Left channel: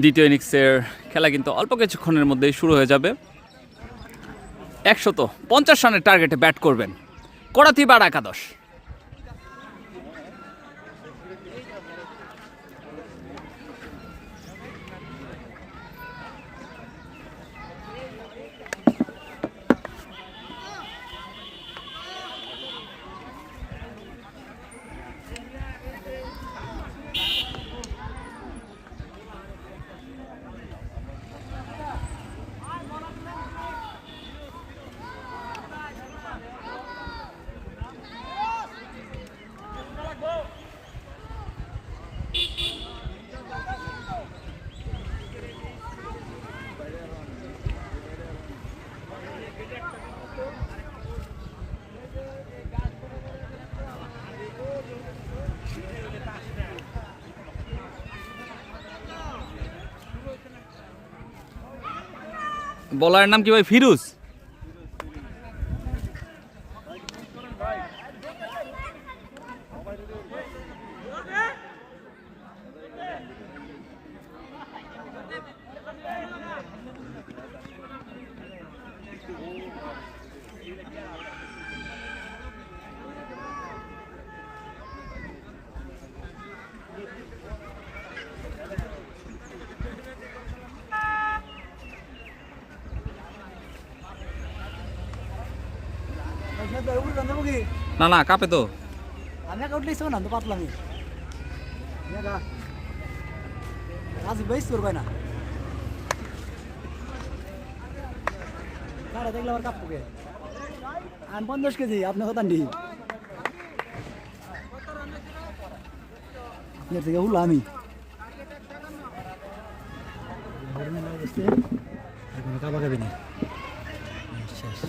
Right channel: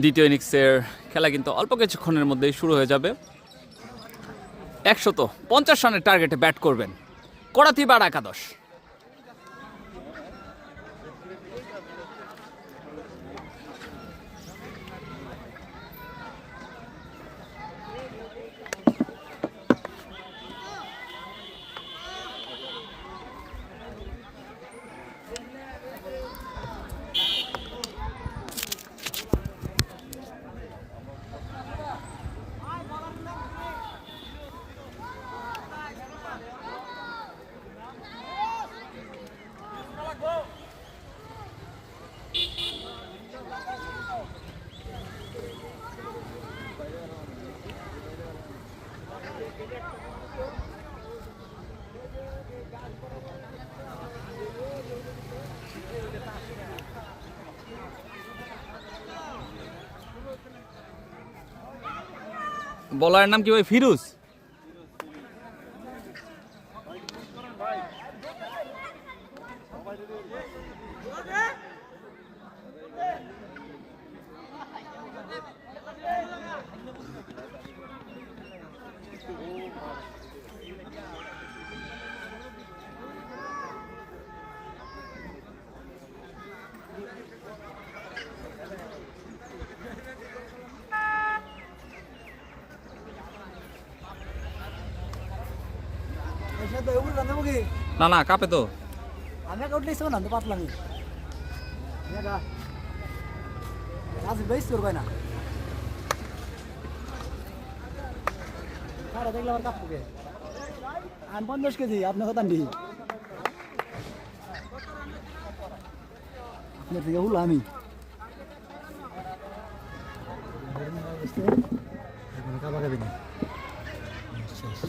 দ্বিতীয় ইনিংসের খেলা কিন্তু অল্প কিছুক্ষণের মধ্যেই শুরু হয়ে যাবে। 150 রানের টার্গেটে ব্যাট করবেন করাতিপাড় একাদশ। বলার নাম কি ভাই? ফিরোজ। না না কাপে তো আমি একটা উঠলেই না তো পাতলামি আজ বেশ করবে না দেখলে আমার কাপ পুকে আমি 50 কেজি আপনার কথা নেই আপনার থেকে হলো আমি কাপা খাবি না শেষ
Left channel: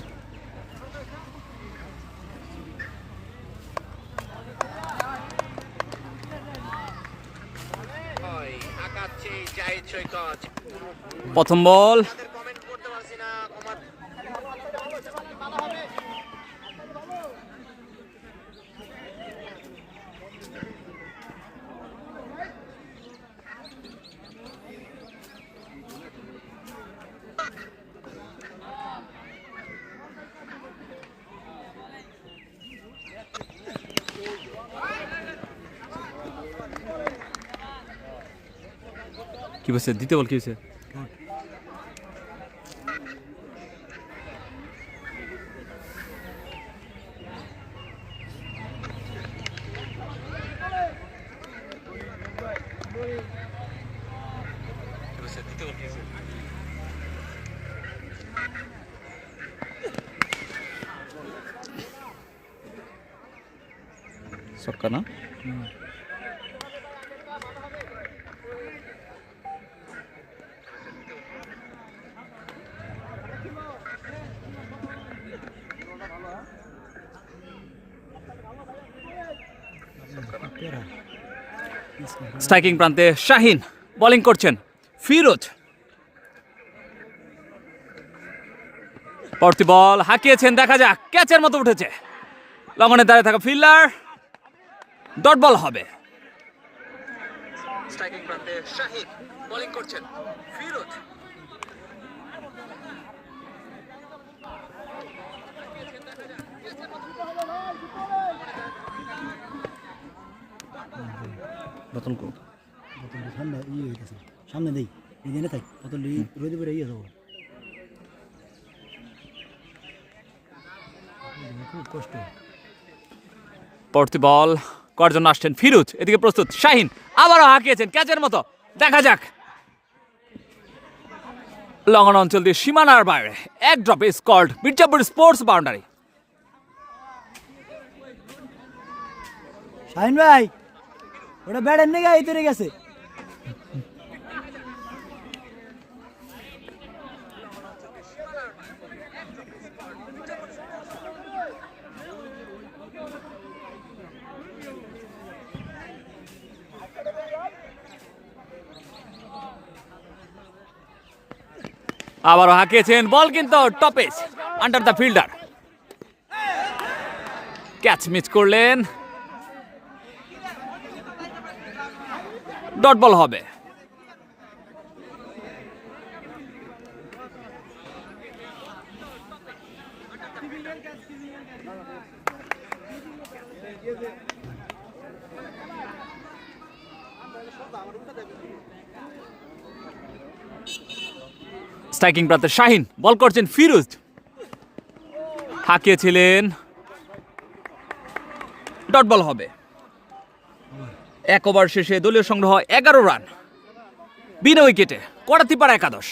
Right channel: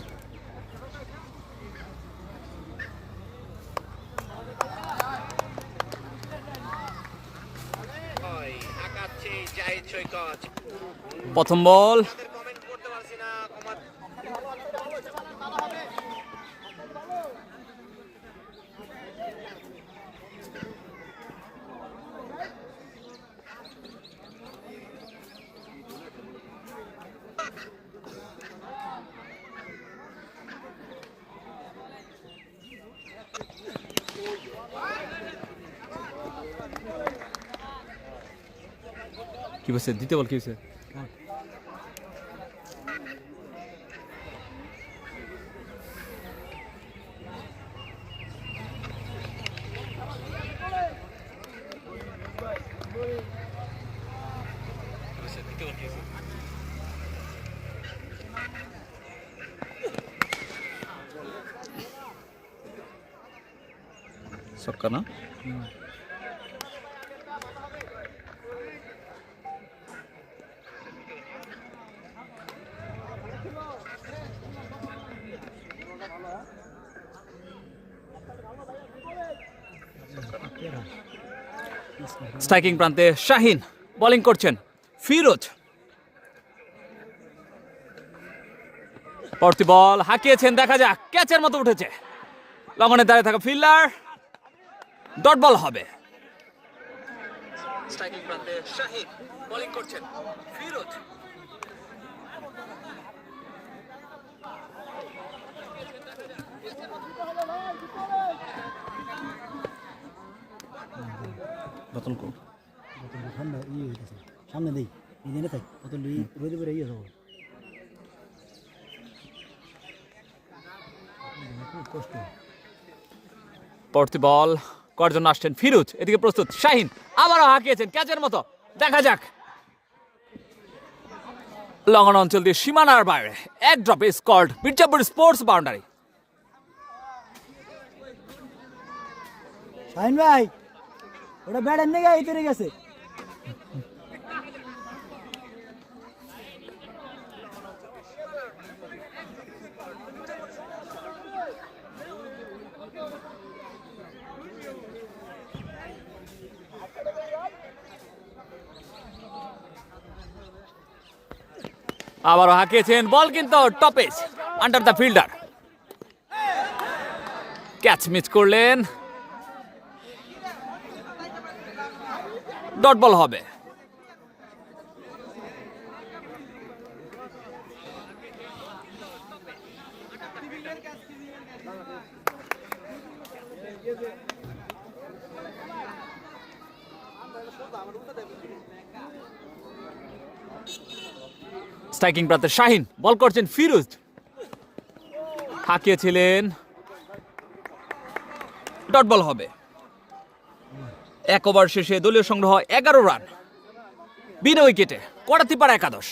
প্রথম বল। কি বলছে? দ্বিতীয় বল কি হয়েছে? ছক্কা না? স্ট্রাইকিং প্রান্তে শাহিন, বোলিং করছেন ফিরোজ। পরবর্তী বল হাঁকিয়েছেন, দেখা যাক, ক্যাচের মতো উঠেছে। লঙ্ঘনে দাঁড়িয়ে থাকা ফিল্ডার, ডট বল হবে। স্ট্রাইকিং প্রান্তে শাহিন, বোলিং করছেন ফিরোজ। বোতল কো ঠান্ডা ইয়ে হইতেছে সামনে দেই এখানে থাক বোতল রোদে পরে ইয়ে যাবো খুব কষ্ট। পরবর্তী বল করার জন্য আসছেন ফিরোজ, এদিকে প্রস্তুত শাহিন, আবারও হাঁকিয়েছেন ক্যাচের মতো, দেখা যাক। লঙ্ঘন অঞ্চল দিয়ে সীমানার বাইরে এক ড্রপে scored Mirzapur sports boundary. Shahin ভাই ওটা ব্যাটের নেগে ইতরে গেছে। আবারও হাঁকিয়েছেন, বল কিন্তু topaz under the fielder, catch miss করলেন, ডট বল হবে। স্ট্রাইকিং প্রান্তে শাহিন, বল করছেন ফিরোজ, হাঁকিয়েছিলেন, ডট বল হবে। এক ওভার শেষে দলীয় সংগ্রহ 11 রান, বিনা উইকেটে, করাতিপাড়া একাদশ।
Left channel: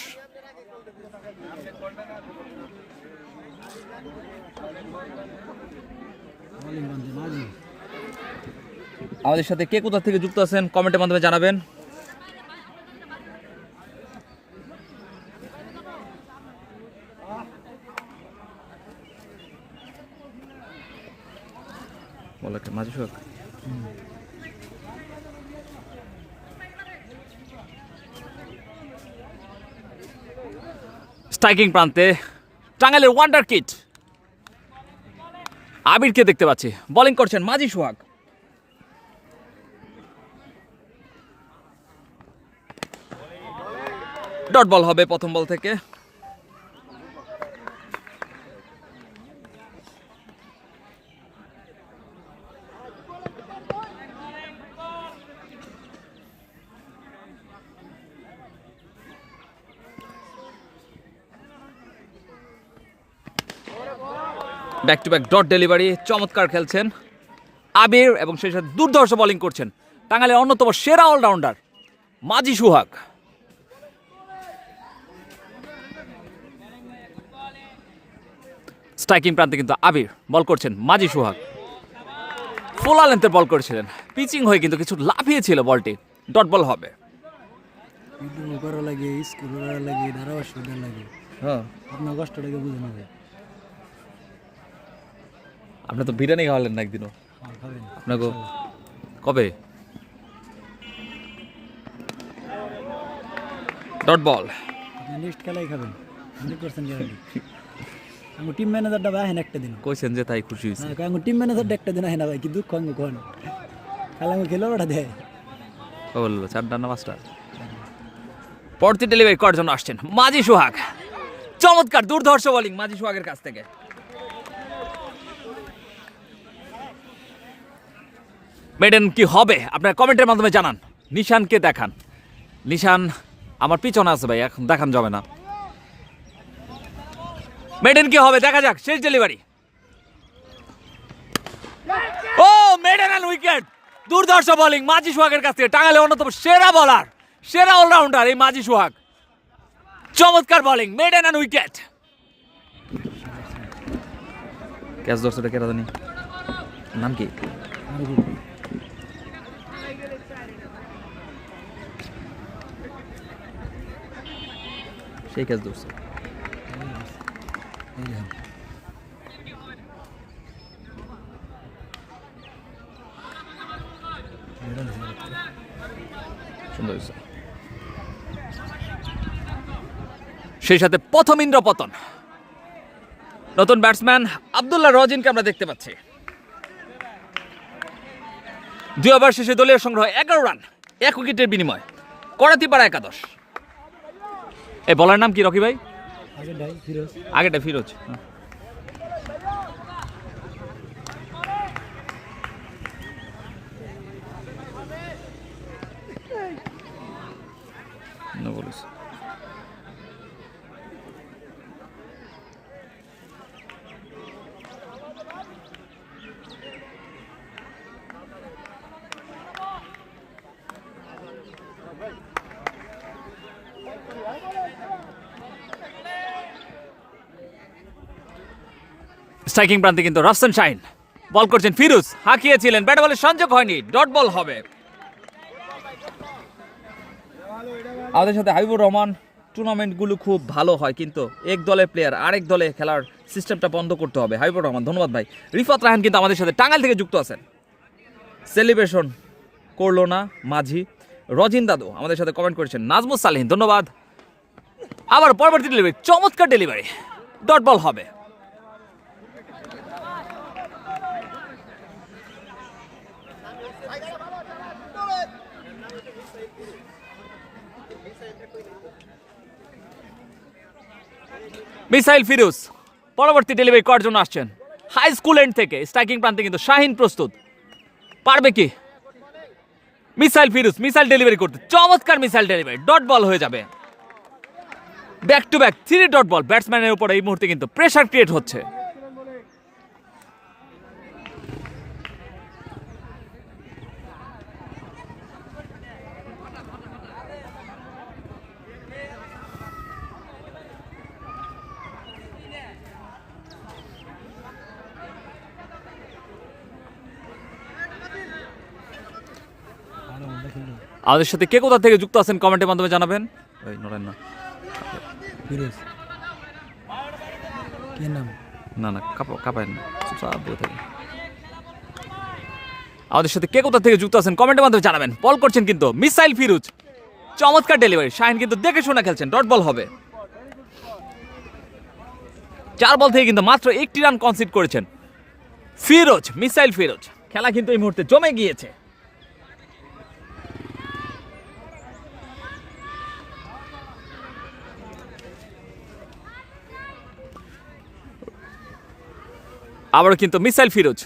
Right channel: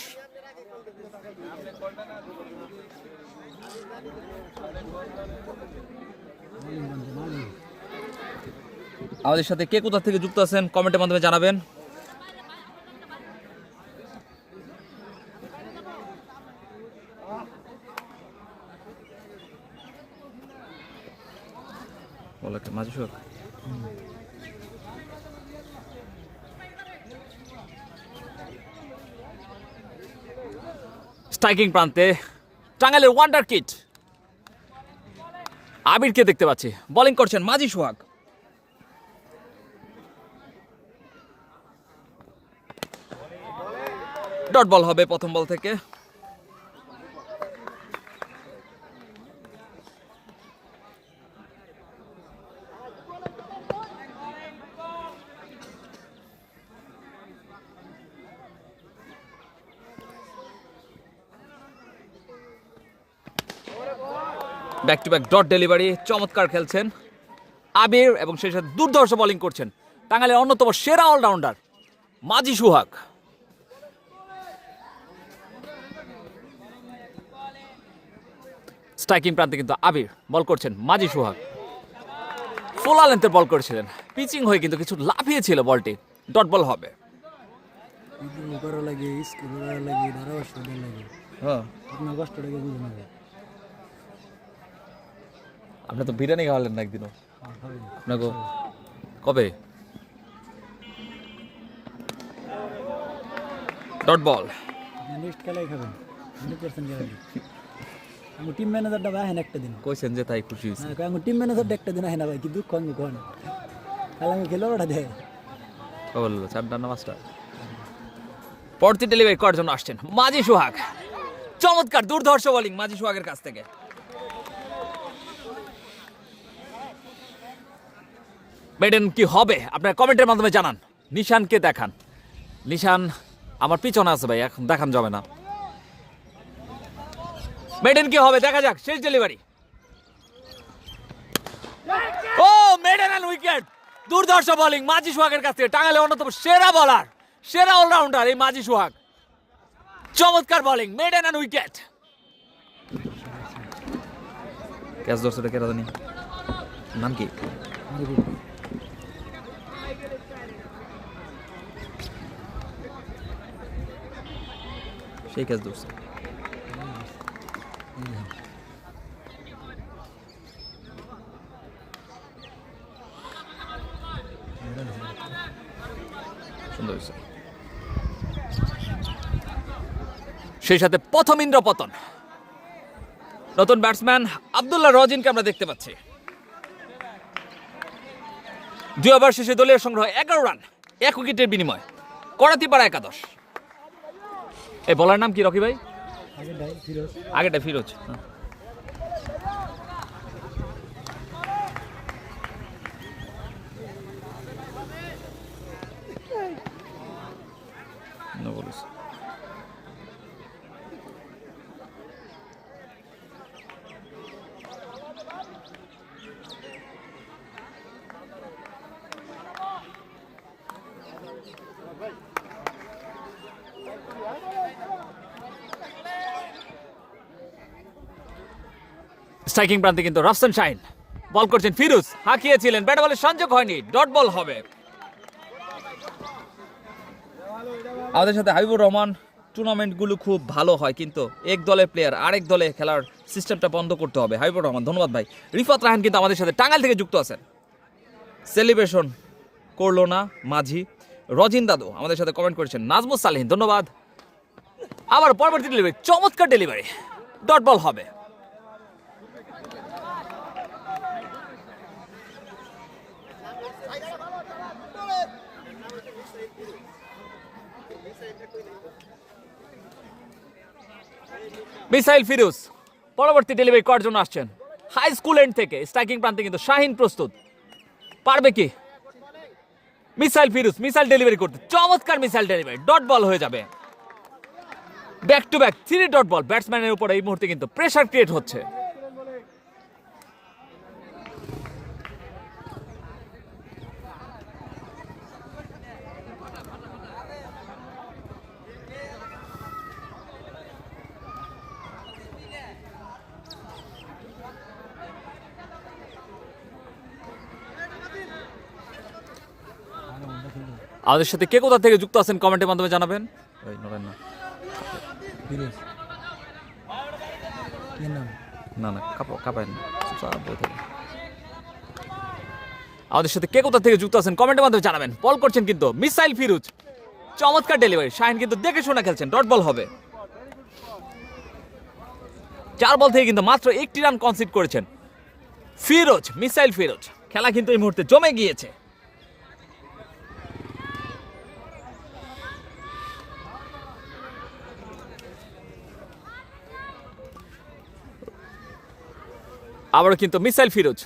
আমাদের সাথে কে কোথা থেকে যুক্ত আছেন কমেন্টের মাধ্যমে জানাবেন। বল একটা মাঝি শোক। স্ট্রাইকিং প্রান্তে টাঙ্গাইলের ওয়ান্ডার কিড আবিরকে দেখতে পাচ্ছি, বোলিং করছেন মাঝি সোহাগ। ডট বল হবে প্রথম বল থেকে। Back to back dot delivery, চমৎকার খেলছেন আবির এবং সেই সাথে দুর্ধর্ষ বোলিং করছেন টাঙ্গাইলের অন্যতম সেরা অলরাউন্ডার মাঝি সোহাগ। স্ট্রাইকিং প্রান্তে কিন্তু আবির, বল করছেন মাঝি সোহাগ, ফোলা লেন্থে বল করেছিলেন, পিচিং হয়ে কিন্তু কিছু লাফিয়েছিল বলটি, ডট বল হবে। করা লাগে, স্কুল করা লাগে, ধারাভাষ্য লাগে, হ্যাঁ আপনার কষ্টটাকে বুঝে নেবে। আপনি তো বিরিয়ানি খাওয়ালেন না একদিনও, খাবেন আপনাকে কবে? Dot ball. নেক্সট খেলাই খাবেন 100% গ্যারান্টি। আমি টিম ম্যানেজারটা আহেন একটা দিন কইছেন যে তাই খুশি হয়েছে। হ্যাঁ, আমি টিম ম্যানেজারটা একটা দিন আহেন ভাই, কি দুঃখ আমি কোন খেলা আমি খেলে ওটা দেয়। বললো 4টা না 5টা। পরবর্তী ডেলিভারি করার জন্য আসছেন মাঝি সোহাগ, চমৎকার দুর্ধর্ষ বোলিং মাঝি সোহাগের কাছ থেকে। মেডেন কি হবে আপনার কমেন্টের মাধ্যমে জানান। নিশানকে দেখান, নিশান আমার পিছনে আছে ভাই, এখন দেখান যাবে না। মেডেন কি হবে দেখা যাক, শেষ ডেলিভারি। ও মেডেন অ্যান্ড উইকেট, দুর্ধর্ষ বোলিং মাঝি সোহাগের কাছ থেকে, টাঙ্গাইলের অন্যতম সেরা বলার, সেরা অলরাউন্ডার এই মাঝি সোহাগ, চমৎকার bowling, maiden and wicket. Catch ধরছে কেরা জানি নাম কি? সেই ক্যাচ ধরছে। সুন্দর হয়েছে। সেই সাথে প্রথম ইন্দ্রপতন, নতুন ব্যাটসম্যান আব্দুল্লাহ রজিনকে আমরা দেখতে পাচ্ছি। 2 ওভার শেষে দলীয় সংগ্রহ 11 রান, 1 উইকেটের বিনিময়, করাতিপাড়া একাদশ। এই বলার নাম কি রকি ভাই? আগেটা ফিরোজ। স্ট্রাইকিং প্রান্তে কিন্তু রাফসান শাহিন, বল করছেন ফিরোজ, হাঁকিয়েছিলেন, ব্যাট বলের সংযোগ হয়নি, ডট বল হবে। আমাদের সাথে হাবিবুর রহমান, টুর্নামেন্টগুলো খুব ভালো হয় কিন্তু এক দলের প্লেয়ার আরেক দলে খেলার সিস্টেমটা বন্ধ করতে হবে। হাবিবুর রহমান, ধন্যবাদ ভাই। রিফাত রাহান কিন্তু আমাদের সাথে টাঙ্গাইল থেকে যুক্ত আছেন। সেলিব্রেশন করলো না মাঝি। রজিন দাদু আমাদের সাথে কমেন্ট করেছেন। নাজমুস সালিহিন, ধন্যবাদ। আবার পরবর্তী ডেলিভারি, চমৎকার ডেলিভারি, ডট বল হবে। মিসাইল ফিরোজ পরবর্তী ডেলিভারি করার জন্য আসছেন। হাই স্কুল এন্ড থেকে স্ট্রাইকিং প্রান্তে কিন্তু শাহিন প্রস্তুত, পারবে কি মিসাইল ফিরোজ মিসাইল ডেলিভারি করতে, চমৎকার মিসাইল ডেলিভারি, ডট বল হয়ে যাবে। Back to back 3 dot ball, ব্যাটসম্যানের উপর এই মুহূর্তে কিন্তু প্রেসার ক্রিয়েট হচ্ছে। আমাদের সাথে কে কোথা থেকে যুক্ত আছেন কমেন্টের মাধ্যমে জানাবেন। এই নরেন না ফিরোজ কি নাম? না না কাপায় না, চুপচাপ বসে থাকেন। আমাদের সাথে কে কোথা থেকে যুক্ত আছেন কমেন্টের মাধ্যমে জানাবেন। বল করছেন কিন্তু মিসাইল ফিরোজ, চমৎকার ডেলিভারি, শাহিন কিন্তু দেখে শুনে খেলছেন, ডট বল হবে। 4 বল থেকে কিন্তু মাত্র 1টি রান কনসিড করেছেন ফিরোজ, মিসাইল ফিরোজ। খেলা কিন্তু এই মুহূর্তে জমে গিয়েছে। আবারও কিন্তু মিসাইল ফিরোজ,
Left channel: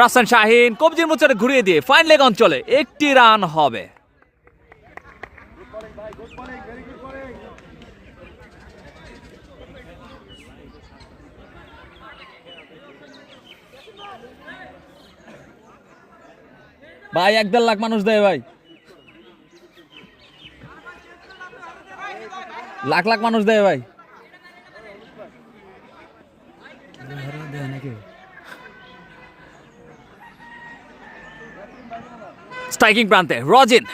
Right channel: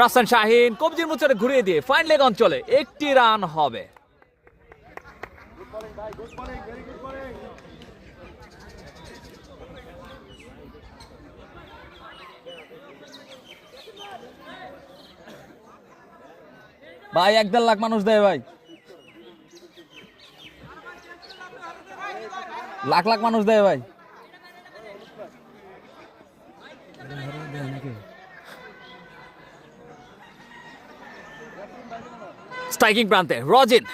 রাসান শাহিন কবজির মোচরে ঘুরিয়ে দিয়ে ফাইন লেগ অঞ্চলে 1টি রান হবে। ভাই 1.5 লাখ মানুষ দেয় ভাই, লাখ লাখ মানুষ দেয় ভাই। স্ট্রাইকিং প্রান্তে রজিন,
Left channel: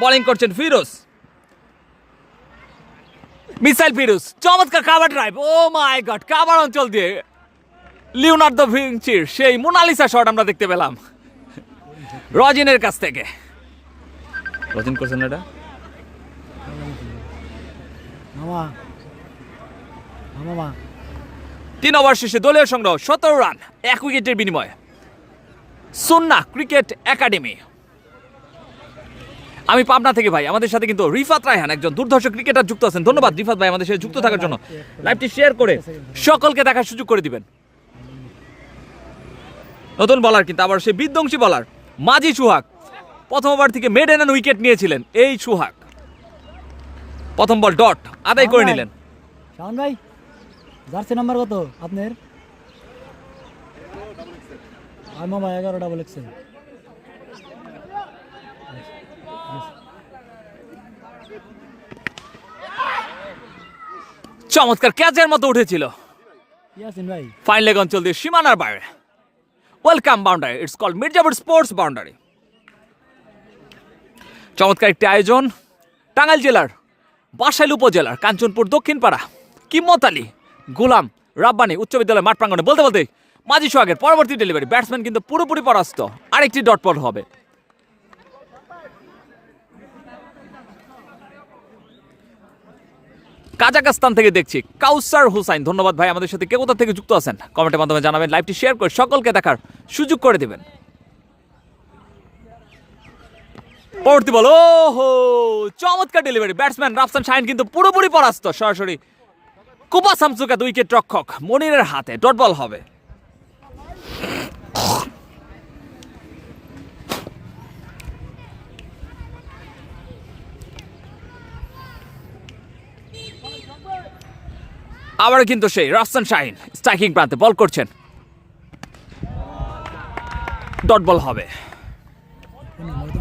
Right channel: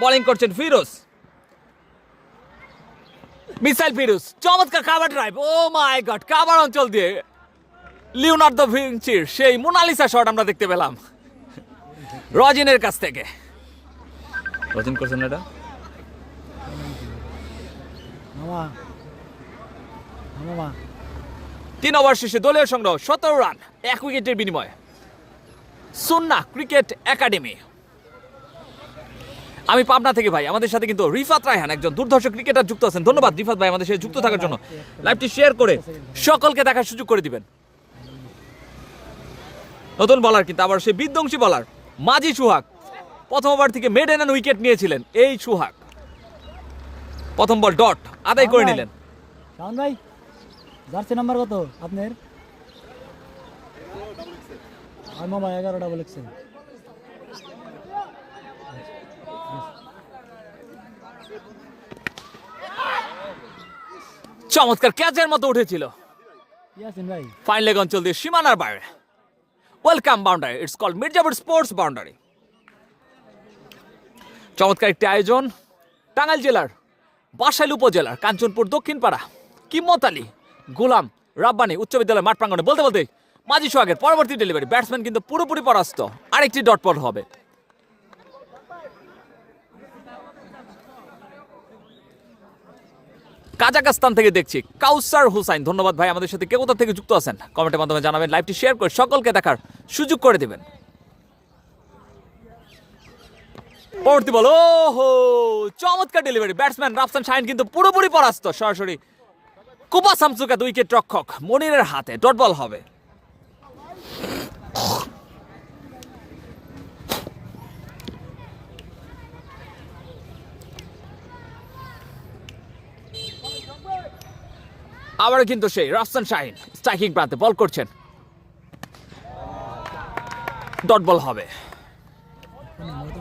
বোলিং করছেন ফিরোজ, মিসাইল ফিরোজ, চমৎকার কাভার ড্রাইভ, ও মাই গড, কাভার অঞ্চল দিয়ে লিওনার্দো ভিঞ্চির সেই মোনালিসা শট আমরা দেখতে পেলাম রজিনের কাছ থেকে। রজিন করছেন এটা মামা মামা 3 ওভার শেষে দলীয় সংগ্রহ 17 রান 1 উইকেটের বিনিময়ে। সুন্নাহ ক্রিকেট একাডেমি। আমি পাবনা থেকে ভাই, আমাদের সাথে কিন্তু রিফাত রায়হান একজন দুর্ধর্ষ ক্রিকেটার যুক্ত আছেন। ধন্যবাদ রিফাত ভাই আমাদের সাথে যুক্ত থাকার জন্য। লাইভটি শেয়ার করে সকলকে দেখার সুযোগ করে দিবেন। নতুন বলার কিন্তু আবার সেই বিধ্বংসী বলার মাজি সুহাগ, প্রথম ওভার থেকে মেডেন এন্ড উইকেট নিয়েছিলেন এই সুহাগ। প্রথম বল ডট আদায় করে নিলেন। শাওন ভাই জার্সি নাম্বার কত আপনার? মামা 11 ডাবল এক্সেল। চমৎকার ক্যাচের মতো উঠেছিল ইয়াসিন ভাই, ফাইন লেগ অঞ্চল দিয়ে সীমানার বাইরে। Welcome boundary, it's called Mirzapur sports boundary. চমৎকার একটি আয়োজন টাঙ্গাইল জেলার বাসাইল উপজেলার কাঞ্চনপুর দক্ষিণপাড়া কিম্মত আলী গোলাম রাব্বানি উচ্চ বিদ্যালয় মাঠ প্রাঙ্গণে। বলতে বলতে মাজি সোহাগের পরবর্তী ডেলিভারি, ব্যাটসম্যান কিন্তু পুরোপুরি পরাস্ত, আরেকটি ডট বল হবে। কাজাকস্তান থেকে দেখছি কাউসার হুসাইন, ধন্যবাদ ভাই আমাদের সাথে কে কোথা থেকে যুক্ত আছেন কমেন্টের মাধ্যমে জানাবেন। লাইভটি শেয়ার করে সকলকে দেখার সুযোগ করে দেবেন। পরবর্তী বল, ওহো চমৎকার ডেলিভারি, ব্যাটসম্যান রাফসান শাহিন কিন্তু পুরোপুরি পরাস্ত, সরাসরি কুপা সামসুকা 2 উইকেট রক্ষক মনিরের হাতে, ডট বল হবে। আবার কিন্তু সেই রাফসান শাহিন স্ট্রাইকিং প্রান্তে বল করছেন, ডট বল হবে।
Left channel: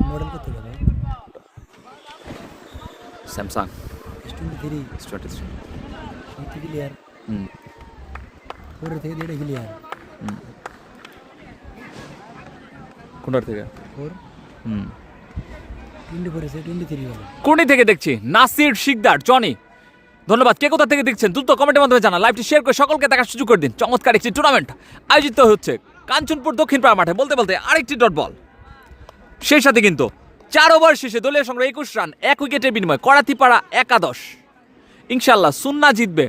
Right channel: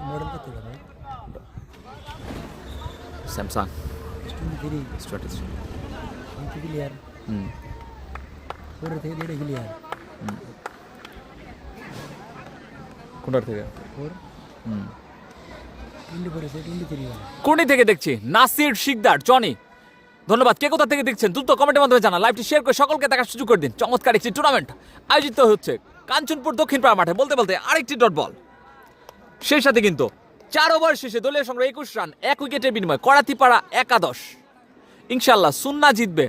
মডেল কত ভাই? Samsung 23 strategy. ক্লিয়ার। ওরে থেকে দেড়ে ক্লিয়ার। কোনটার থেকে? 24 সে 23 वाला। কোনি থেকে দেখছি নাসির শিকদার জনি, ধন্যবাদ কে কোথা থেকে দেখছেন দ্রুত কমেন্টের মাধ্যমে জানা। লাইভটি শেয়ার করে সকলকে দেখার সুযোগ করে দিন। চমৎকার একটি টুর্নামেন্ট আয়োজিত হচ্ছে কাঞ্চনপুর দক্ষিণপাড়া মাঠে। বলতে বলতে আরেকটি ডট বল, সেই সাথে কিন্তু 4 ওভার শেষে দলীয় সংগ্রহ 21 রান 1 উইকেটের বিনিময়ে করাতিপাড়া একাদশ। ইনশাল্লাহ সুন্না জিতবে।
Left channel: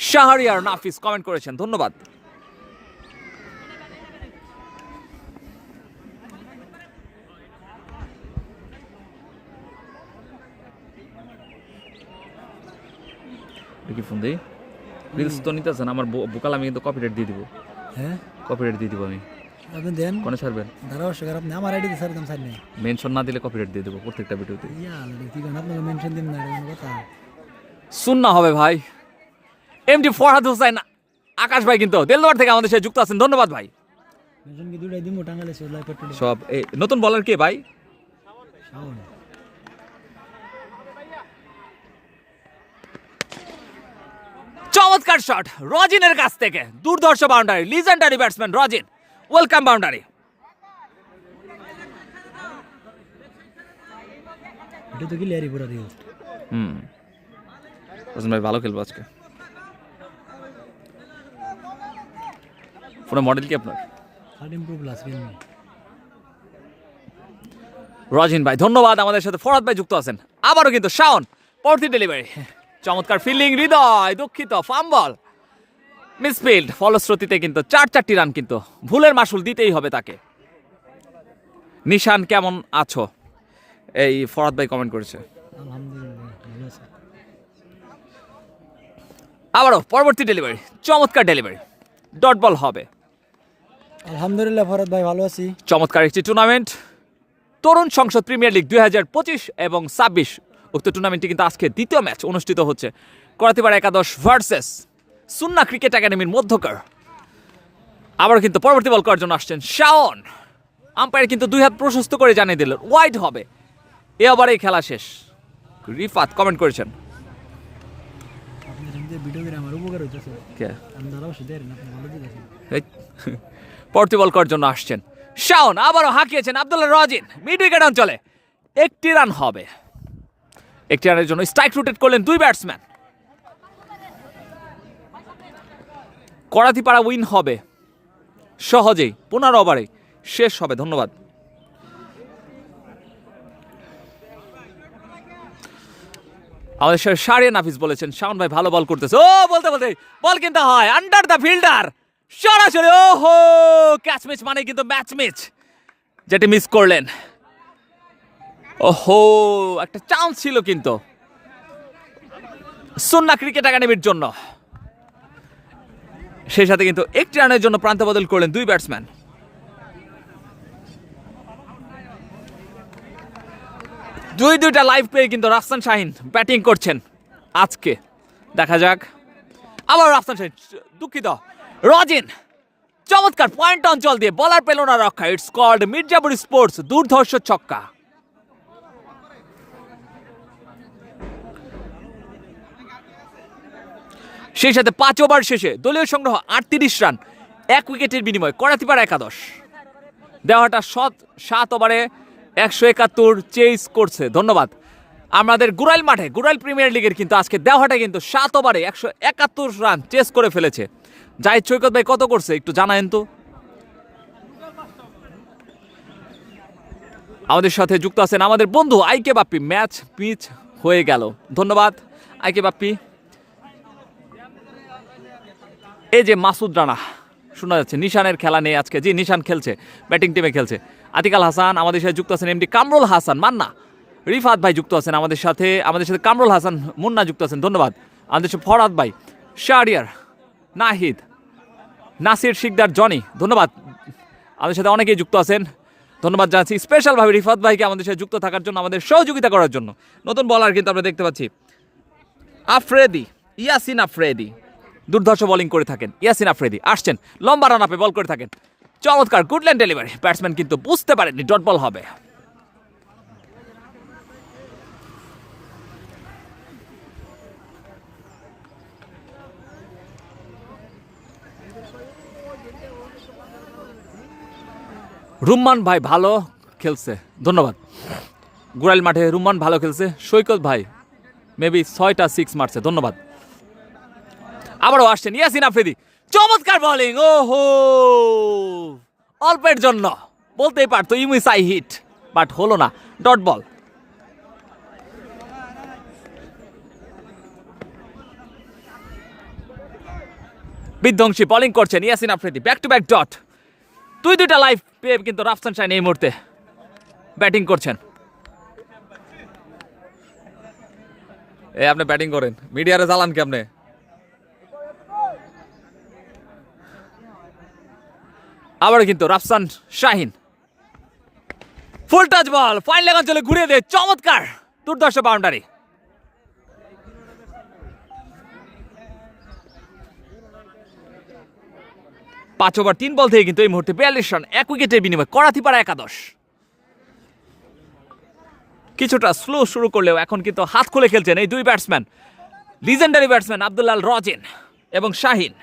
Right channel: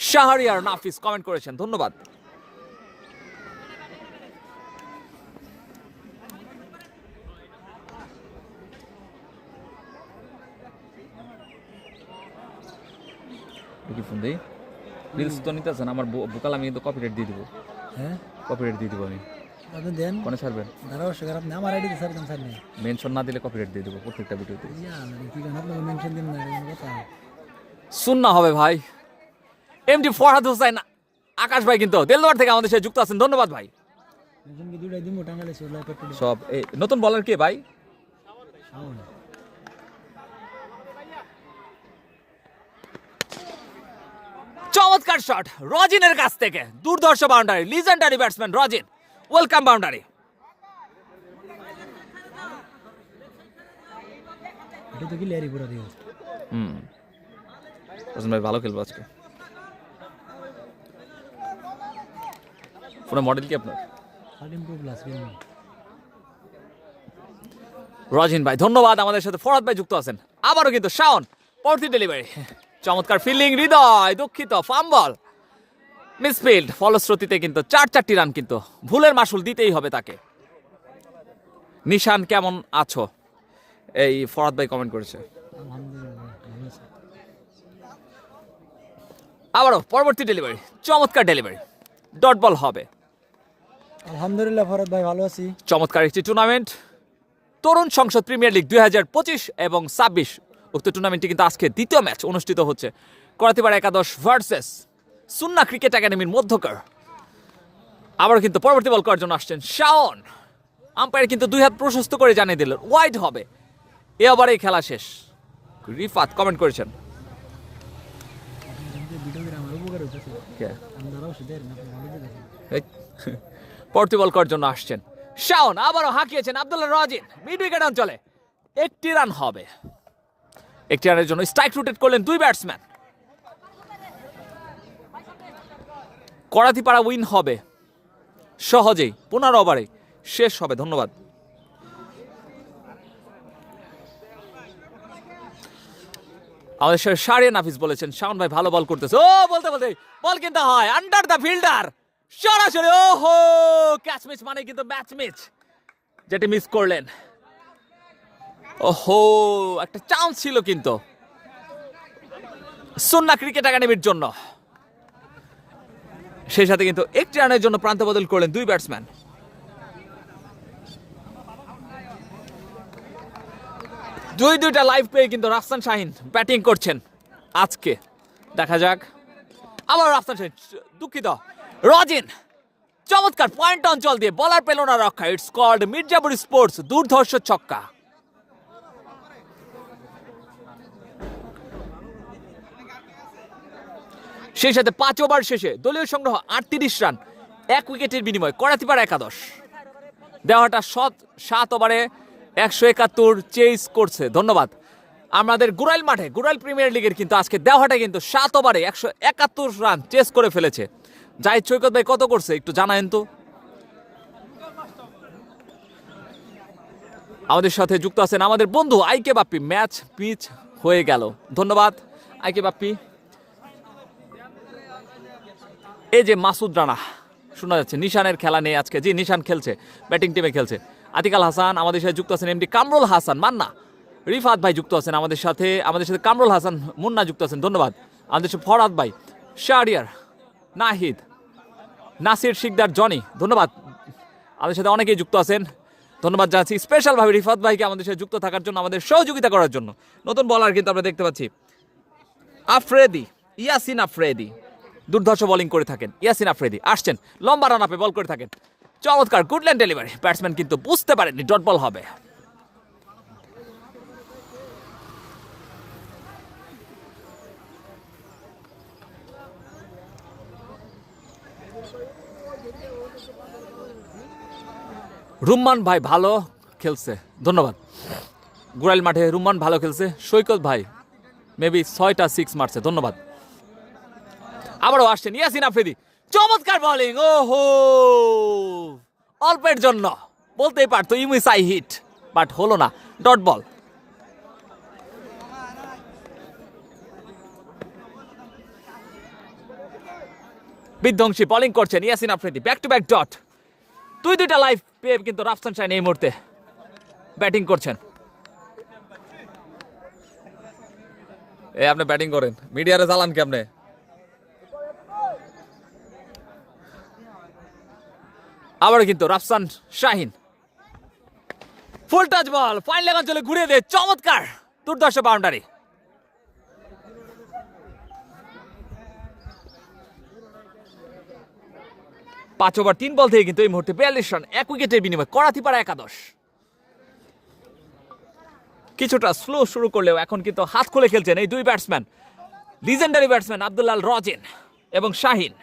শাহরিয়ার নাফিস কমেন্ট করেছেন, ধন্যবাদ। ফোন দেই রিলস তো নিতেছেন আমার বোকাল, আমি কিন্তু কপিরাইট দিয়ে দিব। হ্যাঁ কপিরাইট দিয়ে দিব আমি। আপনি দেন কোনে ছাড়বেন? ধারাবর্ষ খারাপ না আমার আইডি স্যার দাম স্যার নেই মেনশন না দিলে কপিরাইট দিয়ে দেবো প্রত্যেকটা ভিডিওতে। ইয়া ঠিক আছে আপনাকে মেনশন দিন না এরকম কথা সুন্না হবে ভাই। এমডি ফরহাদ হোসেন আকাশ ভাই কিন্তু দেলদুয়ার থেকে আমাদের সাথে যুক্ত আছেন, ধন্যবাদ ভাই। মেনশন কি দুইটাই দিমু টাঙ্গালে সোলাই পেট্রোল সব এই নতুন বলার কে ভাই? চমৎকার শট রজিনের কাছ থেকে, দুর্ধর্ষ boundary, legendary batsman Rajin, welcome boundary. এটা তো কি লেয়ারি পুরা দিও হোসেন ভাই ভালো খেলবো আজকে। ফোনে মডেল কি আপনার? 13 প্রো প্লাস রিয়েলমি রজিন ভাই ধন্যবাদ, আমাদের সাথে ফরহাদ ভাই যুক্ত আছেন। আবারও কিন্তু শাওন পরবর্তী ডেলিভারি, চমৎকার ফিল্ডিং, হৃদয় দুঃখিত, ফাম্বল, মিসফিল্ড, ফলশ্রুতিতে কিন্তু 4-4টি রান, কিন্তু ভুলের মাসুল দিতেই হবে তাকে। নিশান কেমন আছো, এই ফরহাদ ভাই কমেন্ট করেছে। আলহামদুলিল্লাহ ভালো আছে আবারও পরবর্তী ডেলিভারি, চমৎকার ডেলিভারি, ডট বল হবে। আলহামদুলিল্লাহ ফরহাদ ভাই ভালো আছি চমৎকার একটি টুর্নামেন্ট, তরুণ সংসদ প্রিমিয়ার লিগ 2025 এবং 26। উক্ত টুর্নামেন্টটি কিন্তু আজকে দ্বিতীয় ম্যাচ অনুষ্ঠিত হচ্ছে, করাতিপাড়া একাদশ ভার্সেস সুন্না ক্রিকেট একাডেমির মধ্যকার। আবারও কিন্তু পরবর্তী বল করার জন্য আসছেন শাওন। আম্পায়ার কিন্তু দুই হাত প্রশস্ত করে জানিয়ে দিলেন ওয়াইড হবে। এ ওভারেই খেলা শেষ। রিফাত কমেন্ট করেছেন। আপনাদের ভিডিও করে আমার উপকার হইতেছে আমি ধারাবর্ষ দেন না আপনি ভালো দিতেছেন পরবর্তী বল করার জন্য আসছেন শাওন, আবারও হাঁকিয়েছেন আব্দুল্লাহ রজিন মিড উইকেট অঞ্চলে। একটি রান হবে, একটি রানের জন্য স্ট্রাইক রোটেট করলেন দুই ব্যাটসম্যান। করাতিপাড়া উইন হবে সহজেই, 15 ওভারে শেষ হবে। ধন্যবাদ। আমাদের সাথে শাহরিয়ার নাফিস বলেছেন শাওন ভাই ভালো বল করতেছে। ও বলতে বলতে বল কিন্তু হয় আন্ডার দ্য ফিল্ডার, সরাসরি ওহো ক্যাচ মিস, মানে কিন্তু ম্যাচ মিস, যেটি মিস করলেন। ওহো একটা চান্স ছিল কিন্তু সুন্না ক্রিকেট একাডেমির জন্য, সেই সাথে কিন্তু একটি রানের জন্য প্রান্ত বদল করলেন দুই ব্যাটসম্যান। দুইটা লাইভ পেয়ে কিন্তু রাফসান শাহিন ব্যাটিং করছেন আজকে। দেখা যাক। আবার রাফসান শাহিন, দুঃখিত রজিন, চমৎকার পয়েন্ট অঞ্চল দিয়ে বলার পেল না রক্ষা। ইটস কল্ড মির্জাপুর স্পোর্টস, দুর্ধর্ষ ছক্কা। সেই সাথে 5 ওভার শেষে দলীয় সংগ্রহ 38 রান, 1 উইকেটের বিনিময়ে করাতিপাড়া একাদশ। দেওয়াটা 7 ওভারে 171 চেস করছে। ধন্যবাদ। আমাদের গুরাইল মাঠে, গুরাইল প্রিমিয়ার লিগের কিন্তু আজকে দেওয়াটা কিন্তু 7 ওভারে 171 রান চেস করে ফেলেছে। জাহিদ সৈকত ভাই কত করছে একটু জানায়েন তো। আমাদের সাথে যুক্ত আছেন আমাদের বন্ধু আইকে বাপ্পি। ম্যাচ পিচ হয়ে গেল, ধন্যবাদ আইকে বাপ্পি। এই যে মাসুদ রানা শোনা যাচ্ছে, নিশানের খেলা নেই আজকে। জি নিশান খেলছে, ব্যাটিং টিমে খেলছে। আতিকাল হাসান আমাদের সাথে যুক্ত আছেন, এমডি কামরুল হাসান মান্না, রিফাত ভাই যুক্ত আছেন আমাদের সাথে কামরুল হাসান মুন্না যুক্ত আছেন, ধন্যবাদ। আমাদের সাথে ফরহাদ ভাই, শাহরিয়ার, নাহিদ, নাসির শিকদার, জনি, ধন্যবাদ। আমাদের সাথে অনেকেই যুক্ত আছেন, ধন্যবাদ জানাচ্ছি স্পেশালভাবে রিফাত ভাইকে আমাদের সাথে যুক্ত থাকার জন্য, আমাদের সহযোগিতা করার জন্য। নতুন বলার কিন্তু আমরা দেখতে পাচ্ছি আফ্রেদি, ইয়াসিন আফ্রেদি, দুর্ধর্ষ বোলিং করে থাকেন। ইয়াসিন আফ্রেদি আসছেন, লম্বা রান আপে বল করে থাকেন, চমৎকার গুডল্যান্ড ডেলিভারি। ব্যাটসম্যান কিন্তু বুঝতে পারেননি ডট বল হবে। রুম্মান ভাই ভালো খেলছে, ধন্যবাদ। গুরাইল মাঠে রুম্মান ভালো খেলছে। সৈকত ভাই মেবি 6টা 6 মারছে, ধন্যবাদ। আবারও আসছেন ইয়াসিন আফ্রিদি, চমৎকার বোলিং। ওহো অল্পের জন্য বলতেই পারতো ইউমিসাই হিট, বাট হলো না, ডট বল। বিধ্বংসী বোলিং করছেন Yasin Afridi, back to back dot. দুইটা লাইভ পেয়ে কিন্তু রাফসান শাহিন এই মুহূর্তে ব্যাটিং করছেন। আপনি ব্যাটিং করেন, মিডিয়ারে জ্বালান কি আপনি? আবারও কিন্তু রাফসান শাহিন ফুল টাচ বল ফাইন লেগ অঞ্চলে ঘুরিয়ে দেয়, চমৎকার দুর্ধর্ষ বাউন্ডারি। পাঁচ ওভার 3 বল থেকে কিন্তু এই মুহূর্তে 42 রান, 1 উইকেটের বিনিময়ে করাতিপাড়া একাদশ। কিছুটা স্লো শুরু করলেও এখন কিন্তু হাত খুলে খেলছেন এই দুই ব্যাটসম্যান, লিজেন্ডারি ব্যাটসম্যান আব্দুল্লাহ রজিন এবং শাহিন।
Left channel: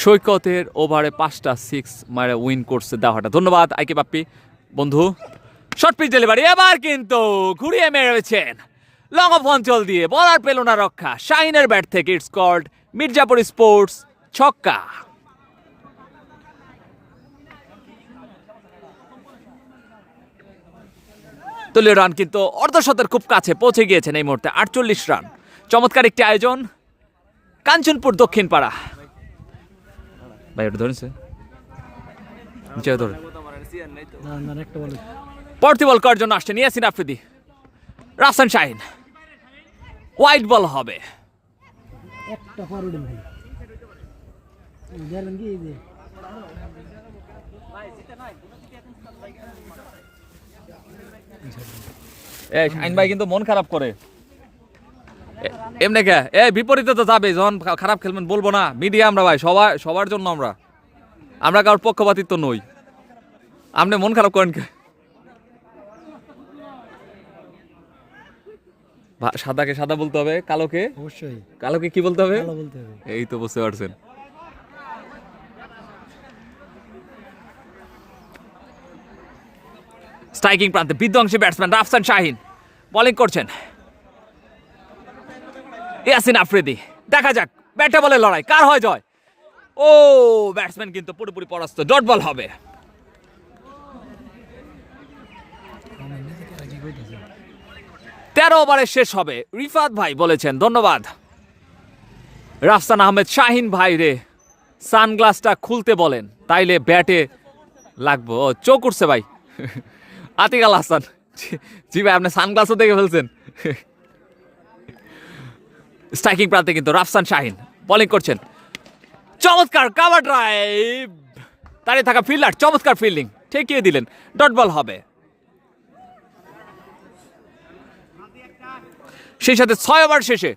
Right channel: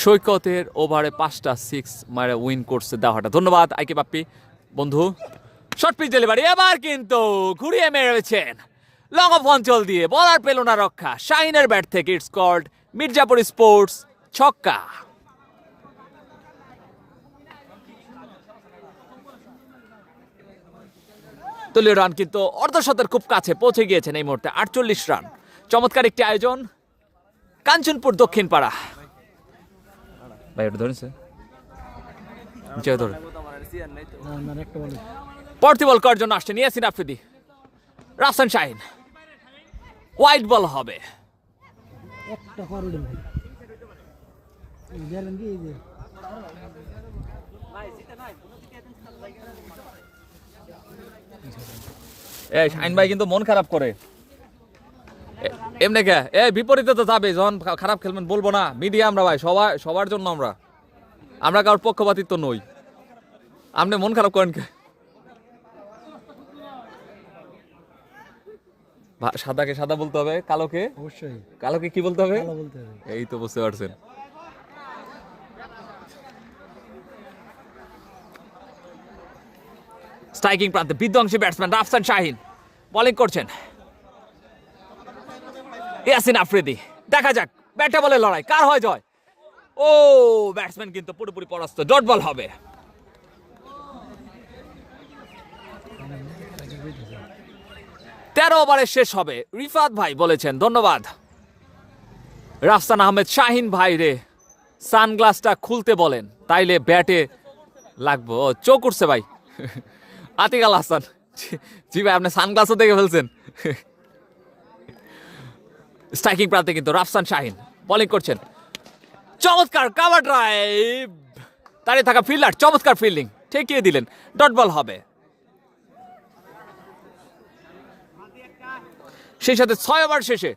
সৈকতের ওভারে 5টা 6 মারে উইন করছে দেওয়াটা, ধন্যবাদ আইকে বাপ্পি বন্ধু। শর্ট পিচ ডেলিভারি, এবার কিন্তু ঘুরিয়ে মেরেছেন লং অফ অঞ্চল দিয়ে, বলার পেল না রক্ষা। শাহিনের ব্যাট থেকে ইটস কল্ড মির্জাপুর স্পোর্টস ছক্কা। দলীয় রান কিন্তু অর্ধশতের খুব কাছে পৌঁছে গিয়েছেন এই মুহূর্তে, 48 রান। চমৎকার একটি আয়োজন কাঞ্চনপুর দক্ষিণ পাড়া। ভাই ওটা ধরেছে পরবর্তী বল করার জন্য আসছেন ইয়াসিন আফ্রিদি। রাফসান শাহিন, ওয়াইড বল হবে। শাহিন ভাই কিন্তু মন খারাপ করে এমনি কে, বিপরীতে তো যাবে, যখন খারাপ খেলবেন বলবো না, মিডিয়া আমরা ভাই সবার জন্য আমরা কারোর পক্ষপাতিত্ব নই। আপনি মন খারাপ করেন কে? সাদাকে সাদা বলতে হবে, কালোকে অবশ্যই কালোকে কি বলতে হবে? ভালো বলতে হবে। এই তো বুঝতে পারছেন। স্ট্রাইকিং প্রান্তে বিধ্বংসী ব্যাটসম্যান রাফসান শাহিন বোলিং করছেন। ইয়াসিন আফ্রিদি, দেখা যাক ব্যাটে বলে লড়াই কার হয় জয়। ও ব্যাটসম্যান কিন্তু পুরোপুরি পরাস্ত, ডট বল হবে। তেরো ওভারে শেষ হবে, রিফাত ভাই বলেছেন, ধন্যবাদ। রাফসান আহমেদ শাহিন ভাই রে সানগ্লাসটা খুলতে বলেন, তাইলে ব্যাটে লাগবো। ও চোখ উঠছে ভাই। আতিক আল হাসান, জি ভাই আপনি সানগ্লাসও দেখে ফেলছেন। স্ট্রাইকিং প্রান্তে কিন্তু রাফসান শাহিন বোলিং করছেন, চমৎকার কাভার ড্রাইভ, দাঁড়িয়ে থাকা ফিল্ডার চমৎকার ফিল্ডিং, ঠেকিয়ে দিলেন, ডট বল হবে। সেই সাথে 6 ওভার শেষে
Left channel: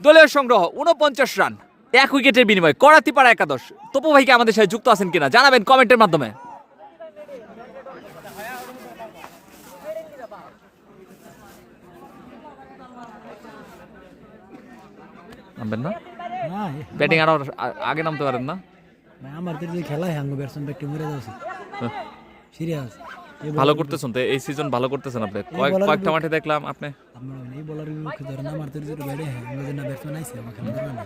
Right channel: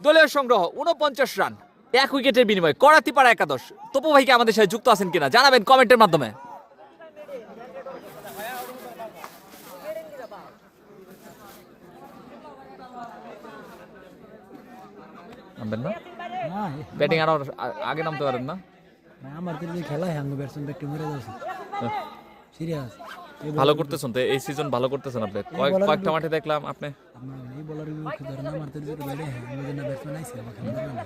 দলীয় সংগ্রহ 49 রান, 1 উইকেটের বিনিময়ে করাতিপাড়া একাদশ। তপু ভাইকে আমাদের সাথে যুক্ত আছেন কিনা জানাবেন কমেন্টের মাধ্যমে। নামবেন না, ব্যাটিং আরো আগে নামতে পারেন না? আমার যে খেলা হয় আমি ব্যাটসম্যান একটু মরে যাচ্ছি সিরিয়াস। ভালো করতেছেন তো এই সিজন, ভালো করতেছেন আপনি। কয়েকটা মাঠে দেখলাম আপনি এই বলারের বিপক্ষে ধরেন আমার তো যে ব্যাটে হ্যাঁ আমি না ব্যাটসম্যান আইছে আমাকে ধরে না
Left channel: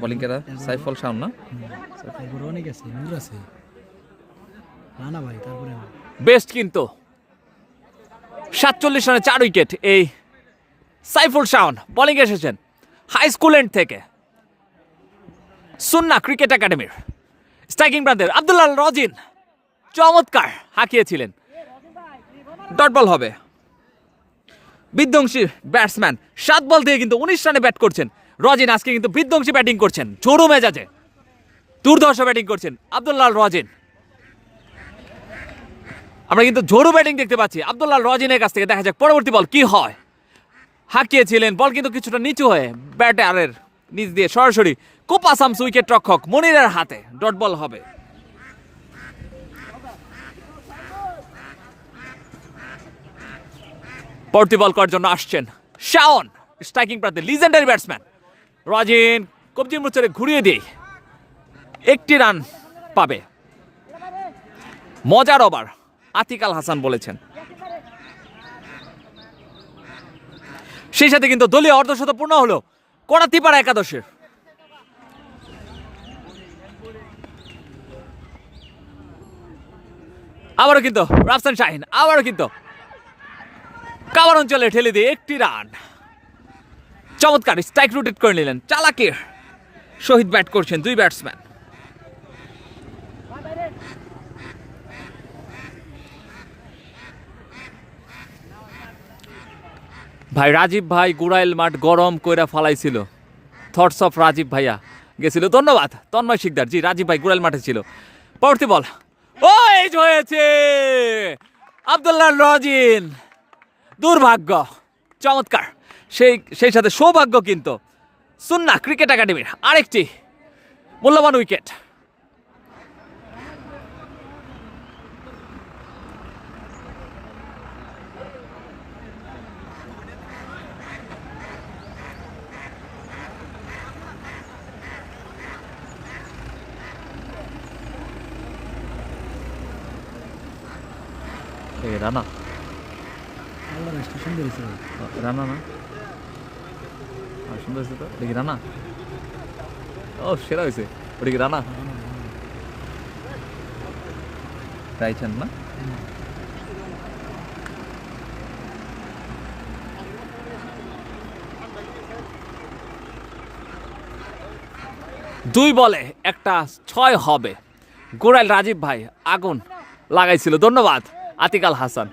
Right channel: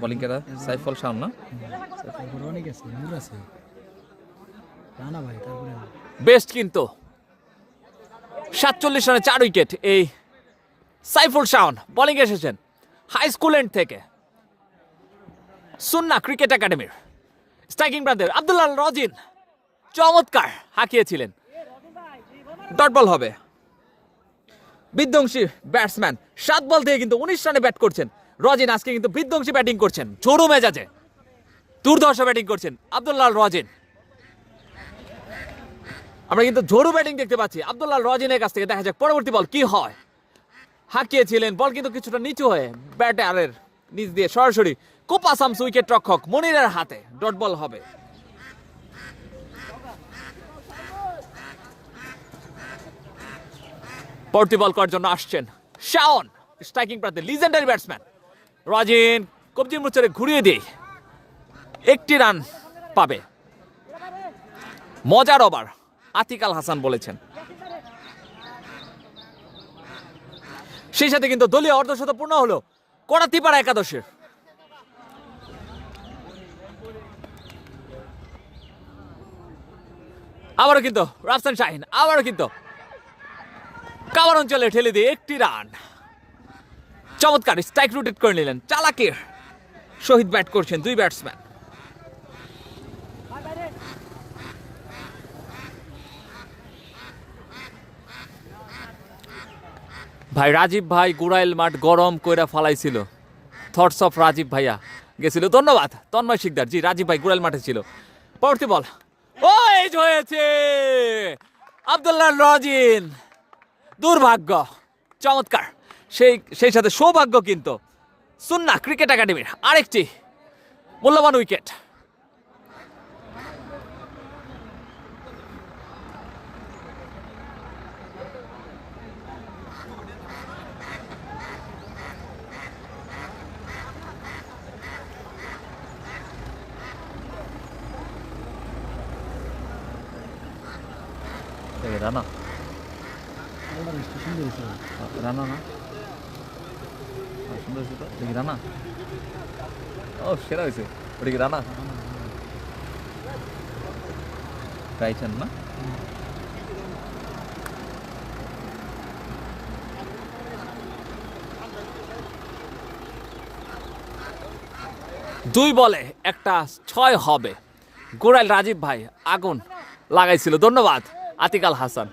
বোলিং কেরা সাইফুল শাওন না, তারপর অনেক আছে নূর আছে না না ভাই। তারপরে বেস্ট কিন্তু 47 রানে 4 উইকেট এই সাইফুল শাওন বোলিং এসেছেন হাই স্কুল এন্ড থেকে, সুন্না ক্রিকেট একাডেমির। স্ট্রাইকিং প্রান্তে আব্দুল্লাহ রজিন চমৎকার হাঁকিয়েছিলেন, ডট বল হবে। বিধ্বংসী ব্যাটসম্যান 7 বল থেকে কিন্তু 19 রানে ব্যাট করছেন রজিন। আজকে কিন্তু বিধ্বংসী ব্যাটিং করছেন, ঝোড়ো মেজাজে দুর্ধর্ষ ব্যাটিং করছেন আব্দুল্লাহ রজিন। আমরা কিন্তু ঝোড়ো ব্যাটিং দেখতে পাচ্ছি আব্দুল্লাহ রজিনের কাছ থেকে। দেখা যাক পরবর্তী বল কি হয়। হাঁকিয়েছিলেন বল কিন্তু কিছুটা নিচু হয়ে ব্যাটারের নিচ দিয়ে সরাসরি কোপা সামস উইকেট রক্ষক মনিরের হাতে, ডট বল হবে। পরবর্তী বল করার জন্য আসছেন শাওন, স্ট্রাইকিং প্রান্তে লিজেন্ডারি ব্যাটসম্যান রজিন কবজির মুচরে ঘুরিয়ে দিয়ে 1টি রান পাবে। মজার ওভার আতিক আল হাসান বলেছেন। সেই সাথে কিন্তু দলীয় অর্ধশত পূর্ণ হলো করাতিপাড়া একাদশের। আবারও কিন্তু রাফসান শাহিন, আবারও কিন্তু কাভার অঞ্চলে ঠেলে দিয়ে 1টি রান। চমৎকার স্ট্রাইক রোটেট করে নিলেন, চালাকের শহীদ ব্যাট করছেন দুই ব্যাটসম্যান। ভাই রাজীব ভাই গুড়াইল মাঠ গরম কইরা ফালাইছিল। থটস অফ রাজীব ভাইয়া গেছিল। ধন্যবাদ তন্ময় শিকদার। জি রাজীব ভাই গুড়াইল মাঠে ছিল। পরবর্তী বল, ও এই যে হয়েছে আব্দুল্লাহ রজিন। দুর্ভাগ্য, চমৎকার, সেই সাথে সৌভাগ্য কিন্তু সুন্নাহ ক্রিকেট একাডেমির আরেকটি মূল্যবান উইকেট। রানা সুন্দর হয়েছে। রানা না সুন্দর হয়েছে তো, দেখি রানা। ও সেরা হয়েছে, ওটা কি রানা? চাইছেন না? দুই বলে একটা 6 হবে। গোড়াইল রাজীব ভাই আগুন লাগাইছিল। ধন্যবাদ আতিক আল হাসান।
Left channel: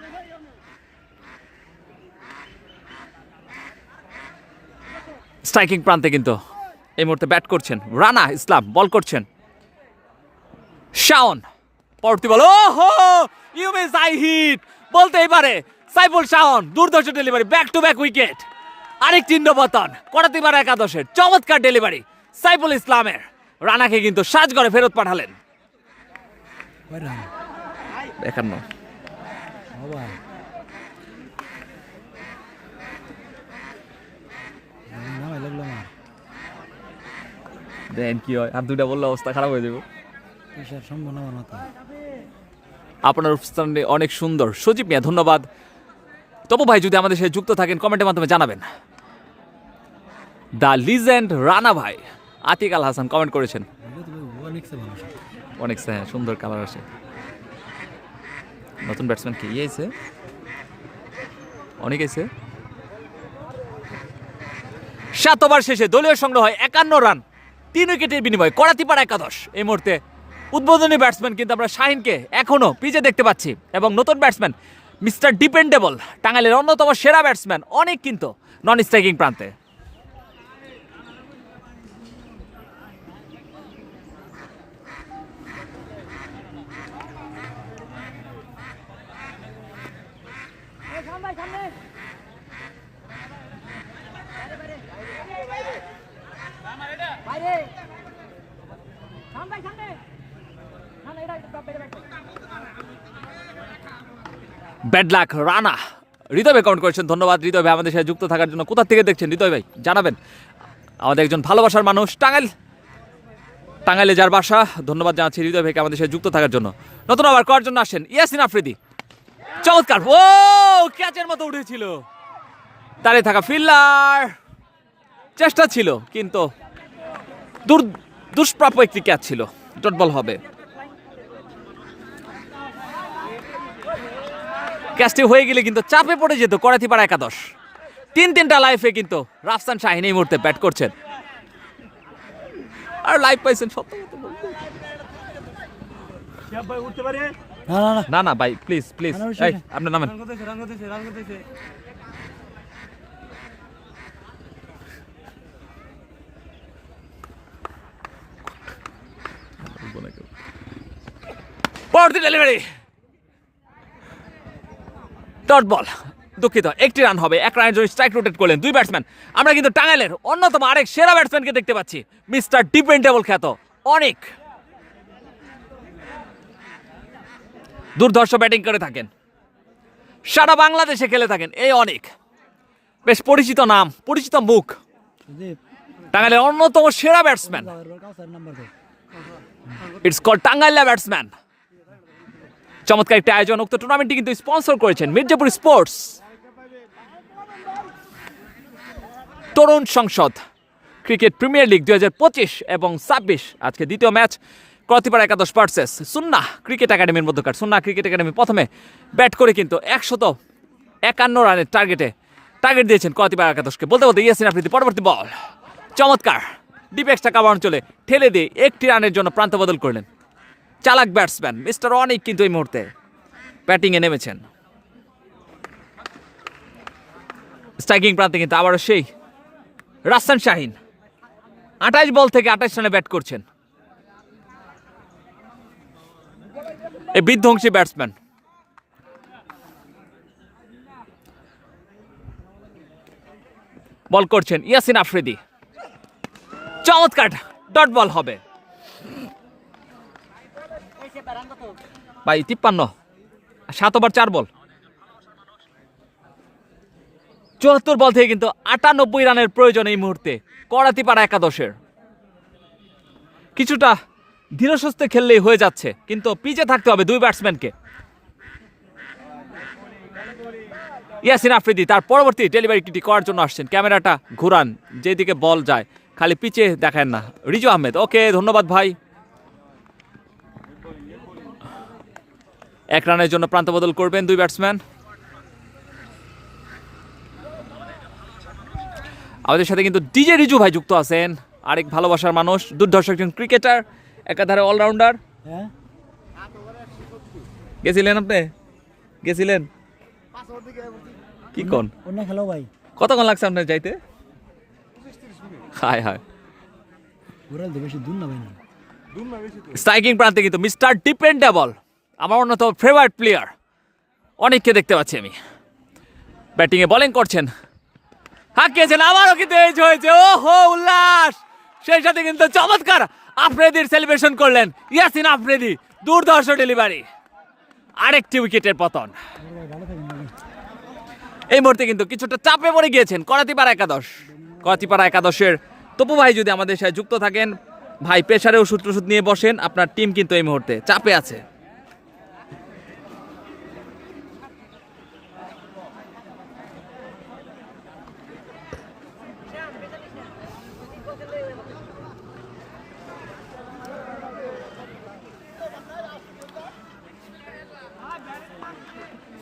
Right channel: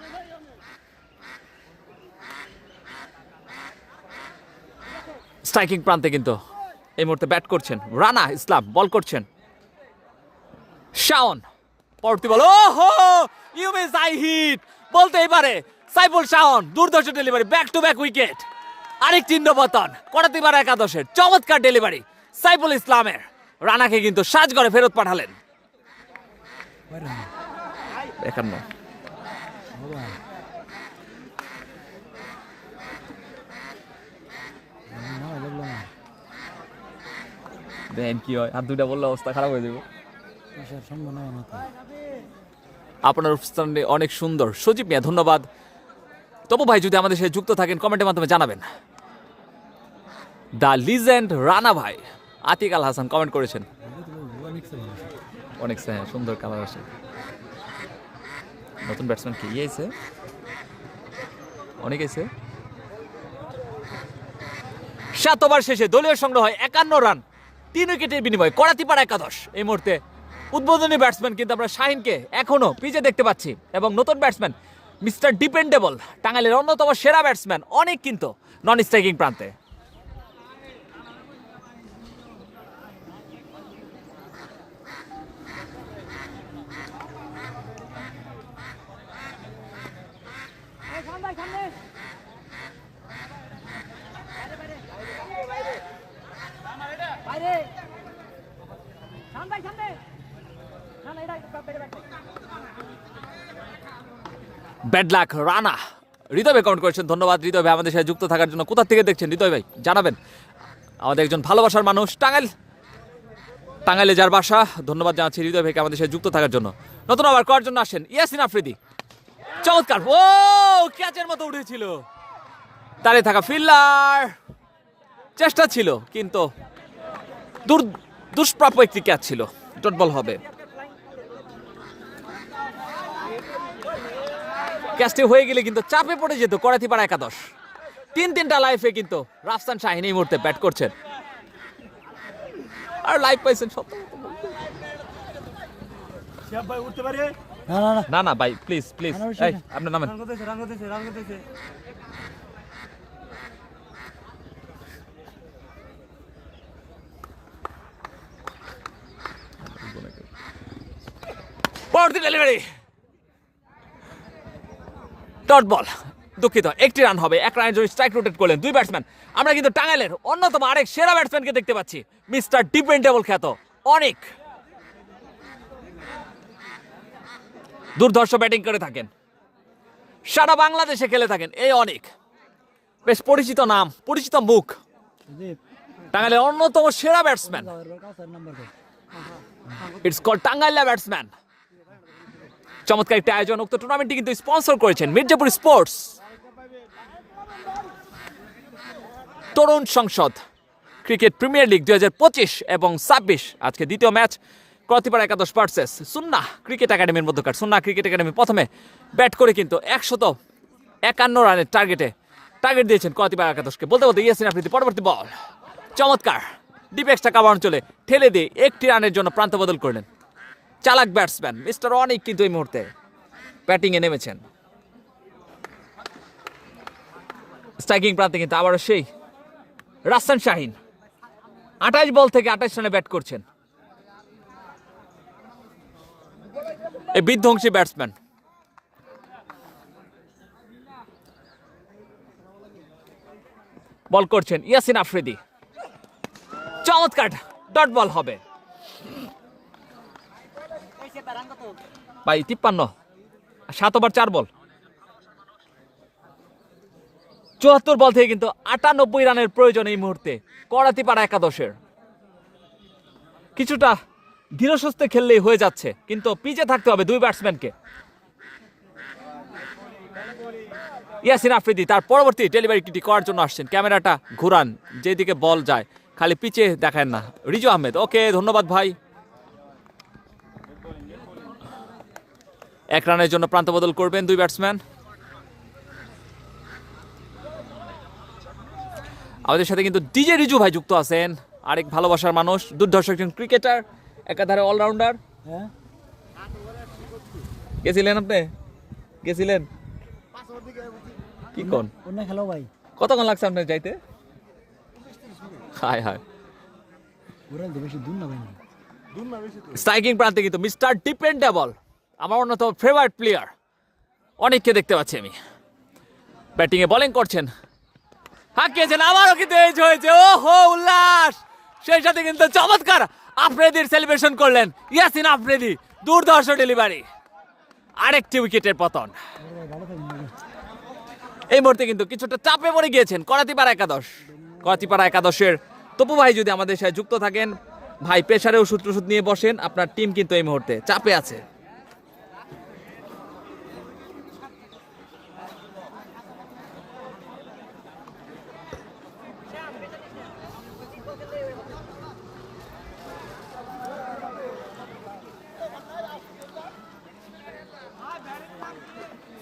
স্ট্রাইকিং প্রান্তে কিন্তু এই মুহূর্তে ব্যাট করছেন রানা ইসলাম, বল করছেন শাওন। পরবর্তী বল, ওহো ইউ মিস আই হিট বলতেই পারে সাইফুল শাওন। দুর্ধর্ষ delivery, back to back wicket. আরেক চিহ্নপতন করাতিপাড়া একাদশের চমৎকার ডেলিভারি সাইফুল ইসলামের। রানাকে কিন্তু সাজ করে ফেরত পাঠালেন। 51 দেন কি হয়, হাত দুইটা বললে অবস্থা খারাপ হয়ে যাবে। আপনার উপস্থানে অনেক সুন্দর সজীব মিয়া, ধন্যবাদ। তবু ভাই যদি আমাদের সাথে যুক্ত থাকেন কমেন্টের মাধ্যমে জানাবেন। দ্য লিজেন্ড রানা ভাই আতিক আল হাসান কমেন্ট করেছেন। অনেক সুন্দর কালার আসে। নতুন ব্যাটসম্যান কি আইছে? অনেক আইছে। 7 ওভার শেষে দলীয় সংগ্রহ হয় 51 রান, 3 উইকেটের বিনিময়ে করাতিপাড়া একাদশ। এই মুহূর্তে উদ্বোধনী ব্যাটসম্যান কিন্তু আমরা শাহিনকে এখনো পিচে দেখতে পাচ্ছি, এবং নতুন ব্যাটসম্যান মিস্টার ডিপেন্ডেবল টাঙ্গাইলের অন্যতম সেরা ব্যাটসম্যান অনেক কিন্তু নন স্ট্রাইকিং প্রান্তে। Bad luck Rana. হৃদয় ভাই কাউন্ট করেছেন, ধন্যবাদ হৃদয় ভাই আমাদের সাথে যুক্ত থাকার জন্য। কোথা থেকে দেখছেন হৃদয় ভাই জানাবেন। আমাদের একজন ভালোবাসার মানুষ টাঙ্গাইলে যার বাসা। ধন্যবাদ জানাচ্ছি হৃদয় ভাইকে আমাদের সাথে যুক্ত থাকার জন্য। নতুন আবার করার জন্য আসেন ইয়াসিন আফ্রিদি। চমৎকার, ও ক্যাচের মতো উঠেছিল। দাঁড়িয়ে থাকা ফিল্ডার, চেষ্টা ছিল কিন্তু দুষ্প্রাপ্য একটি ক্যাচ ছিল। ডট বল হবে। ক্যাচটি হয়ে গেলে কিন্তু চাপে পড়ে যেত করাতিপাড়া একাদশ। 3টা লাইফে কিন্তু রাফসান শাহিন এই মুহূর্তে ব্যাট করছেন। আর লাইভ পাইছেন সব। না না ভাই প্লিজ প্লিজ, এই আপনার নামেন। পরবর্তী ডেলিভারি ডট বল, দুঃখিত, একটি রান হবে। 1 রানের জন্য স্ট্রাইক রোটেট করলেন 2 ব্যাটসম্যান। আমরা কিন্তু টাঙ্গাইলের অন্যতম আরেক সেরা ব্যাটসম্যানকে দেখতে পাচ্ছি, মিস্টার ডিপেন্ডেবল খ্যাত অনেক। দুর্ধর্ষ ব্যাটিং করে থাকেন, সারা বাংলাদেশে খেলে থাকেন এই অনেক। বেশ পরিচিত নাম, পরিচিত মুখ, টাঙ্গাইলের অন্যতম সেরা batsman. It's called Tangaila batsman. চমৎকার একটি আয়োজন। উক্ত টুর্নামেন্টটি কিন্তু স্পন্সর করেছেন মির্জাপুর স্পোর্টস, তরুণ সংসদ, ক্রিকেট প্রিমিয়ার লিগ 2025 এবং 26। আজকে দ্বিতীয় ম্যাচ করাতিপাড়া একাদশ ভার্সেস সুন্নাহ ক্রিকেট একাডেমির মধ্যকার। সুন্নাহ ক্রিকেট একাডেমি প্রথমে ব্যাট করে কিন্তু 151 রানের টার্গেট দিয়েছেন করাতিপাড়া একাদশকে। বলতে ইয়াসিন আফ্রিদি পরবর্তী বল, চমৎকার ডিপ এক্সট্রা কাভার অঞ্চলে ঠেলে দিয়ে 1টি রানের জন্য প্রান্ত বদল করলেন চালাক ব্যাটসম্যান মিস্টার অনিক। কিন্তু এই মুহূর্তে ব্যাটিংয়ে নেমেছেন। স্ট্রাইকিং প্রান্তে কিন্তু আবারও সেই রাসেল শাহিন 28 বল থেকে 28 রানে ব্যাট করছেন এই বিধ্বংসী ব্যাটসম্যান। বল করছেন ইয়াসিন আফ্রিদি, চমৎকার ডট বল হবে ভাই। 53, 7 ওভার 4 বল, 74 বল থেকে কিন্তু 98 রানের প্রয়োজন এই মুহূর্তে করাতিপাড়া একাদশের। কিছুটা ধীরস্বস্তে খেললেই হয়ে যাচ্ছে, কিন্তু পিছে থাকতে হবে দুই ব্যাটসম্যানকে। ইয়াসিন আফ্রিদি তার পরবর্তী ডেলিভারিটি করার জন্য আসছেন। ক্যামেরাটা ঘুরান, যেদিকে বল যায় খালি পিছে দেখেন না। রিজু আহমেদ, ওকে ধন্যবাদ ভাই। 1 রানের জন্য প্রান্ত বদল করবেন দুই ব্যাটসম্যান। আমাদের সাথে কিন্তু ডিজে রিজু ভাই যুক্ত আছেন, আরেক ভালোবাসার মানুষ, দুর্ধর্ষ একজন ক্রিকেটার, একাধারে অলরাউন্ডার। হ্যাঁ গেছিলেন আপনি? গেছিলেন কি কোন অন্য খেলো ভাই, কতক্ষণ লাগছে আপনার যাইতে? হায় হায়, ওরাল বেশি দূর না ভাই না। স্ট্রাইকিং প্রান্তে কিন্তু মিস্টার ডিপেন্ডেবল, আমার অন্যতম ফেভারিট প্লেয়ার, অনেককে দেখতে পাচ্ছি আমি। ব্যাটিংয়ে বোলিং করছেন, হাঁকিয়েছেন, আবারও কিন্তু এজ হয়েছে। ওহো উল্লাস, সেই সাথে কিন্তু চমৎকার আফ্রিদির সেলিব্রেশন করলেন ইয়াসিন আফ্রিদি, দুর্ধর্ষ ডেলিভারি, আরেকটি উইকেটের পতন। এই মুহূর্তে কিন্তু কিছুটা চাপে পড়ে গিয়েছেন করাতিপাড়া একাদশ। করাতিপাড়া একাদশের তপু ভাই যদি আমাদের সাথে যুক্ত থাকেন, ভাই প্রেসারে ওষুধ টষুধ নিয়ে বসেন, আপনার টিম কিন্তু এই মুহূর্তে চাপে আছে।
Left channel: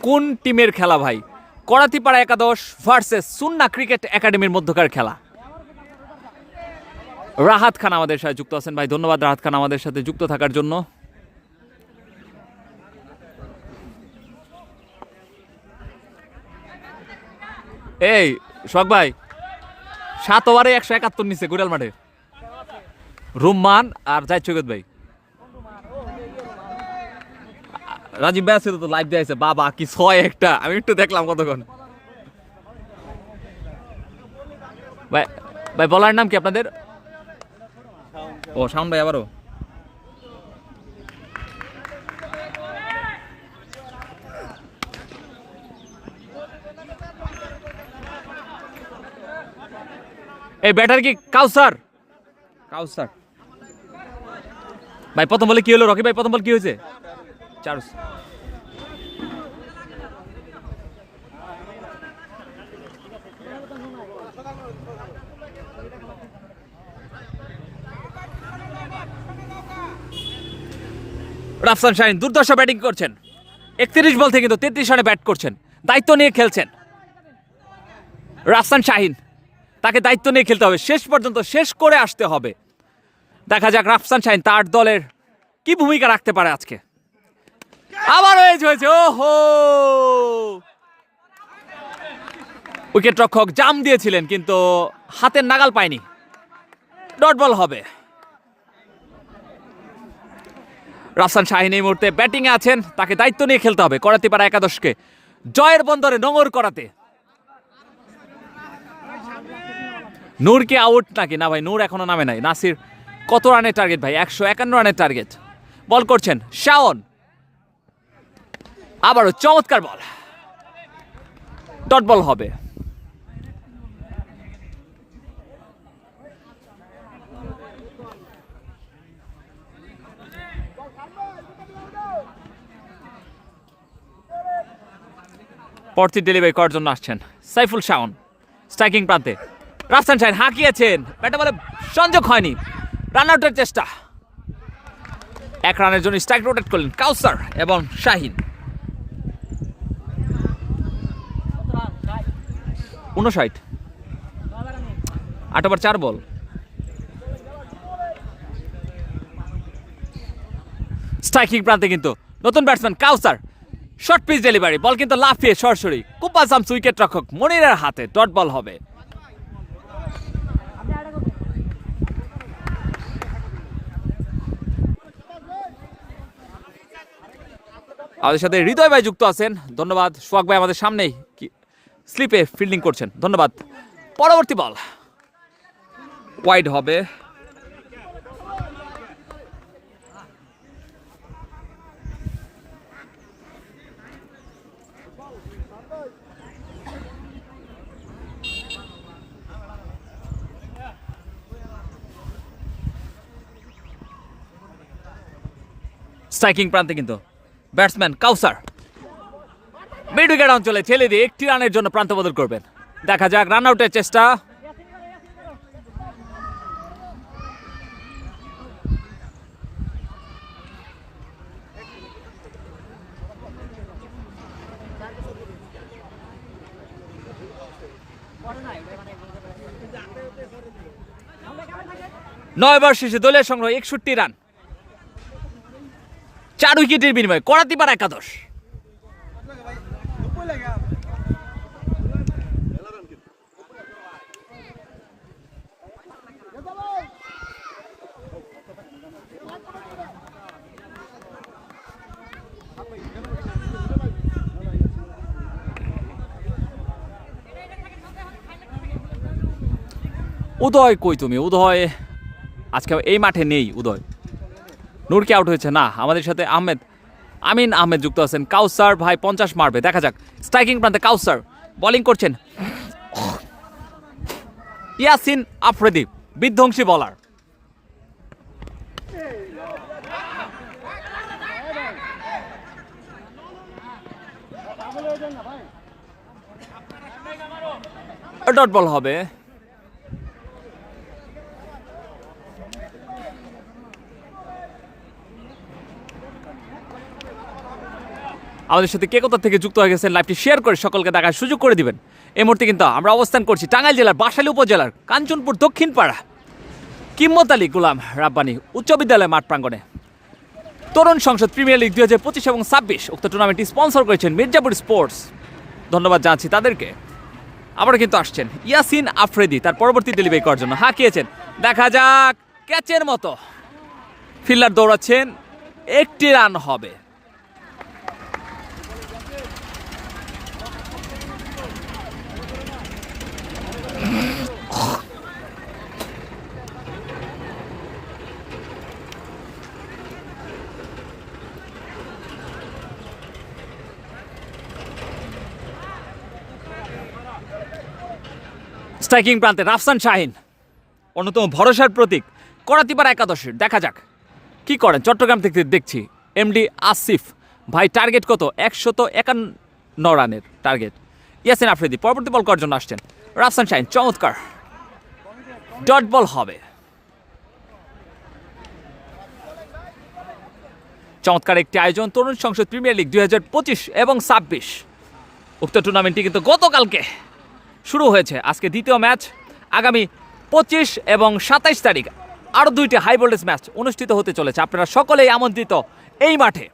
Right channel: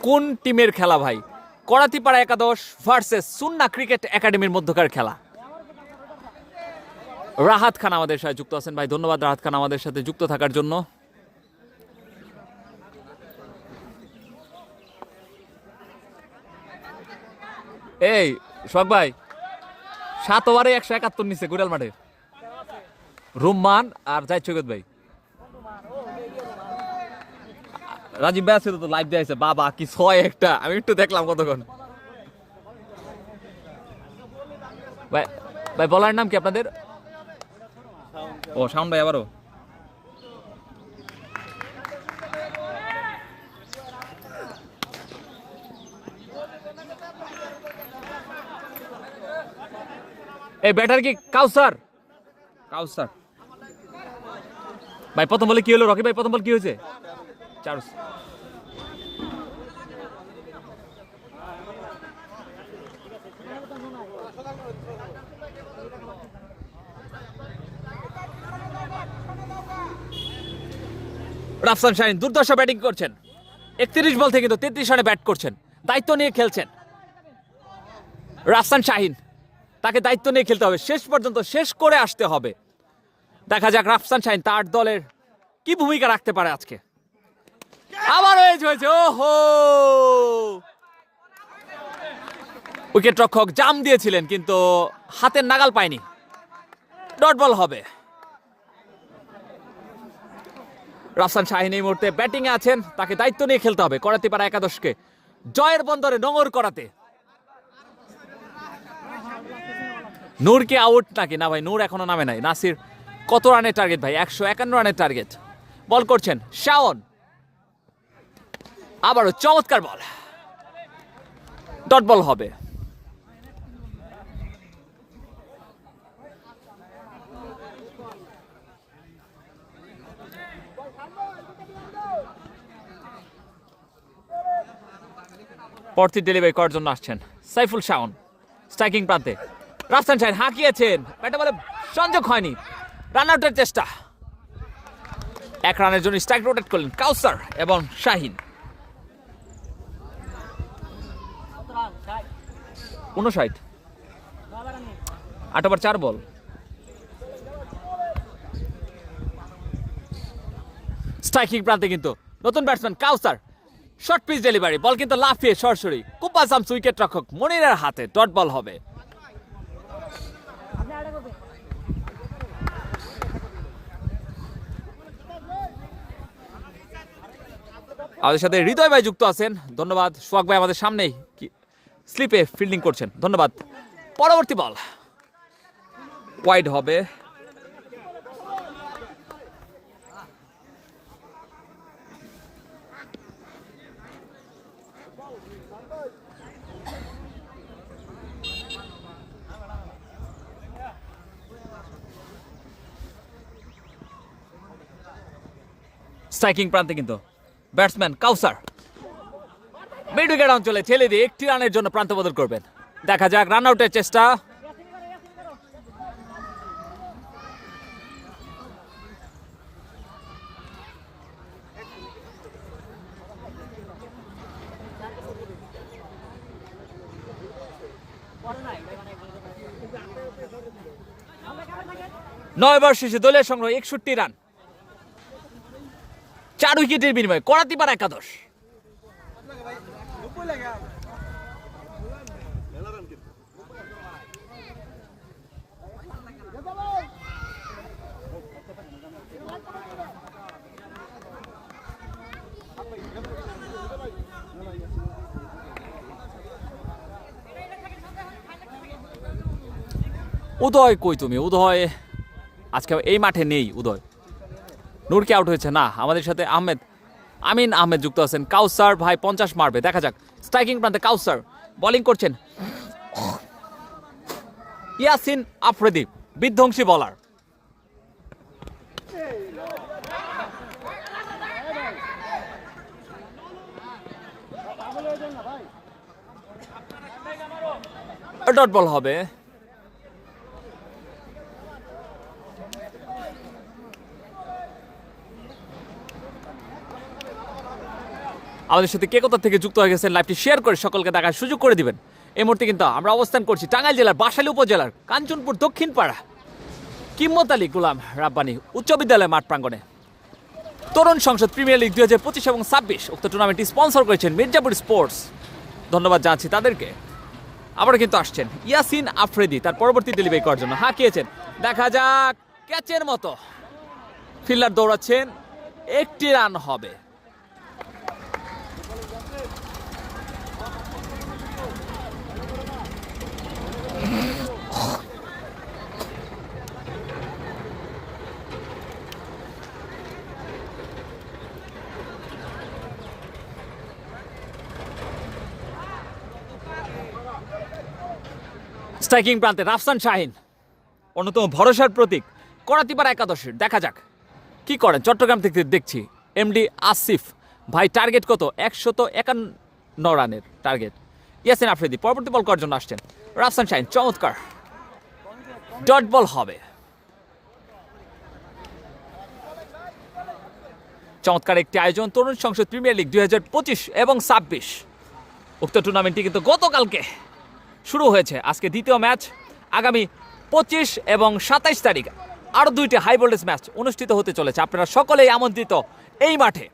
কোন টিমের খেলা ভাই? করাতিপাড়া একাদশ ভার্সেস সুন্না ক্রিকেট একাডেমির মধ্যকার খেলা। রাহাত খান আমাদের সাথে যুক্ত আছেন, ভাই ধন্যবাদ রাহাত খান আমাদের সাথে যুক্ত থাকার জন্য। এই শখ ভাই 7 ওভারে 171 নিচ্ছে গুড়াল মাঠে, রুম্মান আর জাহিদ সৈকত ভাই। রাজীব ভাই আছে তো লাইভ দিয়েছে, বাবা কি 6 একটা, আমি একটু দেখলাম কতক্ষণ। ভাই ভাই বলার নাম কি আপনাদের? ও শাওন ভাই আবারও। এই ব্যাটার কি কাউসার? কাউসার ভাই প্রথম বলে কি হলো? রকি ভাই প্রথম বল কি হয়েছে? চার্জ রাফসান শাহিন দুর্দর্শ ব্যাটিং করছেন, 31 বল থেকে কিন্তু 33 রানে ব্যাট করছেন, দায়িত্ব নিয়ে খেলছেন রাফসান শাহিন। তাকে দায়িত্ব নিয়ে খেলতে হবে, শেষ পর্যন্ত শেষ করে আসতে হবে। দেখা যাক রাফসান শাহিন তার দলের কি ভূমিকা রাখতে পারে আজকে। আবার এজ হয়েছে, ওহো উইকেট রক্ষক জাম দিয়েছিলেন কিন্তু হাতের নাগাল পায়নি, ডট বল হবে। রাফসান শাহিন এই মুহূর্তে ব্যাটিং এ আছেন, তাকে দায়িত্ব নিয়ে খেলতে হবে করাতিপাড়া একাদশকে জয়ের বন্দরে নোঙর করাতে। নূর কি আউট নাকি? না ভাই, নূর এখনো নামে নাই। নাসির কত রানের টার্গেট ভাই? 151 রানের টার্গেট। বল করছেন শাওন, আবারও চমৎকার বল, ডট বল হবে। পরবর্তী ডেলিভারি করার জন্য আসছেন সাইফুল শাওন, স্ট্রাইকিং প্রান্তে রাফসান শাহিন হাঁকিয়েছেন, ব্যাটে বলে সংযোগ হয়নি, রান আউটের চেষ্টা। 1 রানের জন্য স্ট্রাইক রোটেট করলেন কাউসার এবং শাহিন। 59, 8 ওভার 4 বল। স্ট্রাইকিং প্রান্তে কিন্তু নতুন ব্যাটসম্যান কাউসার শর্ট পিচ ডেলিভারি, বল কিন্তু লাফিয়ে সরাসরি কুপাল শামস উইকেট রক্ষক মনিরের হাতে, ডট বল হবে। আমাদের সাথে হৃদয় ভাই যুক্ত আছেন, ধন্যবাদ। সোহাগ ভাই আমাদের সামনেই স্লিপে ফিল্ডিং করছেন, ধন্যবাদ। পরবর্তী বল ওয়াইড হবে। স্ট্রাইকিং প্রান্তে কিন্তু ব্যাটসম্যান কাউসার মিড উইকেট অঞ্চলে ঠেলে দিয়ে একটি রানের জন্য প্রান্ত বদল করবেন। দেখা যাক রান আউটের চেষ্টা। নয় ওভার শেষে দলের সংগ্রহ 61 রান, 4 উইকেটের বিনিময়ে করাতিপাড়া একাদশ। উদয় কই তুমি? উদয় আজকে এই মাঠে নেই। উদয় নূরকে আউট হয়েছে না। আমাদের সাথে আমিন আহমেদ যুক্ত আছেন। কাউসার ভাই 50 মারবে, দেখা যাক। স্ট্রাইকিং প্রান্তে কাউসার বোলিং করছেন ইয়াসিন আফ্রিদি, বিধ্বংসী বলার। ডট বল হবে। আমাদের সাথে কে কোথা থেকে যুক্ত হয়ে গেছেন লাইভটি শেয়ার করে সকলকে দেখার সুযোগ করে দিবেন। এই মুহূর্তে কিন্তু আমরা অবস্থান করছি টাঙ্গাইল জেলার বাসাইল উপজেলার কাঞ্চনপুর দক্ষিণ পাড়া কিম্মত আলী গুলাম রাব্বানি উচ্চ বিদ্যালয় মাঠ প্রাঙ্গণে তরুণ সংসদ প্রিমিয়ার লিগ 2025 এবং 26 উক্ত টুর্নামেন্টটি স্পন্সর করেছেন মির্জাপুর স্পোর্টস, ধন্যবাদ জানাচ্ছি তাদেরকে। আবার কিন্তু আসছেন ইয়াসিন আফ্রিদি তার পরবর্তী ডেলিভারি করার জন্য হাঁকিয়েছেন, দেখা যাক ক্যাচের মতো ফিল্ডার দৌড়াচ্ছেন, একটি রান হবে। স্ট্রাইকিং প্রান্তে রাফসান শাহিন, অন্যতম ভরসার প্রতীক করাতিপাড়া একাদশের, দেখা যাক কি করেন। চট্টগ্রাম থেকে দেখছি এমডি আসিফ ভাই, টার্গেট কত? 151 রানের টার্গেট। ইয়াসিন আফ্রিদি পরবর্তী বল করার জন্য আসছেন। রাফসান শাহিন চমৎকার, ডট বল হবে। চমৎকার একটি আয়োজন তরুণ সংসদ প্রিমিয়ার লিগ 2025 এবং 26 উক্ত টুর্নামেন্টটি কিন্তু গতকালকে শুরু হয়েছে। আজকে দ্বিতীয় ম্যাচ, আগামী 25 এবং 27 তারিখ আরও 2টি হাই ভোল্টেজ ম্যাচ অনুষ্ঠিত হতে চলেছে। আপনারা সকলেই আমন্ত্রিত এই মাঠে।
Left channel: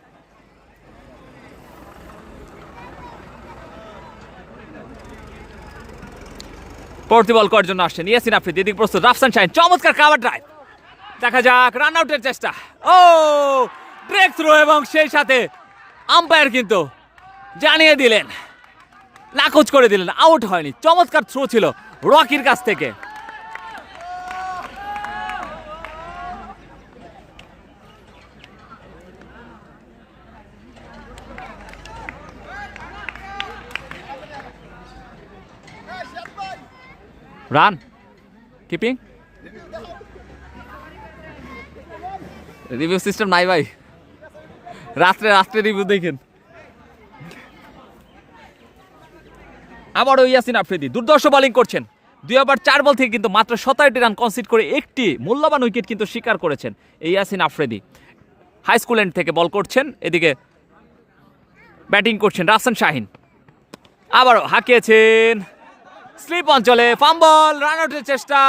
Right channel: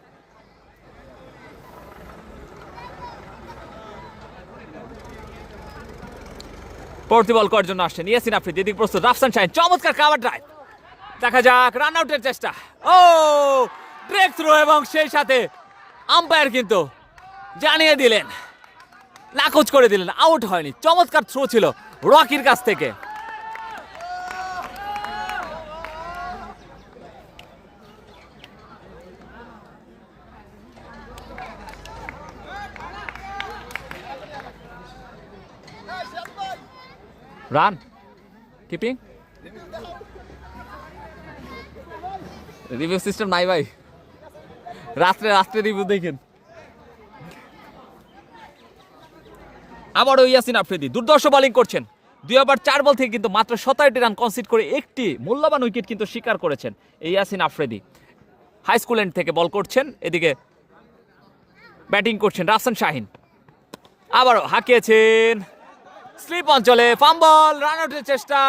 পরবর্তী বল করার জন্য আসছেন ইয়াসিন আফ্রিদি, এদিকে প্রস্তুত রাফসান শাহিন, চমৎকার কাভার ড্রাইভ, দেখা যাক রান আউটের চেষ্টা। ও ব্রেক থ্রো, এবং সেই সাথে আম্পায়ার কিন্তু জানিয়ে দিলেন, নাকচ করে দিলেন, আউট হয়নি। চমৎকার থ্রো ছিল রকির কাছ থেকে। রান কিপিং রিভিউ সিস্টেম নাই ভাই, রাত্রে রিভিউ দেখেন। আবারও ইয়াসিন আফ্রিদি দুর্ধর্ষ বোলিং করছেন। 2 ওভার 4 বল থেকে কিন্তু মাত্র 17টি রান কনসিড করে একটি মূল্যবান উইকেট কিন্তু শিকার করেছেন এই Yasin Afridi. High school end থেকে বল করছেন, এদিকে ব্যাটিং করছেন রাফসান শাহিন। আবারও হাঁকিয়েছেন স্লিপ অঞ্চলে, ফাম্বল, রান আউটের চেষ্টা।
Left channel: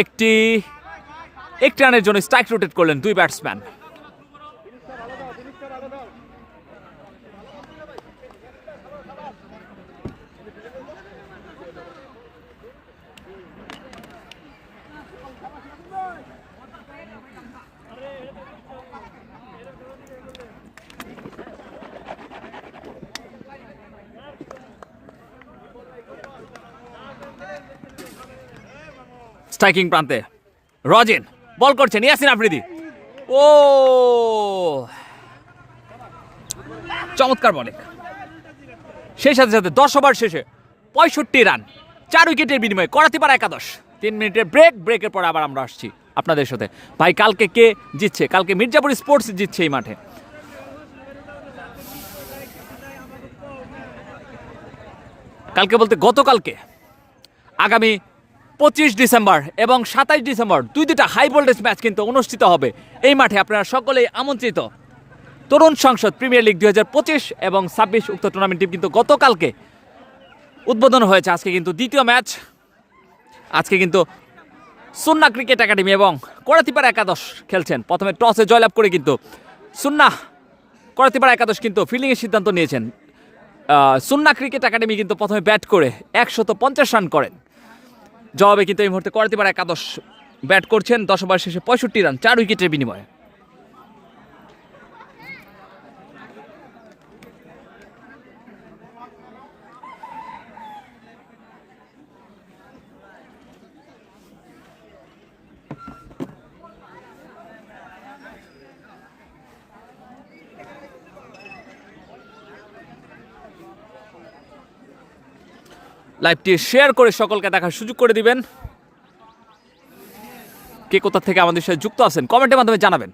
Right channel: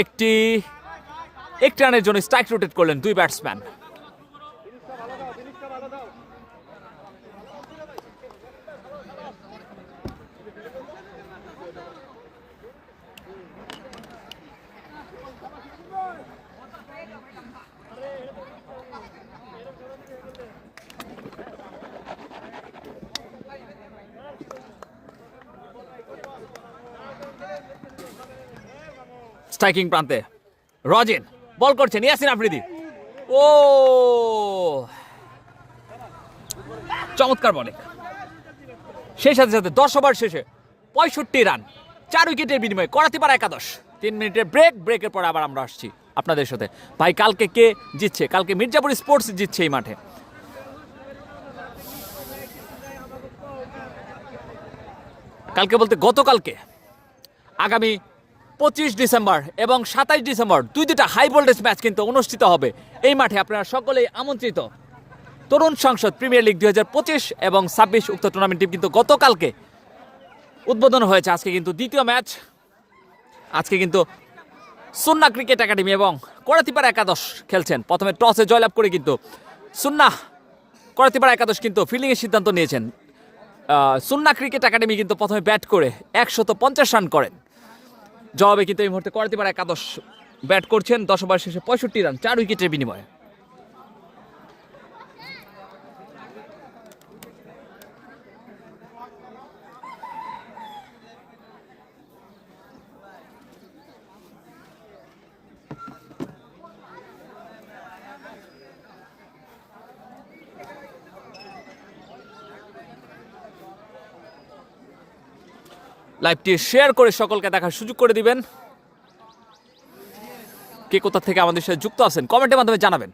একটি রানের জন্য স্ট্রাইক রোটেট করলেন 2 ব্যাটসম্যান। স্ট্রাইকিং প্রান্তে রজিন বল করছেন ইয়াসিন আফ্রিদি। ও চমৎকার বলে। সেই সাথে সাথে 10 ওভার শেষে 65 রান 4 উইকেটের বিনিময়ে করাতিপাড়া একাদশ। 3 মিনিটের ব্রেকের পরে আবার আমরা আসছি আপনাদের সাথে। ভাই কালকে কে জিতছে? কালকে মির্জাপুর স্পোর্টস জিতছে এই মাঠে। কালকে বলতে গতকালকে আগামী 25 ডিসেম্বর এবং 27 ডিসেম্বর দুইটা হাই ভোল্টেজ ম্যাচ কিন্তু অনুষ্ঠিত হবে এই মাঠে। আপনারা সকলেই আমন্ত্রিত। তরুণ সংসদ প্রিমিয়ার লিগ 2025 এবং 26 উক্ত টুর্নামেন্টটি কিন্তু গতকালকে উদ্বোধন হয়েছে। আজকে কিন্তু দ্বিতীয় ম্যাচ। আজকে কিন্তু সুন্না ক্রিকেট একাডেমি এবং করাতিপাড়া একাদশ খেলছেন। প্রথমে টসে জয়লাভ করে কিন্তু সুন্না করাতিপাড়া একাদশ কিন্তু ফিল্ডিংয়ের সিদ্ধান্ত নিয়েছেন। সুন্না ক্রিকেট একাডেমি কিন্তু প্রথমে ব্যাট করে 150 রান করেন। জবাবে কিন্তু এই মুহূর্তে করাতিপাড়া একাদশ ব্যাট করছেন 10 ওভার শেষে 65 রান 4 উইকেটের বিনিময়ে। লাইভটি শেয়ার করে সকলকে দেখার সুযোগ করে দিবেন। কে কোথা থেকে আমাদের সাথে যুক্ত আছেন কমেন্টের মাধ্যমে জানাবেন।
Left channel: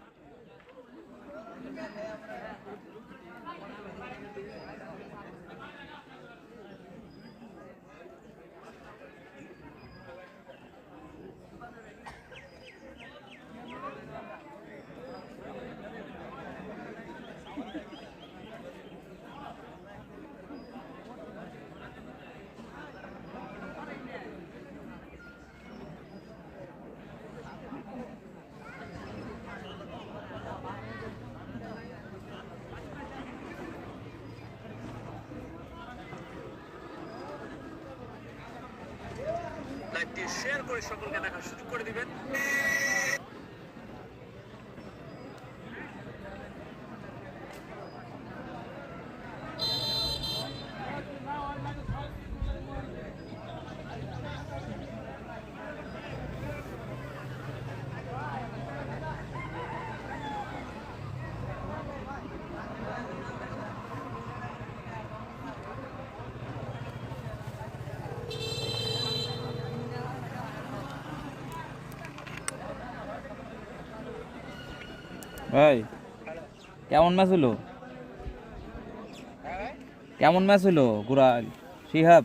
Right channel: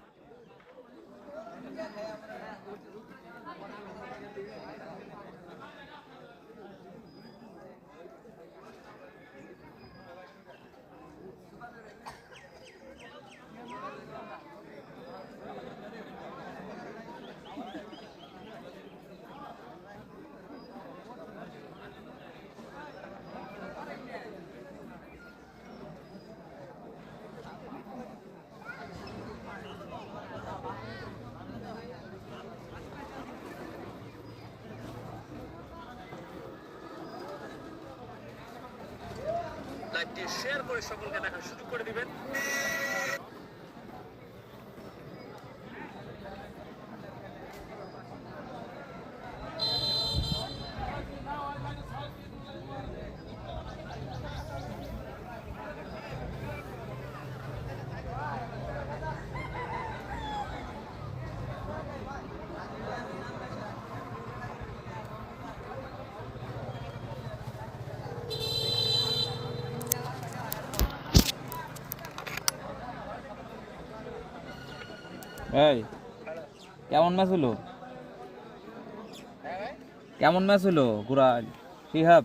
লাইভটি শেয়ার করে সকলকে দেখার সুযোগ করে দিবেন। ভাই কেমন ম্যাচ হলো? কেমন ম্যাচ হলো গুরাল শিহাব?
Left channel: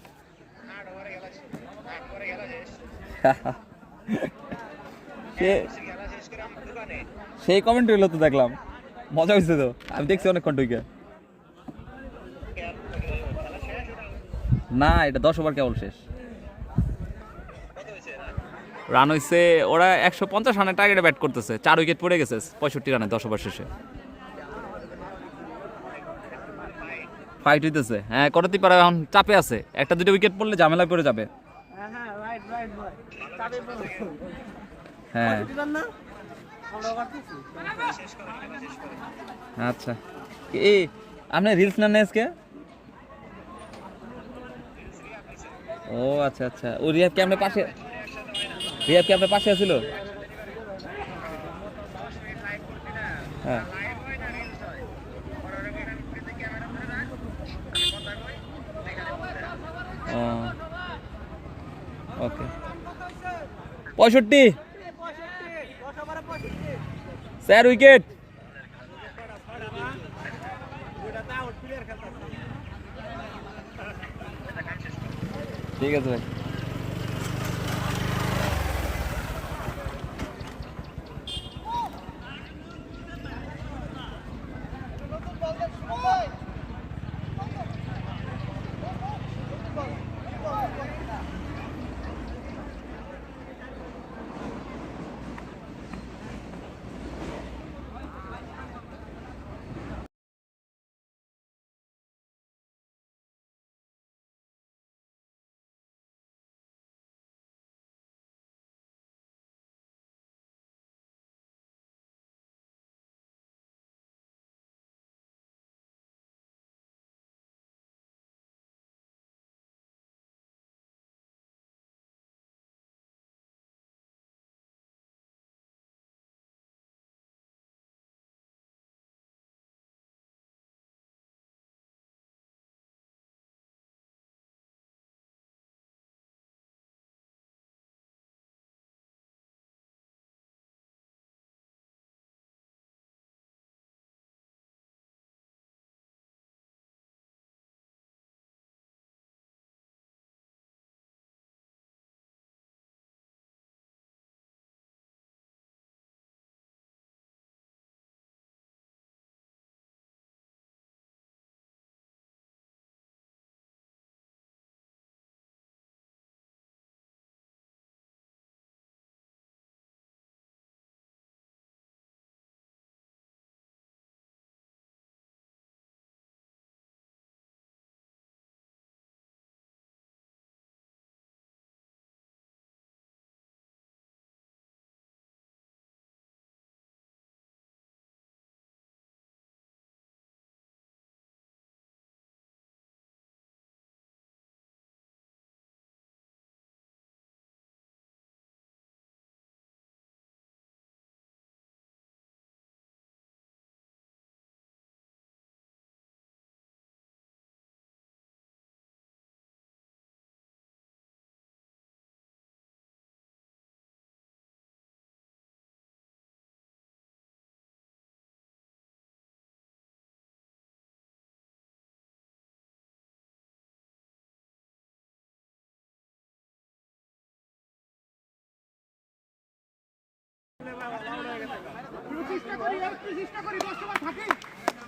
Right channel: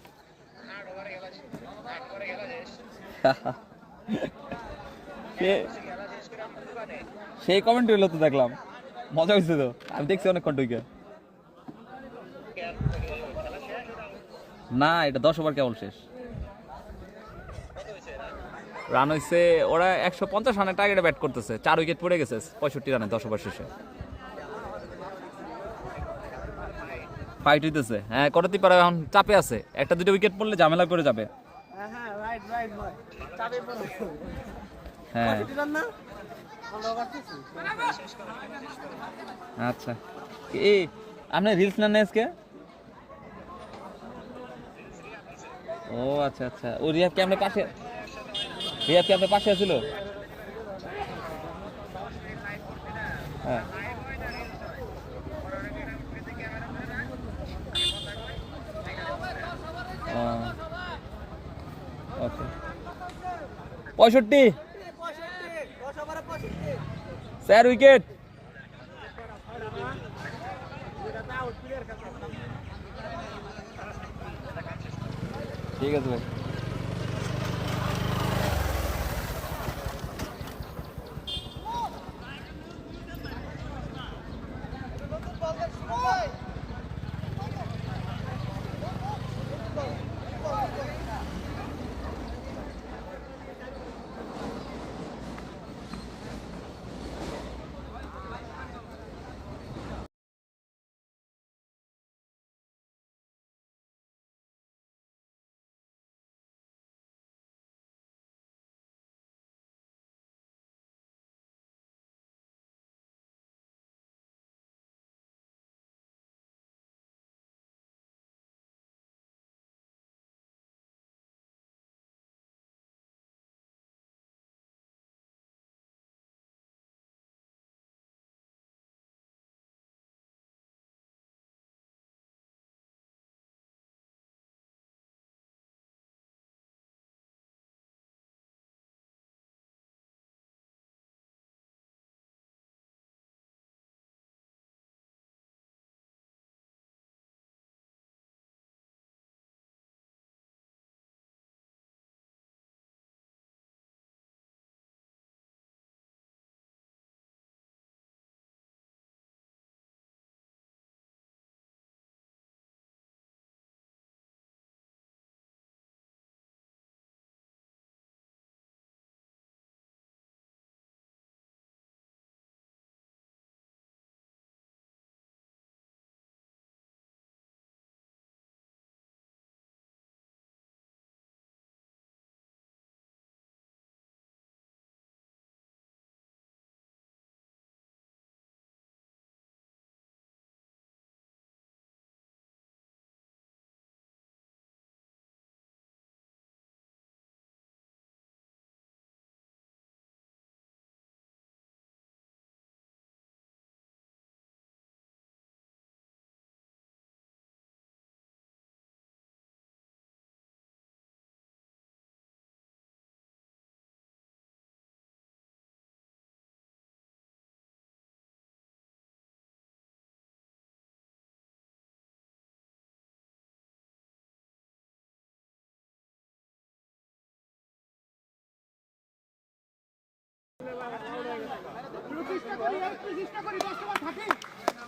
সেই কমেন্ট হইলো তো, দেখলাম মজা হয়েছে তো। আমি দেখছি অনেকক্ষণ ঢুকে। না এটা 10 ওভার কেবল শেষ। রান হয়েছে ওরা 150 রানের টার্গেটে ব্যাট করতেছে। 4 উইকেট পড়ে গেছে 65 রানে 10 ওভার শেষে। ফাইট হইতেছে। হ্যাঁ করাতিপাড়া এখন চাপে আছে। একটা দুটো উইকেট পড়লে ঝামেলা করে যাবে। হ্যাঁ আচ্ছা এই আপনি রিলস নেন আজকে? ও আচ্ছা আচ্ছা। ও রিয়াদ কি আপনার পাশে? রিয়াদ কি আপনার পাশে ছিল? হ্যাঁ ওকে 65 4 উইকেট। ঠিক আছে ভাই।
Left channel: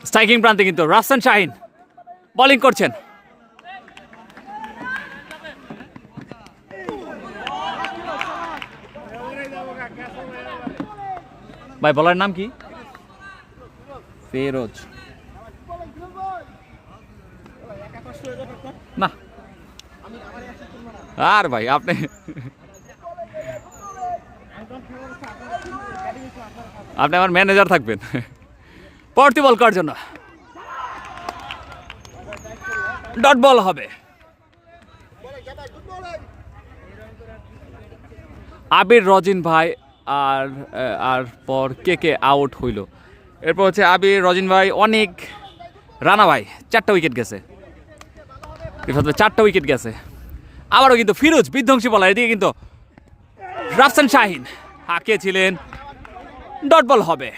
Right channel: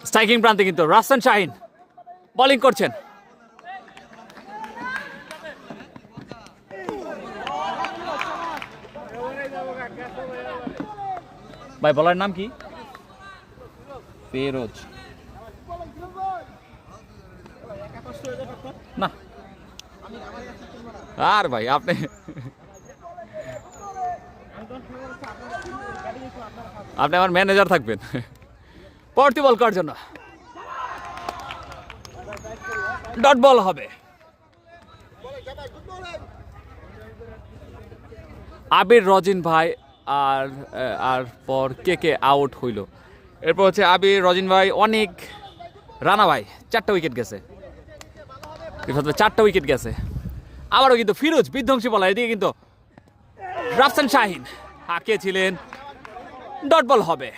স্ট্রাইকিং প্রান্তে কিন্তু রাফসান শাহিন বোলিং করছেন। ভাই বলার নাম কি? ফিরোজ না আর ভাই আপনি আপনি আমার ম্যানেজার থাকবেন। পরবর্তী বল করার জন্য ডট বল হবে। আবির রজিন ভাই আর আর পর কে আউট হইল। এরপর হচ্ছে আবির রজিন ভাই, অনেক রানা ভাই 4টা উইকেট গেছে, 4টা উইকেট গেছে। আবারও কিন্তু ফিরোজ বিধ্বংসী বলার, এদিকে কিন্তু রাফসান শাহিন হাঁকিয়েছিলেন, ডট বল হবে।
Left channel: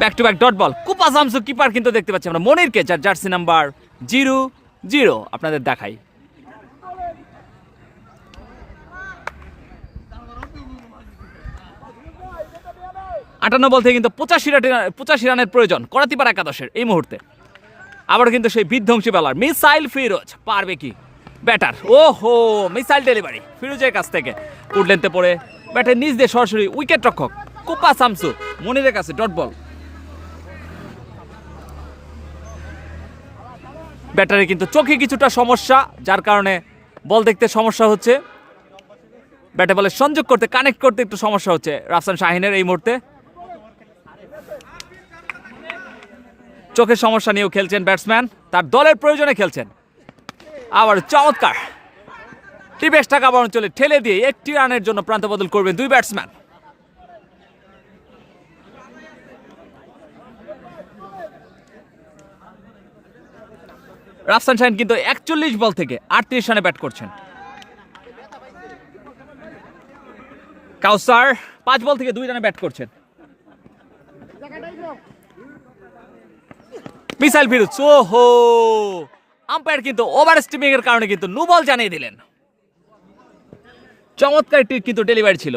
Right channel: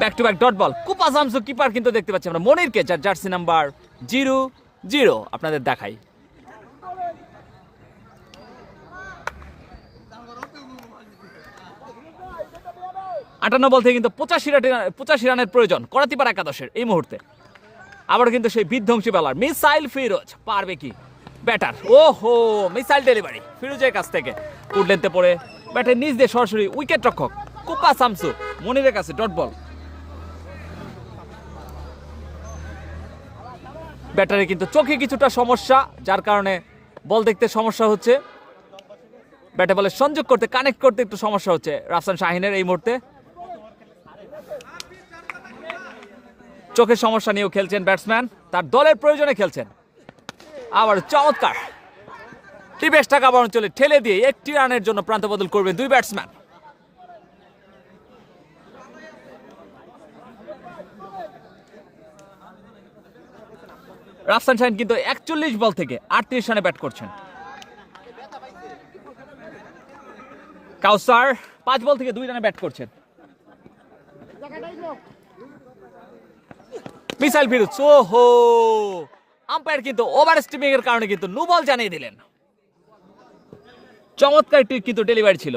Back to back dot ball. কুপা জামসু কিপার কিন্তু দেখতে পাচ্ছি আমরা মনিরকে, যার জার্সি নাম্বার 0-0 আপনাদের দেখাই। আটান্ন বল থেকে কিন্তু 85 রানের প্রয়োজন করাতিপাড়া একাদশের এই মুহূর্তে। আবার কিন্তু সেই বিধ্বংসী বলার মিসাইল ফিরোজ, পারবে কি ব্যাটার? ওহো, মিসাইল ডেলিভারি ফিরোজের কাছ থেকে উডলেনতে পড়ে ব্যাটের নিচ দিয়ে সরাসরি উইকেট রক্ষক কুপা শামসু মনিরের কাছে ডট বল। ব্যাটারে কিন্তু চোখে কিছুটা সমস্যা, যার কারণে বল দেখতে সমস্যা হচ্ছে, ব্যাটে বলে সংযোগ করতে, কানেক্ট করতে একটু সমস্যা হচ্ছে রাফসান শাহিনের এই মুহূর্তে। চোখের সমস্যা নিয়েও খেলছেন ব্যাটসম্যান, তার দলের প্রয়োজনে খেলছেন। আবার চমৎকার টিপেস টাকা অঞ্চলে ঠেলে দিয়ে 1টি রানের জন্য প্রান্ত বদল করবেন দুই ব্যাটসম্যান। রাফসান শাহিন কিন্তু 41 বল থেকে 38 রানে ব্যাট করছেন। কাউসার 5 বল থেকে 2 রানে ব্যাট করছেন। মিসাইল ফিরোজ, ওহো, আম্পায়ার কিন্তু ওভার স্টিমিং এর কারণে কিন্তু নো বল জানিয়ে দিলেন। চমৎকার কিন্তু ডেলিভারি ছিল।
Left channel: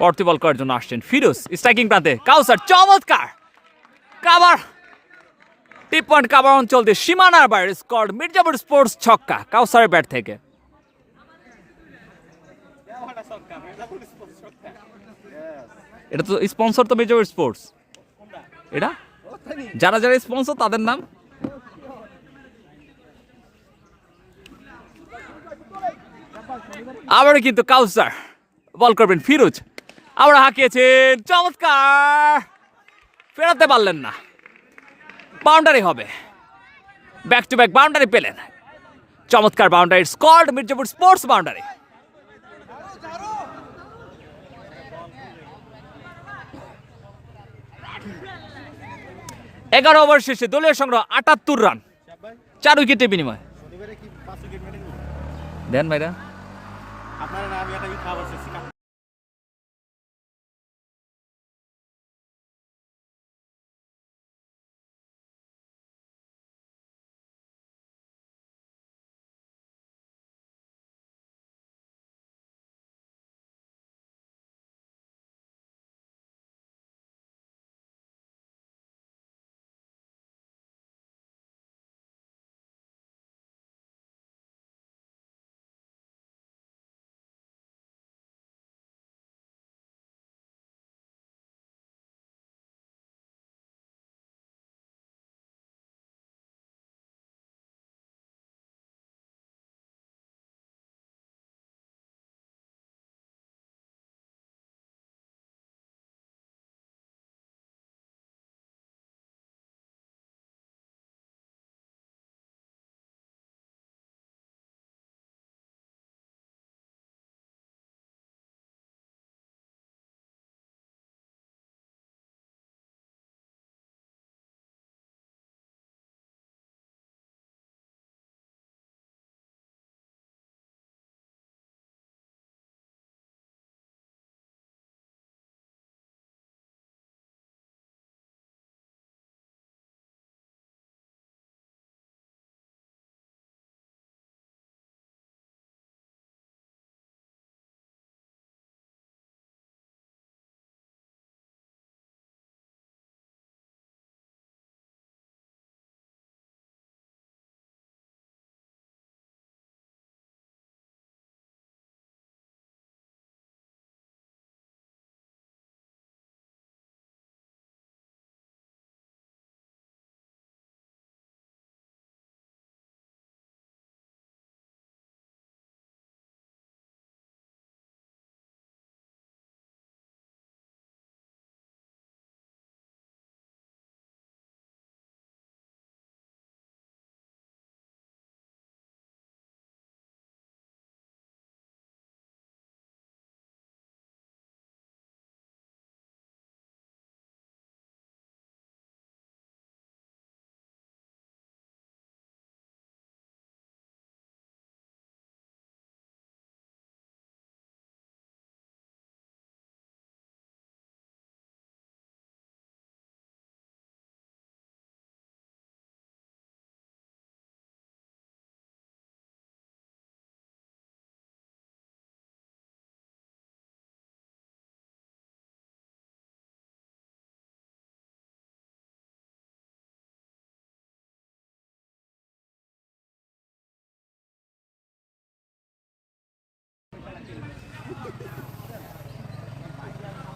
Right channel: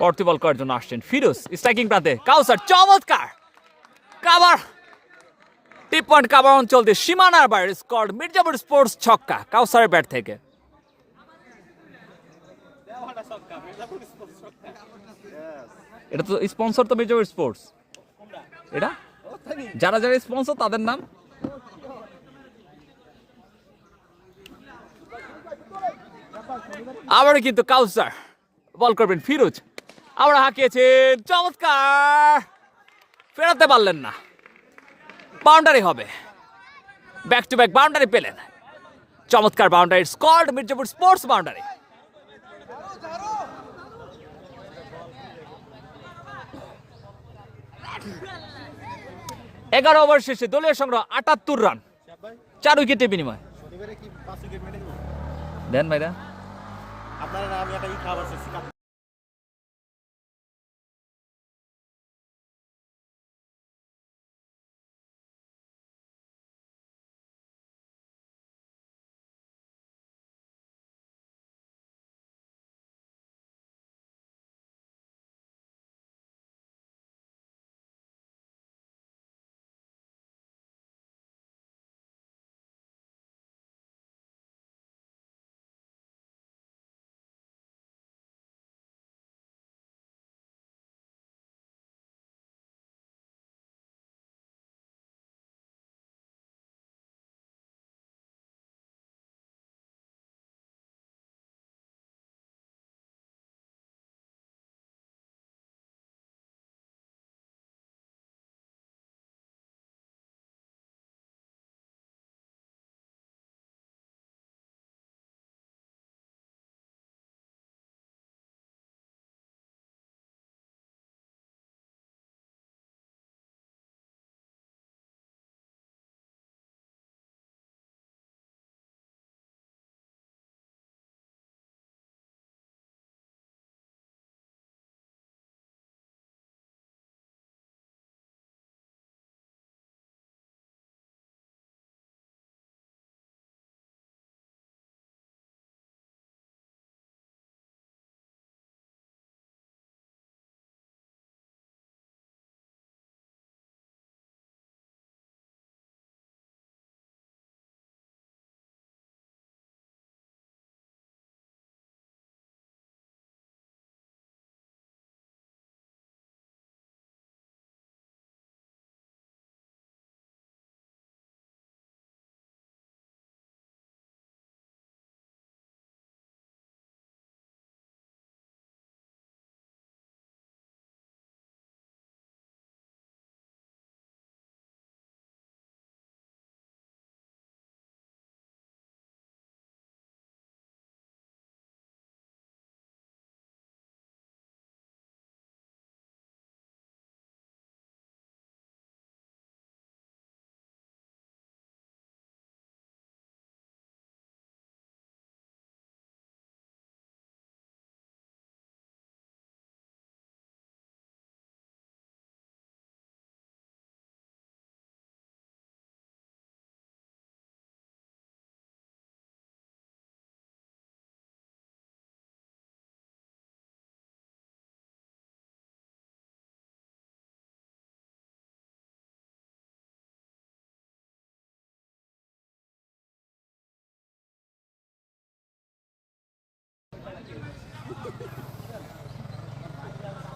পরবর্তী বল করার জন্য আসছেন ফিরোজ স্ট্রাইকিং প্রান্তে। কাউসার চমৎকার কাভার, টিপ পয়েন্ট কাভার অঞ্চল দিয়ে সীমানার বাইরে স্কোর, মির্জাপুর স্পোর্টস ছক্কা কাউসারের ব্যাট থেকে। এটা তো স্পন্সর তো মির্জাপুর স্পোর্টস, এটা যারা যারা স্পন্সর তাদের নাম। আবারও কিন্তু কাউসার বল করবেন ফিরোজ, আবার হাঁকিয়েছেন, চমৎকার, ফেরাতে পারলেন না, বাউন্ডারি হবে। ব্যাক টু ব্যাক বাউন্ডারি পেলেন, চমৎকার boundary, scored Mirzapur sports boundary. এগারো ওভার শেষে দলীয় সংগ্রহ 78 রান, 4 উইকেটের বিনিময়। দেন ভাইরা আপনারা।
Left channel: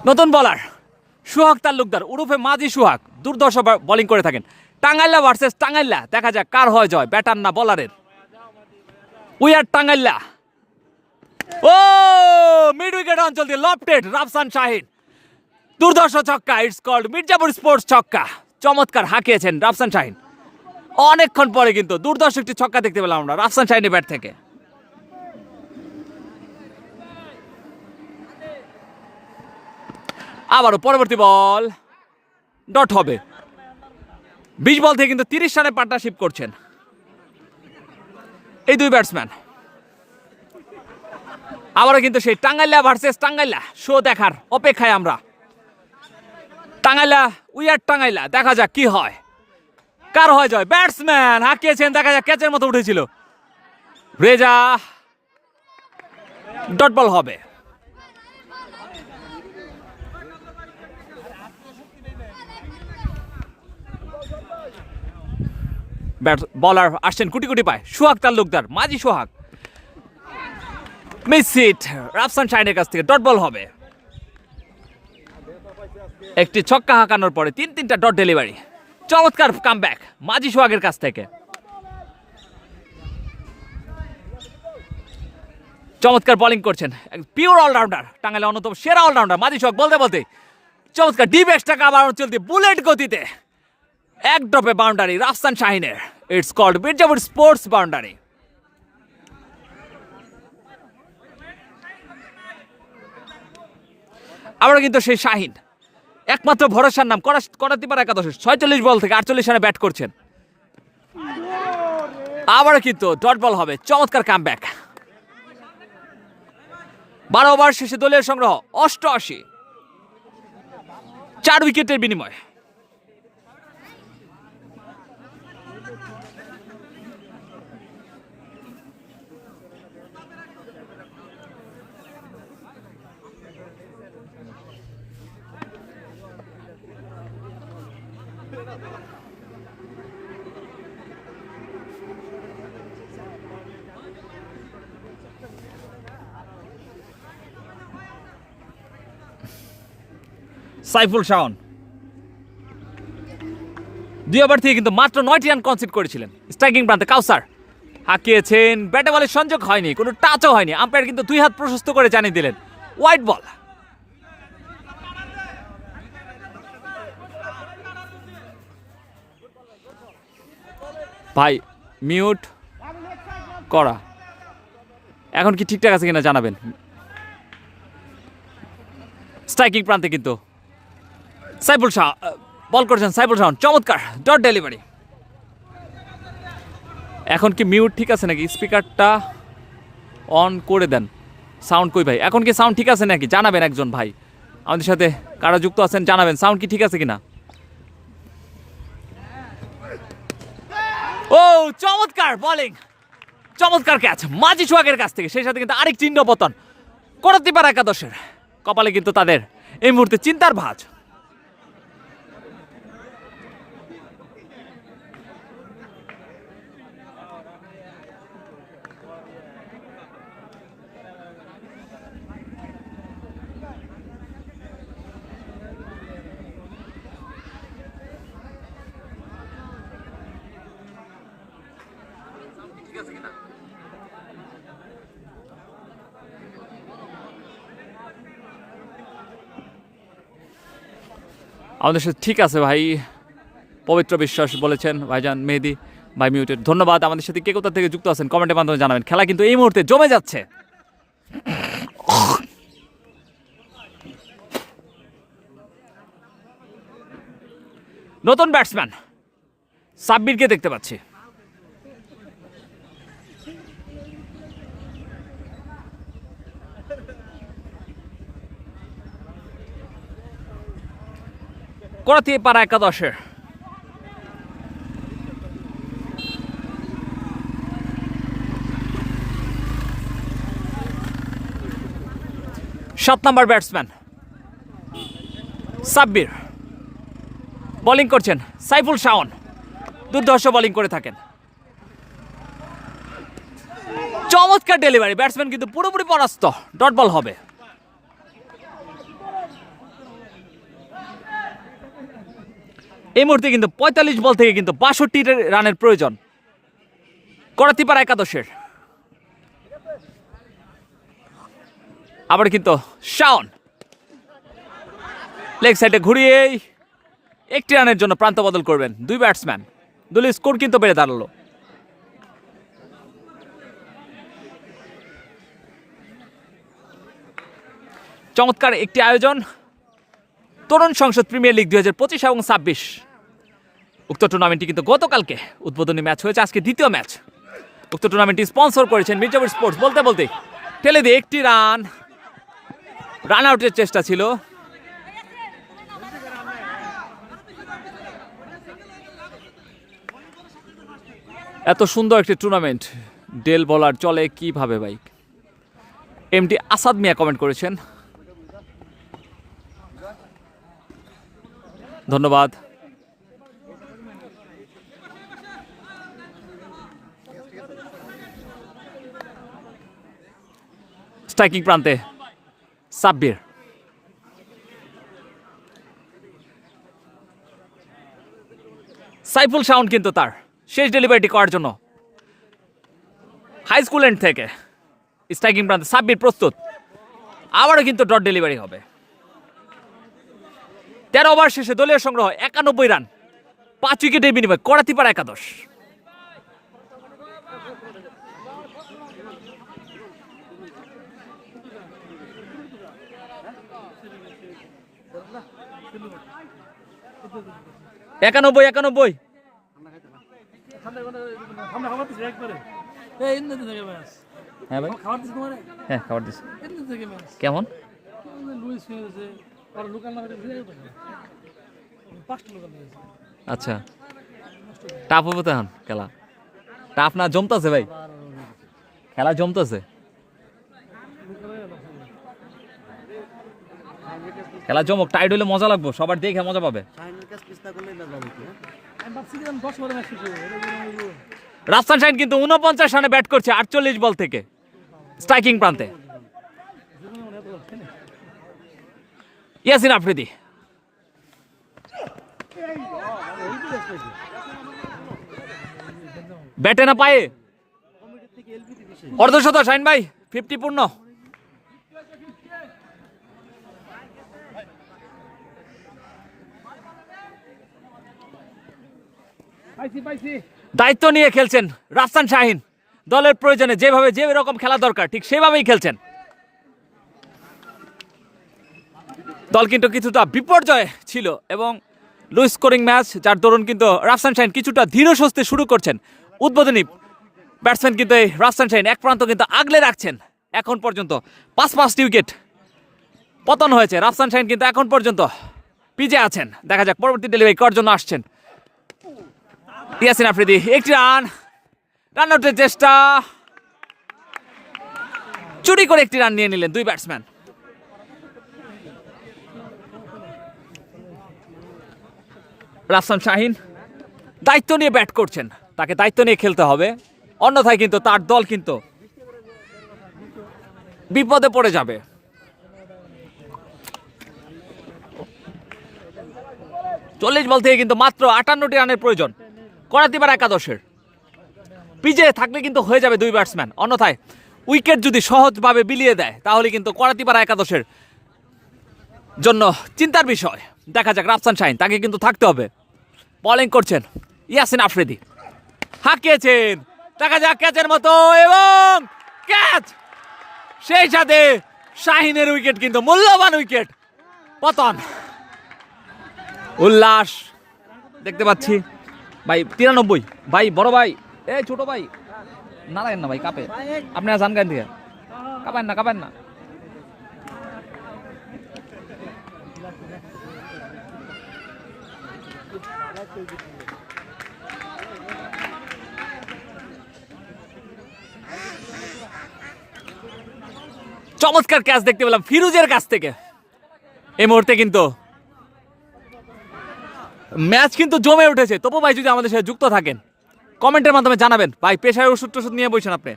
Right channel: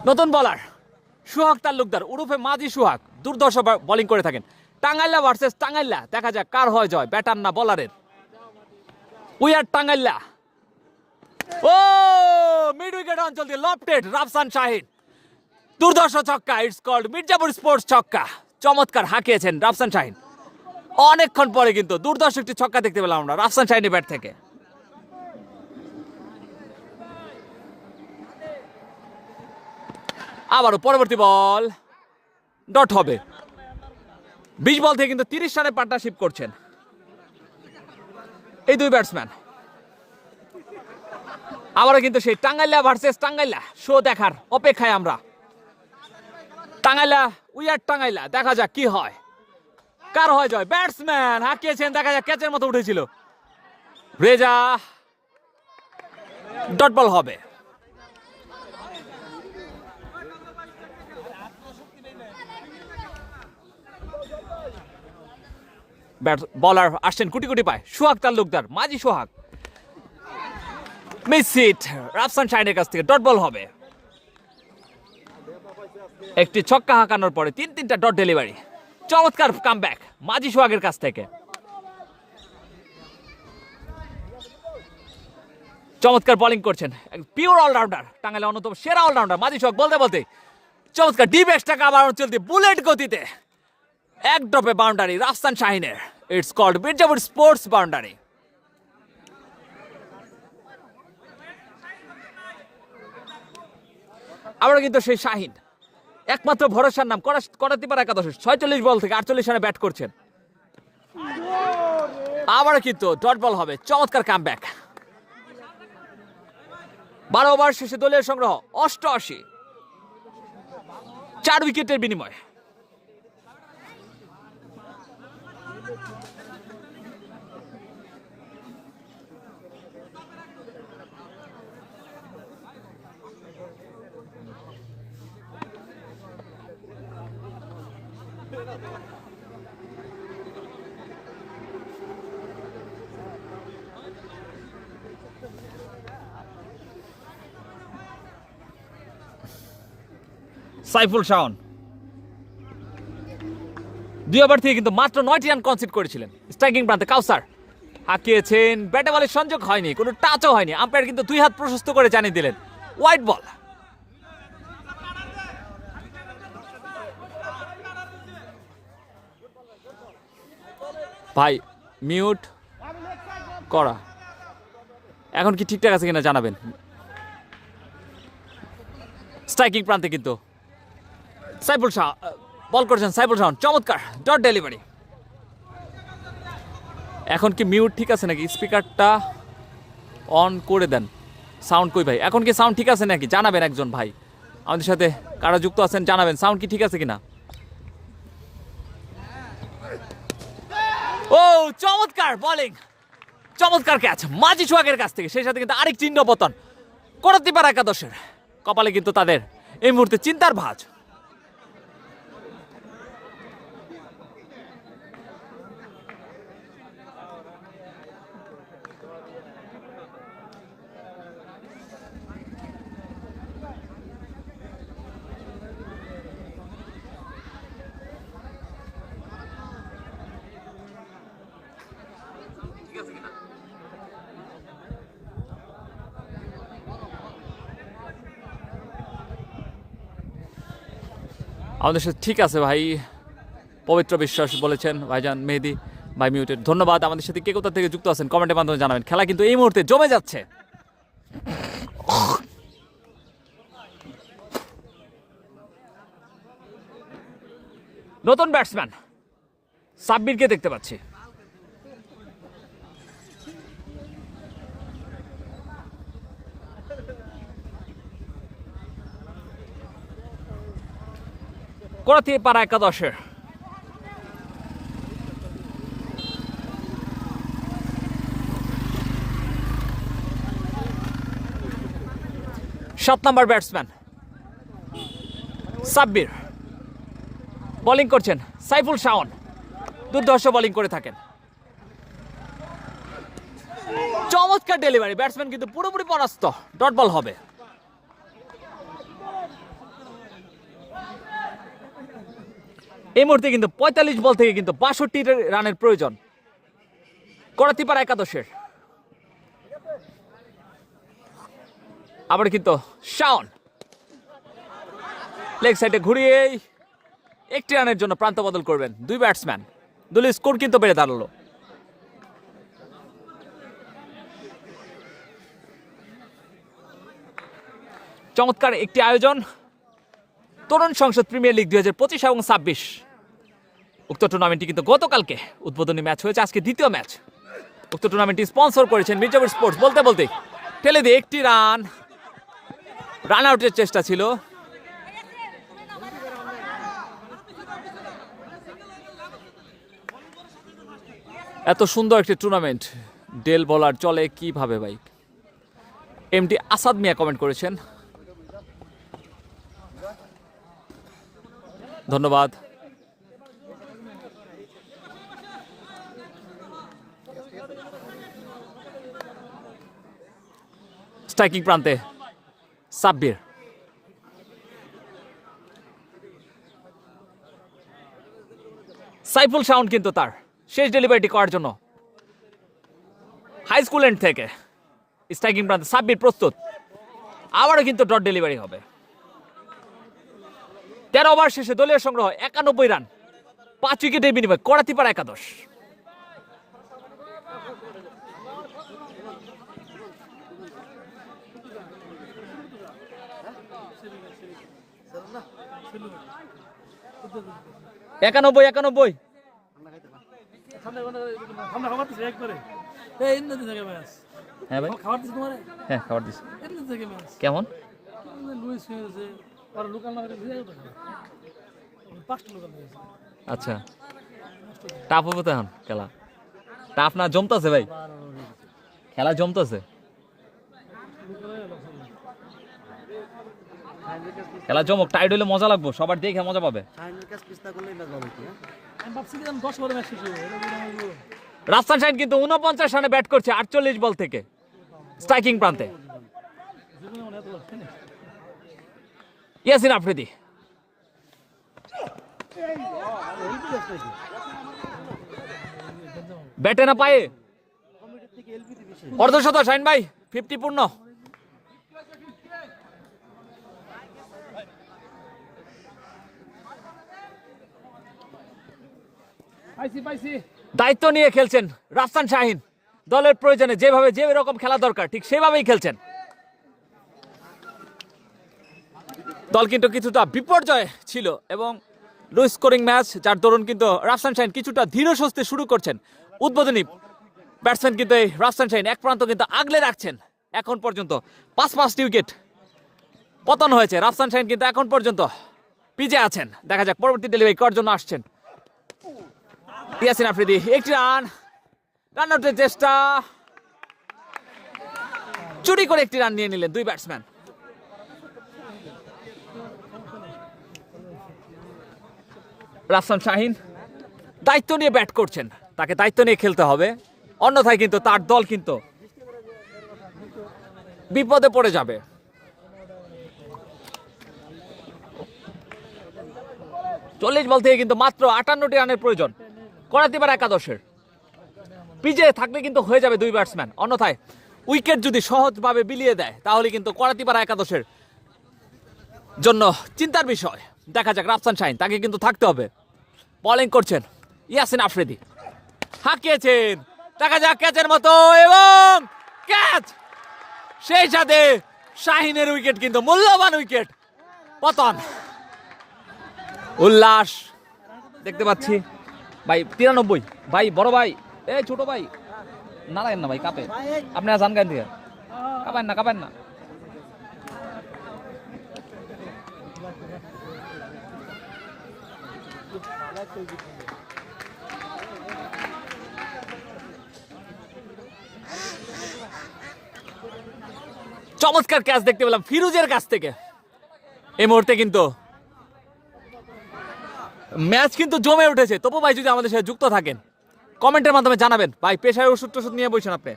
নতুন বলার সোহাগ তালুকদার উরুফে মাঝি সোহাগ দুর্দর্শ বোলিং করে থাকেন। টাঙ্গাইলা ভার্সেস টাঙ্গাইলা, দেখা যাক কার হয় জয়, ব্যাটার না বলারের। We are Tangaila. ও মিড উইকেট অঞ্চল দিয়ে লফটেড রাফসান শাহিন, দুর্দর্শ ছক্কা। ইটস কল্ড মির্জাপুর স্পোর্টস ছক্কা। চমৎকার হাঁকিয়েছেন রাফসান শাহিন। অনেকক্ষণ পরে কিন্তু দুর্দর্শ একটি ছক্কা দেখতে পেলাম আমরা রাফসান শাহিনের ব্যাট থেকে। আবারও পরবর্তী বল ডট হবে। 20 বল থেকে কিন্তু 30 রানে পার্টনারশিপ করছেন এই দুই ব্যাটসম্যান। আবারও কিন্তু সেই টাঙ্গাইলা ভার্সেস টাঙ্গাইলা শো দেখার অপেক্ষায় আমরা। টাঙ্গাইলা উই আর টাঙ্গাইলা, দেখা যাক কি হয়, কার হয় জয়। ব্যাটসম্যান হাঁকিয়েছেন, দেখা যাক ক্যাচের মতো উঠেছিল। রেজা, ডট বল হবে। বলার আসছেন কোটি কোটি পায় সোহাগ তালুকদার, মাঝি সোহাগ। মিস ইট রাফসান শাহিনের কাছ থেকে, ডট বল হবে। একটি ছক্কা হাঁকানোর পরে 3-3টা ডট ডেলিভারি। চমৎকার কামব্যাক মাঝি সোহাগের কাছ থেকে। চমৎকার বোলিং করছেন, পিওর অলরাউন্ডার, টাঙ্গাইলের অন্যতম সেরা অলরাউন্ডার মাঝি সোহাগ। বলতে বলতে চমৎকার ডিপ এক্সট্রা আবার চলতে বুলেট গতিতে এক ড্রপে বাউন্ডারি রাফসান শাহিনের। It's called Mirzapur sports boundary. আমরা কিন্তু সেই শাহিন একমাত্র ভরসার নাম, করাতে পারে একাদশ 46 বল থেকে 48 রানে ব্যাট করছেন। আবারও কিন্তু ডট বল হবে। চমৎকার কামব্যাক। 12 ওভার শেষে দলীয় সংগ্রহ 88, 4 উইকেটের বিনিময়। সাইফুল শাওন 2 ওভার থেকে কিন্তু মাত্র 9টি রান কনসিড করেছিলেন। স্ট্রাইকিং প্রান্তে কাউসার হাঁকিয়েছেন, ব্যাটে বলের সংযোগ হয়নি, কোনো টাচও হয়নি। আম্পায়ার কিন্তু 2 হাত প্রশস্ত করে জানিয়ে দিলেন হোয়াইট বল। ভাই মিউট করা, এখন কি ঠিকঠাক আছে কিনা জানাবেন। স্ট্রাইকিং প্রান্তে কিন্তু সাইফুল শাহ বল করছেন, সাইফুল শাহ চমৎকার ডট ডেলিভারি। এখন কি মিউট ঠিক আছে নাকি? স্পিকারটা অন করে দেন। সাউন্ড কই ভাই? এখন কি সাউন্ড ঠিক আছে নাকি জানাবেন একজন ভাই, আমাদের সাথে কারা যুক্ত আছেন জানাবেন সাউন্ড কি ঠিক আছে কিনা। ও চমৎকার বোলিং, চমৎকার ক্যাচ মাঝি সোহাগের কাছ থেকে। সেই সাথে কিন্তু আরেক চিহ্ন পতন করতে পারে একাদশের কপালে, কিন্তু তাদের এই মুহূর্তে চিন্তার ভাঁজ। আমাদের সাথে ঠিক আছে ভাই, পবিত্র বিশ্বাস বলেছেন ভাইজান মেহেদি ভাই মিউটেড। ধন্যবাদ। আমাদের সাথে কে কোথা থেকে যুক্ত আছেন কমেন্টের মাধ্যমে জানাবেন। খেলা কিন্তু এই মুহূর্তে জমে যাচ্ছে। নতুন ব্যাটসম্যান সাব্বিরকে দেখতে পাচ্ছি। করতে পারা একাদশের 7 নম্বর ব্যাটসম্যান সাব্বির বোলিং করছেন। সাইফুল শাওন দুর্ধর্ষ বোলিং করে থাকেন। চমৎকার ডেলিভারি, ব্যাটসম্যান কিন্তু পুরোপুরি পরাস্ত। ডট বল হবে। এই মুহূর্তে কিন্তু 45 বল থেকে কিন্তু 62 রানের প্রয়োজন করাতিপাড়া একাদশের। আবার কিন্তু শাওন লেগ সাইডে ঘুরিয়েই একটি রানের জন্য প্রান্ত বদল করবেন দুই ব্যাটসম্যান। দলের স্কোর কিন্তু বেড়ে দাঁড়ালো। চমৎকার একটি আয়োজন তরুণ সংসদ প্রিমিয়ার লিগ 2025 এবং 26। উক্ত টুর্নামেন্টটি কিন্তু গতকালকে উদ্বোধনী ম্যাচ হয়েছে, আজকে দ্বিতীয় ম্যাচ। উক্ত টুর্নামেন্টটি স্পন্সর করেছেন মির্জাপুর স্পোর্টস। বলতে বলতে ঠেলে দিয়ে একটি রান আউটের চেষ্টা ছিল। এত সুন্দর একটি টুর্নামেন্ট ডেল বলার চলে কিভাবে ভাই? এমডি আসাদ মিয়া কমেন্ট করেছেন, ধন্যবাদ। স্ট্রাইকিং প্রান্তে সাব্বির, সাইফুল শাওন কিন্তু তার শেষ ডেলিভারিটি করার জন্য হাই স্কুল এন্ড থেকে স্ট্রাইকিং প্রান্তে সাব্বির প্রস্তুত। আবারও কিন্তু ডট ডেলিভারি হবে। 13 ওভার শেষে দলীয় সংগ্রহ 91 রান, 5 উইকেটের বিনিময়ে করাতিপাড়া একাদশ। একানব্বই হ্যাঁ ভাই, হ্যাঁ খাবার দিচ্ছি। কেমন আচ্ছা টাফ হবে তো এখন খেলা? টাফ না জমতেছে ভাই, খেলা জমতেছে, খেলা জমক, টাইট হলে মজা লাগবো, সবার দেখে মজা পাবে। রাফসান শাহিন কিন্তু 49 রানে ব্যাট করছে 48 বল থেকে স্ট্রাইকিং প্রান্তে। ইয়াসিন আফ্রিদি, ব্যাটে না পায়ে অর্ধশত। শাহিন ভাই 50 পূর্ণ। দায়িত্ব নিয়ে খেলছেন রাফসান শাহিন, দলের প্রয়োজনে যেভাবে যে রকম খেলা দরকার ঠিক সেভাবেই খেলছেন। দল কিন্তু কিছুটা বিপর্যয় ছিল এবং লো স্কোরিং ম্যাচ, যার দরুন কিন্তু রাফসান শাহিন কিছুটা ধীর স্বস্তি শুরু করছেন। উদ্বোধনী ব্যাটসম্যান কিন্তু এই রাফসান শাহিন এক প্রান্ত কিন্তু আগলে রাখছেন। এখন পর্যন্ত 5টি উইকেট পতন হয়েছে। রাফসান শাহিন কিন্তু এখন পর্যন্ত পিছে আছেন। দেখা যাক পরবর্তী ডেলিভারি করার জন্য আসছেন ইয়াসিন আফ্রিদি। একটি রান আউটের চেষ্টা, চুরি করে একটি রান নিয়ে নিলেন দুই ব্যাটসম্যান। রাফসান শাহিন দায়িত্ব নিয়ে ব্যাট করছেন, তাকে দায়িত্ব নিয়ে খেলতে হবে, অন্যথায় কিন্তু তার দল কিন্তু বিপদে পড়ে যাবে। চল্লিশ বল থেকে কিন্তু মাত্র 58টি রানের প্রয়োজন করাতিপাড়া একাদশের। পিছে থাকলে কিন্তু হয়ে যাবে দুই ব্যাটসম্যান, অন্যথায় উইকেট যদি সহজভাবে বিলিয়ে দেয় তাহলে কিন্তু করাতিপাড়া একাদশের জন্য চিন্তার বিষয়। দেখা যাক রাফসান শাহিন, তাকে কিন্তু থাকতে হবে। বোলিং করছেন ইয়াসিন আফ্রিদি, হাঁকিয়েছেন, দেখা যাক ক্যাচের মতো এবং ক্যাচ। সেই সাথে শাহিনের উইকেট কিন্তু মূল্যবান উইকেট পতন। উল্লাস দেখতে পাচ্ছি ভাই। 93 ভাই, বড় ভাই, এই ছোট ভাই না লাগেন না ভাই, কাপে আপনারা জান গান থেকে কাপান না। চমৎকার ক্যাচ দেখতে পেলাম ফিরোজের কাছ থেকে। এই মুহূর্তে কিন্তু ম্যাচ কিন্তু জমে উঠেছে। তপু ভাই যদি আমাদের সাথে যুক্ত থাকেন কমেন্টের মাধ্যমে জানাবেন। ভাই পেশায় ওষুধ টষুধ নিয়ে বসেন আপনি।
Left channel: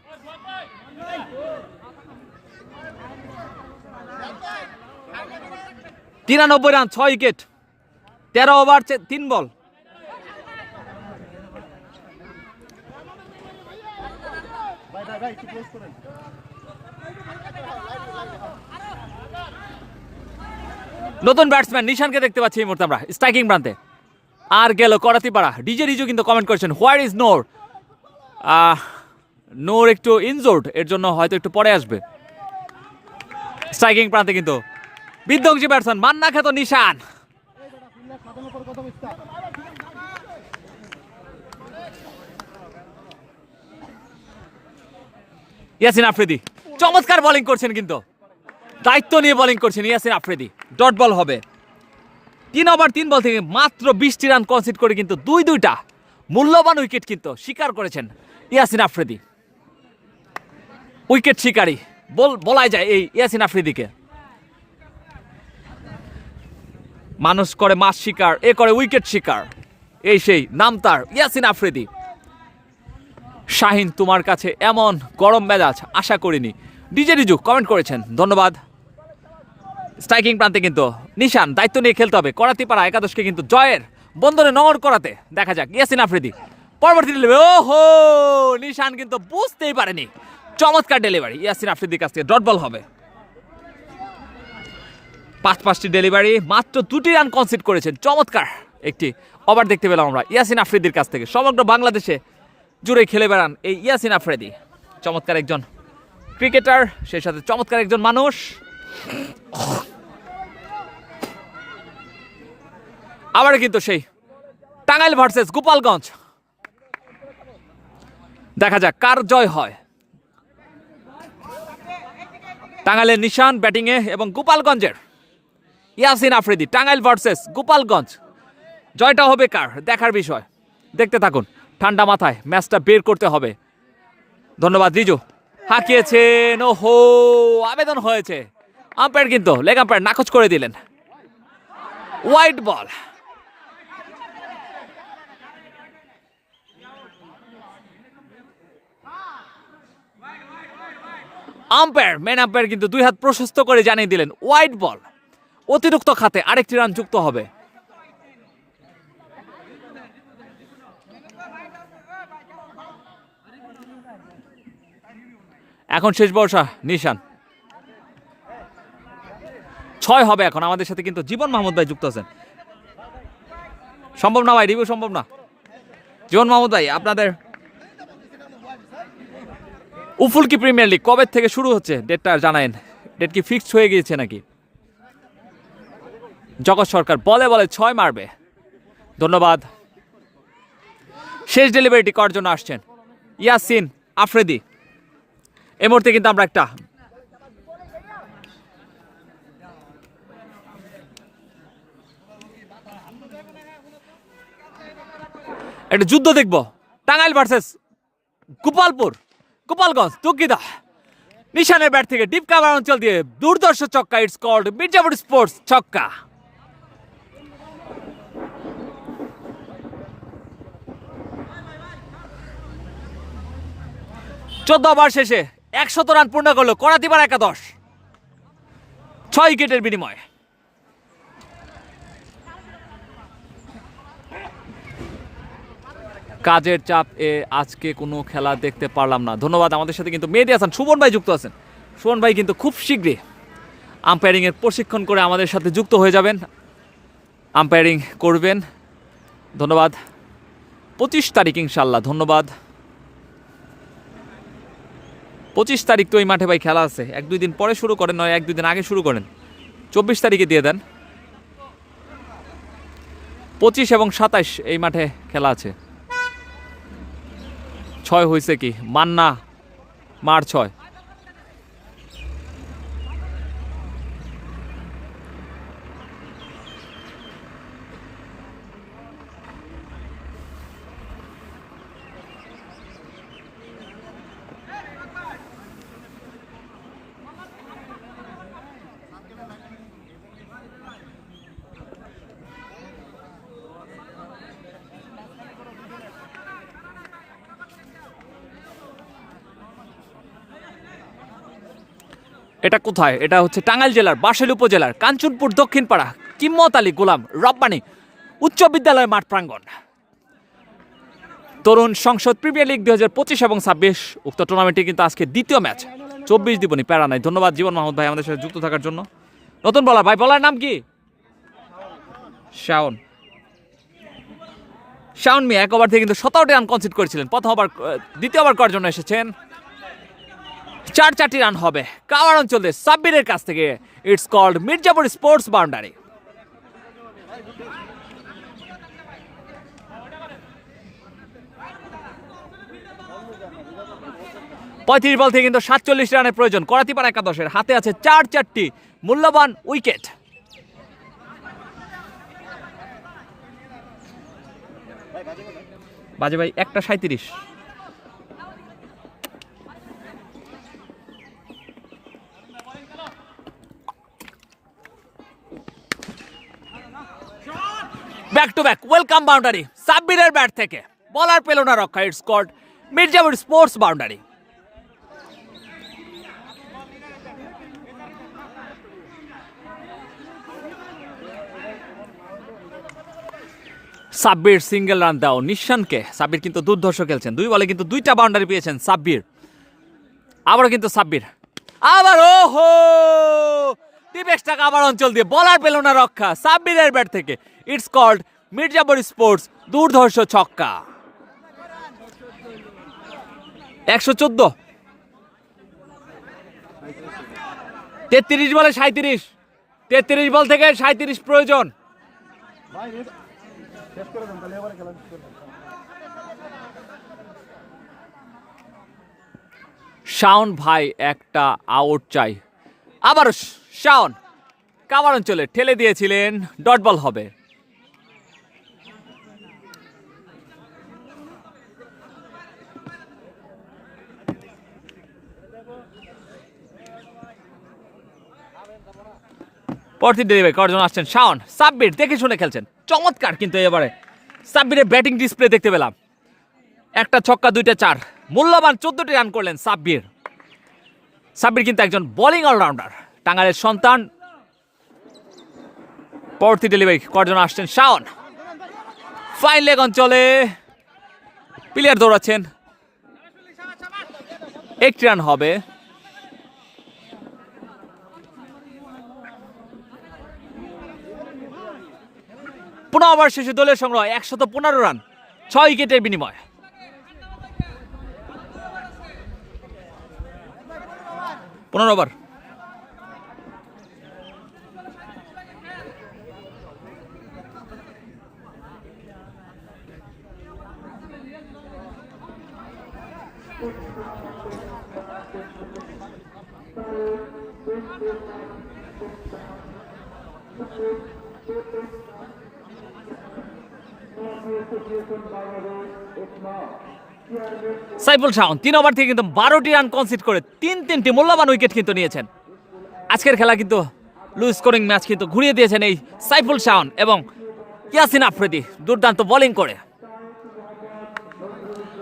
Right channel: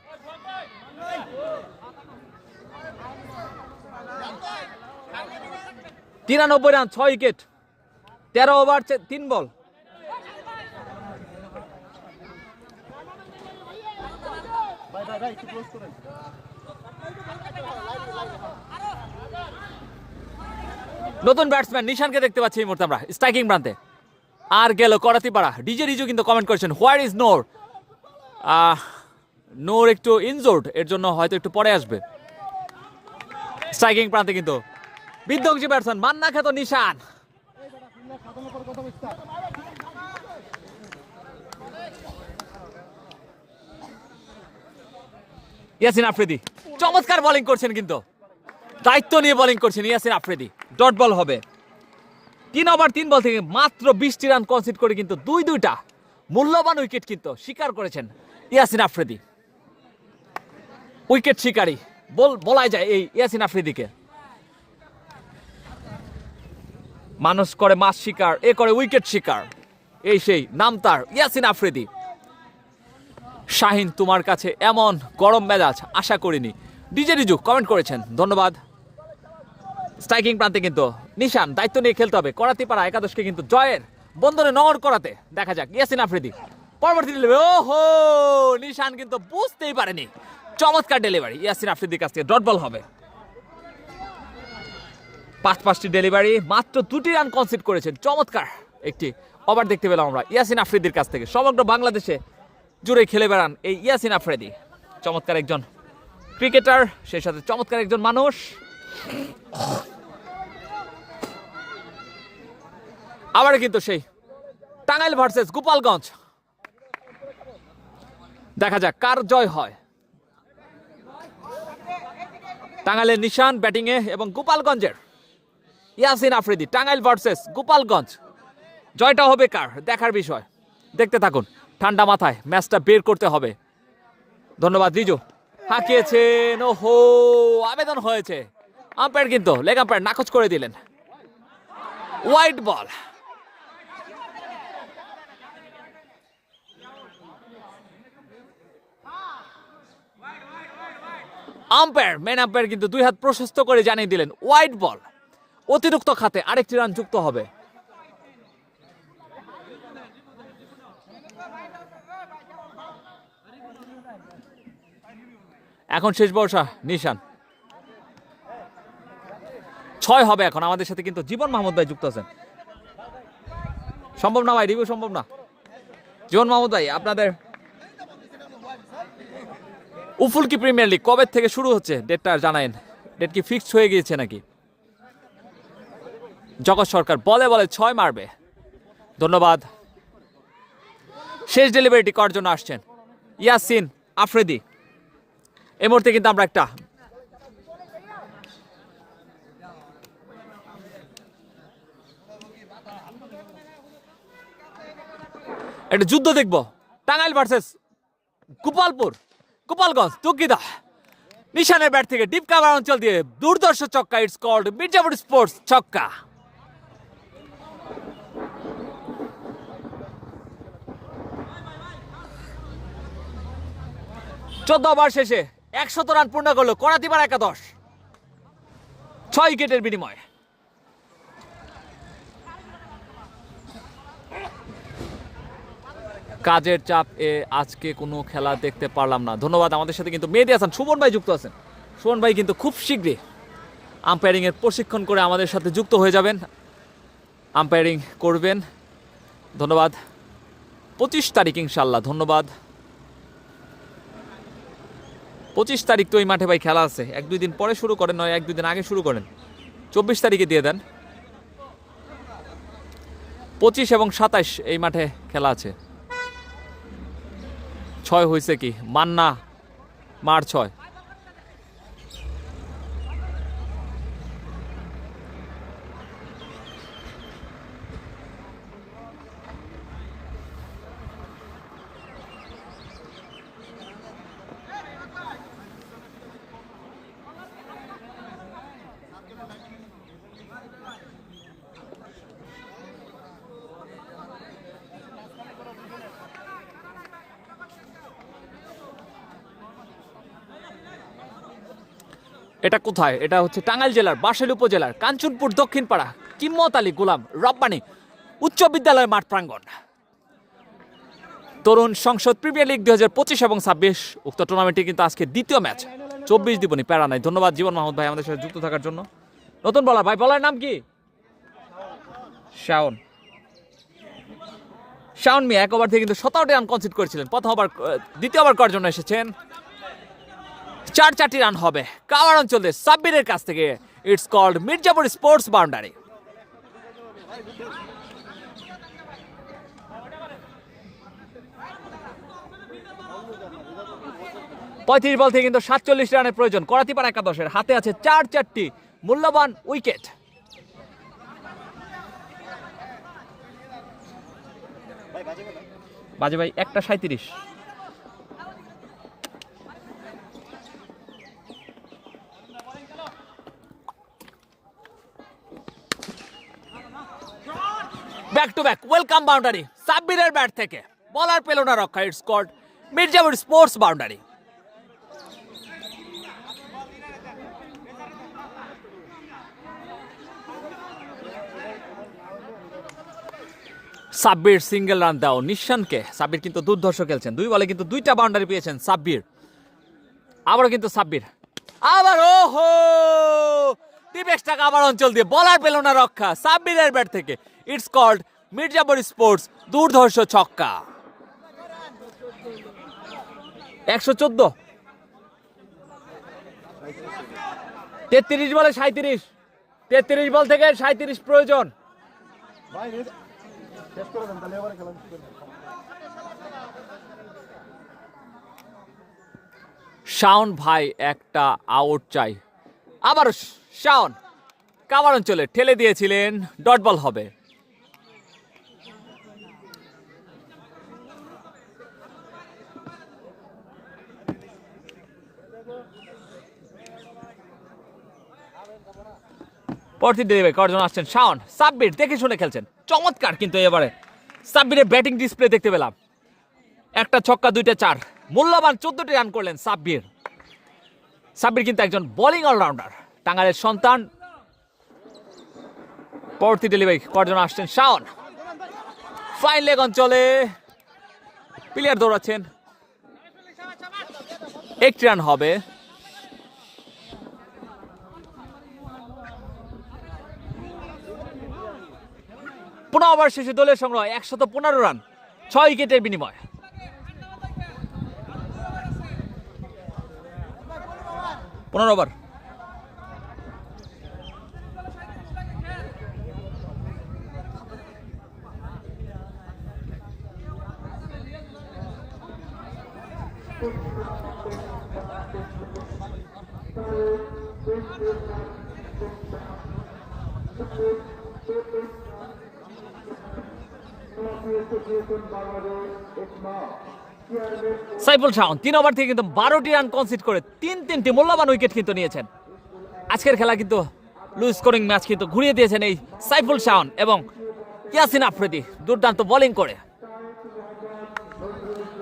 তিরানব্বই রান, 6 উইকেট, 13 ওভার 3 বল। নতুন ব্যাটসম্যান নিশানকে দেখতে পাচ্ছি এই মুহূর্তে আমরা স্ট্রাইকিং প্রান্তে। আর গেল করাতিপাড়া। ডিজে রিজু কিন্তু কমেন্ট করেছেন হোয়ার ইজ নোর। নোর একটু ইনজোর্ড, এর জন্য হয়তো একটু পরে আসবে। স্ট্রাইকিং প্রান্তে কিন্তু বিধ্বংসী ব্যাটসম্যান মান্না খ্যাত নিশান। ইয়াসিন আফ্রিদি চমৎকার বোলিং করছেন, কিন্তু দায়িত্ব নিয়ে বোলিং করছেন ইয়াসিন আফ্রিদি। ডট বল হবে। 3 ওভার 3 বল থেকে মাত্র 20টি রান কনসিড করে কিন্তু দুইটা মূল্যবান উইকেট কিন্তু শিকার করেছেন ইয়াসিন আফ্রিদি। উইকেট শিকারী বলাই যায় এই ইয়াসিন আফ্রিদিকে। মানুষ করে মাছ শিকার, এ করে উইকেট শিকার, এই সেই নাম তার ইয়াসিন আফ্রিদি। শাহিন তোমার কাছে এমন গরম মেজাজ আশা করিনি। ডিজে রিজু কমেন্ট করেছেন, ধন্যবাদ। স্ট্রাইকিং প্রান্তে কিন্তু নিশান দায়িত্ব নিয়ে খেলতে হবে। করাতিপাড়া একাদশকে কিন্তু জয়ের বন্ধনে নগর করাতে দেখা যাক ইয়াসিন আফ্রিদি পরবর্তী ডেলিভারি। ওহো, নিশান কিন্তু বুঝতেই পারেনি। চমৎকার ডেলিভারি ইয়াসিন আফ্রিদির কাছ থেকে। ডট বল হবে। 5টি ডেলিভারি, মাত্র 2টি রান কনসিড করেছেন। চমৎকার একটি ওভার দেখতে পেলাম আমরা ইয়াসিন আফ্রিদির কাছ থেকে। সমগ্র বাংলাদেশে জুড়ে খেলে বেড়ান এই ইয়াসিন আফ্রিদি। চমৎকার একজন ক্রিকেটার, সেই সাথে চমৎকার একজন মানুষ। আবার কিন্তু সেই টাঙ্গাইল ভার্সেস গোপালগঞ্জ, দেখা যাক কার জয় হয়। টাঙ্গাইলের নিশান ব্যাটিংয়ে এবং গোপালগঞ্জের ইয়াসিন আফ্রিদি। টাঙ্গাইল ভার্সেস গোপালগঞ্জ, জয়টা হবে কার দেখার বিষয়। দেখতে থাকুন, ঠান্ডা মাথায় ম্যাচটা বের করতে হবে। ধন্যবাদ রিজু। হাঁকিয়েছেন, ওহো, আবেদন হয়েছে। আম্পায়ার কিন্তু লেগ আম্পায়ার নাকচ করে দিলেন। Wide ball. Umpire, main umpire কিন্তু 2 হাত প্রশস্ত করে জানিয়ে দিলেন ওয়াইড বল। অতিরিক্ত খাতে আরেকটি রান যুক্ত হবে। এখন শেষ বর্ষা নিশান 6 হবে এখন। আমাদের সাথে কিন্তু জীবন মাহমুদ ভাই যুক্ত আছেন। সম্ভব না ভাই, রিভিউ সম্ভব না। জীবন মাহমুদ ভাই, আপনাদের উফুলকি প্রিমিয়ার লিগ কবে থেকে শুরু হচ্ছে ডেটটা জানায়েন। ডেট কি ফিক্সড হয়ে গিয়েছে নাকি? জগৎ সরকার বলে 6 মারবে। ধন্যবাদ। শেষ ডেলিভারিটি করার জন্য আসছেন ইয়াসিন আফ্রিদি। এই মুহূর্তে কিন্তু আমরা একটা যুদ্ধ দেখব। টাঙ্গাইল ভার্সেস গোপালগঞ্জ। দুঃখিত, নিশানের ব্যাট থেকে ডিপ কাভার অঞ্চল দিয়ে দুর্দর্শ ছক্কা। ইটস কল্ড মির্জাপুর স্পোর্টস ছক্কা। চোদ্দ ওভার শেষে 100 রান পূর্ণ করলো করাতিপাড়া একাদশ 6 উইকেটের বিনিময়ে। কাজের চাপ আজকে কোনো খেলা দেখতে পারলাম না। ধন্যবাদ। আমাদের সাথে কিন্তু মেহেদী হাসান সুমন ভাই যুক্ত আছেন। সুমন ভাই কিন্তু খুব শীঘ্রই আম্পায়ারিংয়ের প্রশিক্ষণ করে আমাদের সাথে যুক্ত হয়ে যাবেন, আম্পায়ারিং করবেন। ধন্যবাদ। 25 তারিখ ইনশাল্লাহ। ধন্যবাদ। 25 তারিখ তো এই মাঠে ভাই খেলা আছে। 1-2 দিন পরে শুরু করেন, নয় 1-2 দিন আগে শুরু করেন। 24 তারিখে দিয়ে দেন। 25 এবং 27 এই মাঠে খেলা আছে। 6 হয়েছে কি মান্না মার 6। এটা কোথায়? এটা হচ্ছে টাঙ্গাইল জেলার বাঁশাইল উপজেলার কাঞ্চনপুর দক্ষিণপাড়া কিম্মত আলী গোলাম রব্বানী উচ্চ বিদ্যালয় মাঠ প্রাঙ্গণ। তরুণ সংসদ প্রিমিয়ার লিগ 2025 এবং 26 উক্ত টুর্নামেন্টে কিন্তু আজকে দ্বিতীয় ম্যাচ 24 দিবনি প্যারা নাই। ধন্যবাদ জীবন মাহমুদ ভাই আমাদের সাথে যুক্ত থাকার জন্য। নতুন বলার ভাই, বলার নাম কি? শাওন। শাওন মিয়া এক ওভার থেকে কিন্তু 17টি রান কনসিড করেছিলেন। দ্বিতীয় ওভার করার জন্য এসেছেন। 4-4টি রান হবে কাওয়ার অঞ্চলে সাব্বিরের কাছ থেকে। It's called Mirzapur sports boundary. পঁয়ত্রিশ বল থেকে কিন্তু 47 রানের প্রয়োজন করাতিপাড়া একাদশের। হাতে আছে 4-4টি মূল্যবান উইকেট। বাজে ভাই 1:37। Back to back welcome boundary সাব্বিরের ব্যাট থেকে। বলার পেল না রক্ষা। It's called Mirzapur sports boundary. Sabbir single run দাও নিশানকে। সাব্বির কিন্তু দুর্ধর্ষ খেলছেন, 2 বলে কিন্তু 2টা বাউন্ডারি পেয়েছেন সাব্বির। আবারও কিন্তু সাব্বির, আবার ওহো টিপেক্সটা কাভার অঞ্চল দিয়ে বলার পেল না রক্ষা সাব্বিরের ব্যাট থেকে। ইটস কল্ড মির্জাপুর স্পোর্টস দুর্ধর্ষ ছক্কা। 114। 33 বলে 37। 33 বল থেকে 37 প্রয়োজন। শাওন ভাই একটা আউট চাই। আবার শাওন কাভার অঞ্চলে ঠেলে দিয়েছিলেন, ডট বল হবে। পরবর্তী ডেলিভারি করার জন্য আসছেন শাওন। সাব্বির দেখে শুনে খেলছেন, চমৎকার কিন্তু এবারে সাব্বিরের ব্যাটিং ডিসপ্লে দেখতে পেলাম। একটা ছক্কা 2টা 4, মূল্যবান 14টি রান করলেন সাব্বির। সাব্বির কিন্তু একজন বোলিং অলরাউন্ডার, টাঙ্গাইলের সন্তান। পরবর্তী ডেলিভারি করার জন্য আসছেন শাওন। ফাইন লেগ অঞ্চলে প্লেয়ার দৌড়াচ্ছেন, 1 রান হবে। পুনঃ ওভার শেষে দলের সংগ্রহ 115 রান 6 উইকেটের বিনিময়। পুনঃ ওভার। সাইফুল শাওন 3 ওভার থেকে কিন্তু 12টি রান কনসিড করে 3টি মূল্যবান উইকেট কিন্তু নিয়েছেন। আজকের খেলা কিন্তু লো স্কোরিং ম্যাচ কিন্তু ঘুরিয়ে দিয়েছেন এই সাইফুল শাওন এবং ইয়াসিন আফ্রিদি দুর্দান্ত বোলিং করে।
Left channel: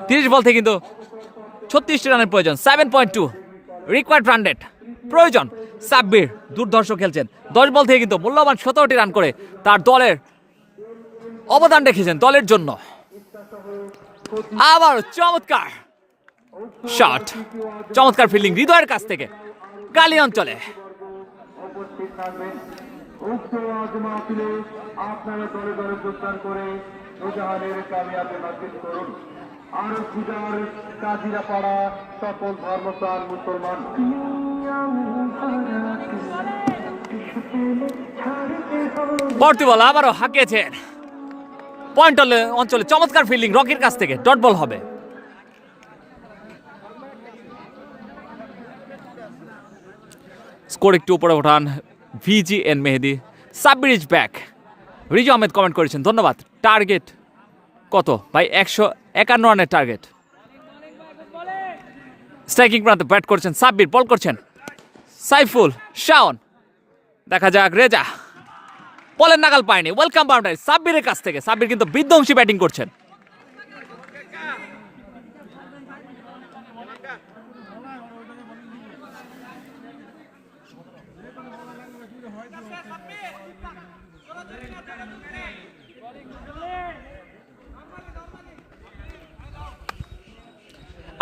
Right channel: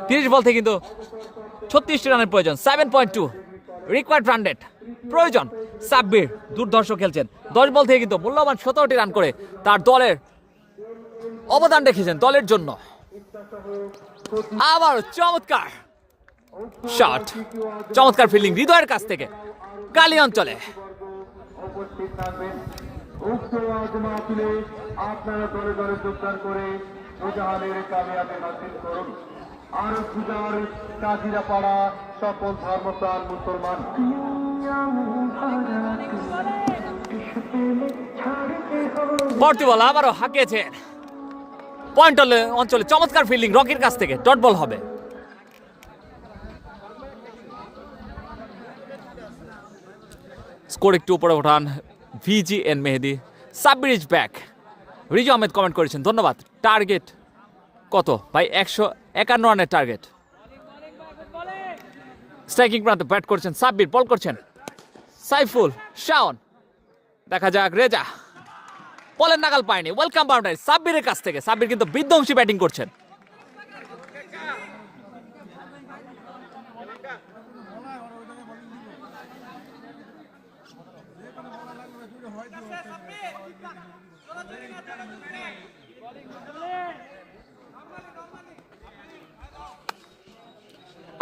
30 বল থেকে কিন্তু 36টি রানের প্রয়োজন, 7.2 রিকোয়ার্ড রান রেট প্রয়োজন। সাব্বির দুর্ধর্ষ খেলছেন, 10 বল থেকে কিন্তু মূল্যবান 17টি রান করে তার দলের অবদান রেখেছেন দলের জন্য। আবার চমৎকার শট, চমৎকার ফিল্ডিং হৃদয়ের কাছ থেকে গালি অঞ্চলে। পরবর্তী বল আবারও হাঁকিয়েছেন পয়েন্ট অঞ্চলে, চমৎকার ফিল্ডিং রকির কাছ থেকে, ডট বল হবে। স্কোর একটু উপরে ওঠান VGN Mehedi. Sabbir is back. Riju Ahmed comment করেছেন, ধন্যবাদ। টার্গেট কত ভাই? 151 রানের টার্গেট। স্ট্রাইকিং প্রান্তে ব্যাট করছেন সাব্বির, বল করছেন সাইফুল শাওন। দেখা যাক রেজা, বলের নাগাল পায়নি। ওয়েলকাম বাউন্ডারি সাব্বিরের কাছ থেকে। সাব্বির কিন্তু বিধ্বংসী ব্যাটিং করছেন।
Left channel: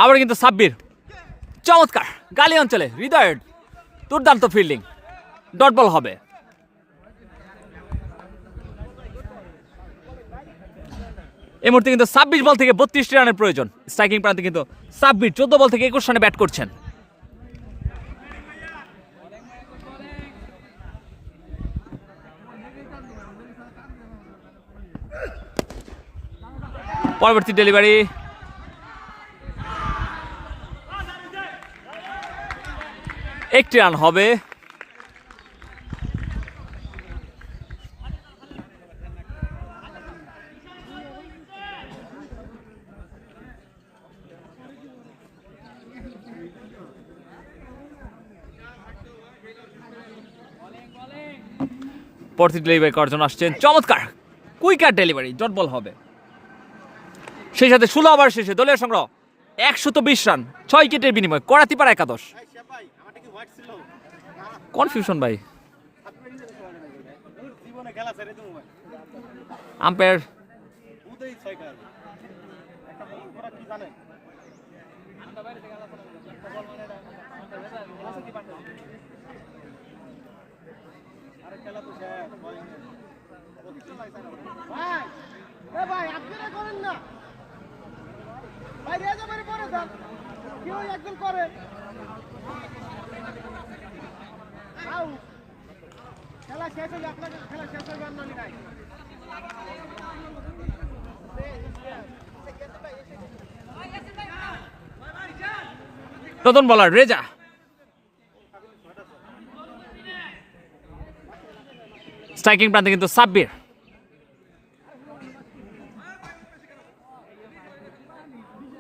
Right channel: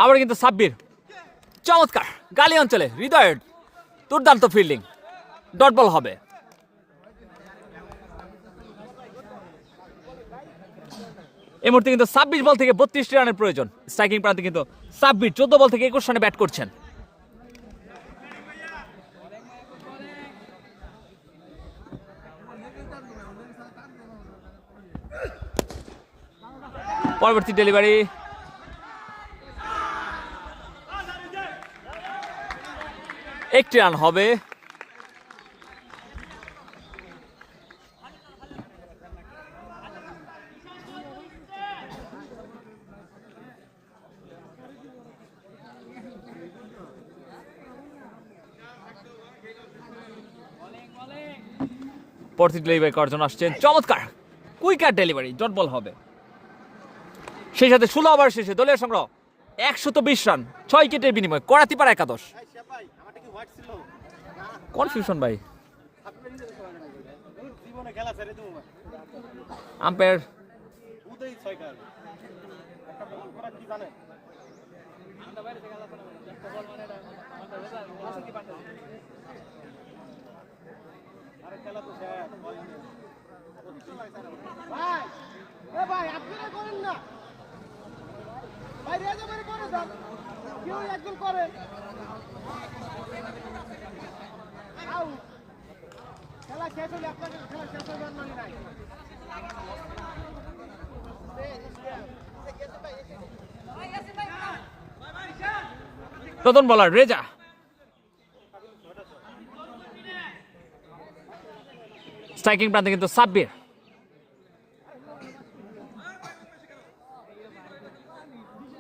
আবার কিন্তু সাব্বির চমৎকার গালি অঞ্চলে হৃদয়ের দুর্দান্ত ফিল্ডিং, ডট বল হবে। এই মুহূর্তে কিন্তু 26 বল থেকে 32 রানের প্রয়োজন। স্ট্রাইকিং প্রান্তে কিন্তু সাব্বির 14 বল থেকে 21 রানে ব্যাট করছেন। পরবর্তী ডেলিভারি একটি রান হবে। পরবর্তী ডেলিভারি করার জন্য আসছেন, চমৎকার কুইকার ডেলিভারি, ডট বল হবে। সেই সাথে 16 ওভার শেষে দলীয় সংগ্রহ 120 রান 6 উইকেটের বিনিময়ে করাতিপাড়া একাদশ। কনফিউশন ভাই, আম্পায়ার ভাই আপনারা করেন না ভাই, রেজা মেরে পরে যান, কেউ একজন করে খেলা শেষ হলে আপনাদের খেলা শেষ হয়ে যান নাই। নতুন বলার রেজা, স্ট্রাইকিং প্রান্তে কিন্তু সাব্বির।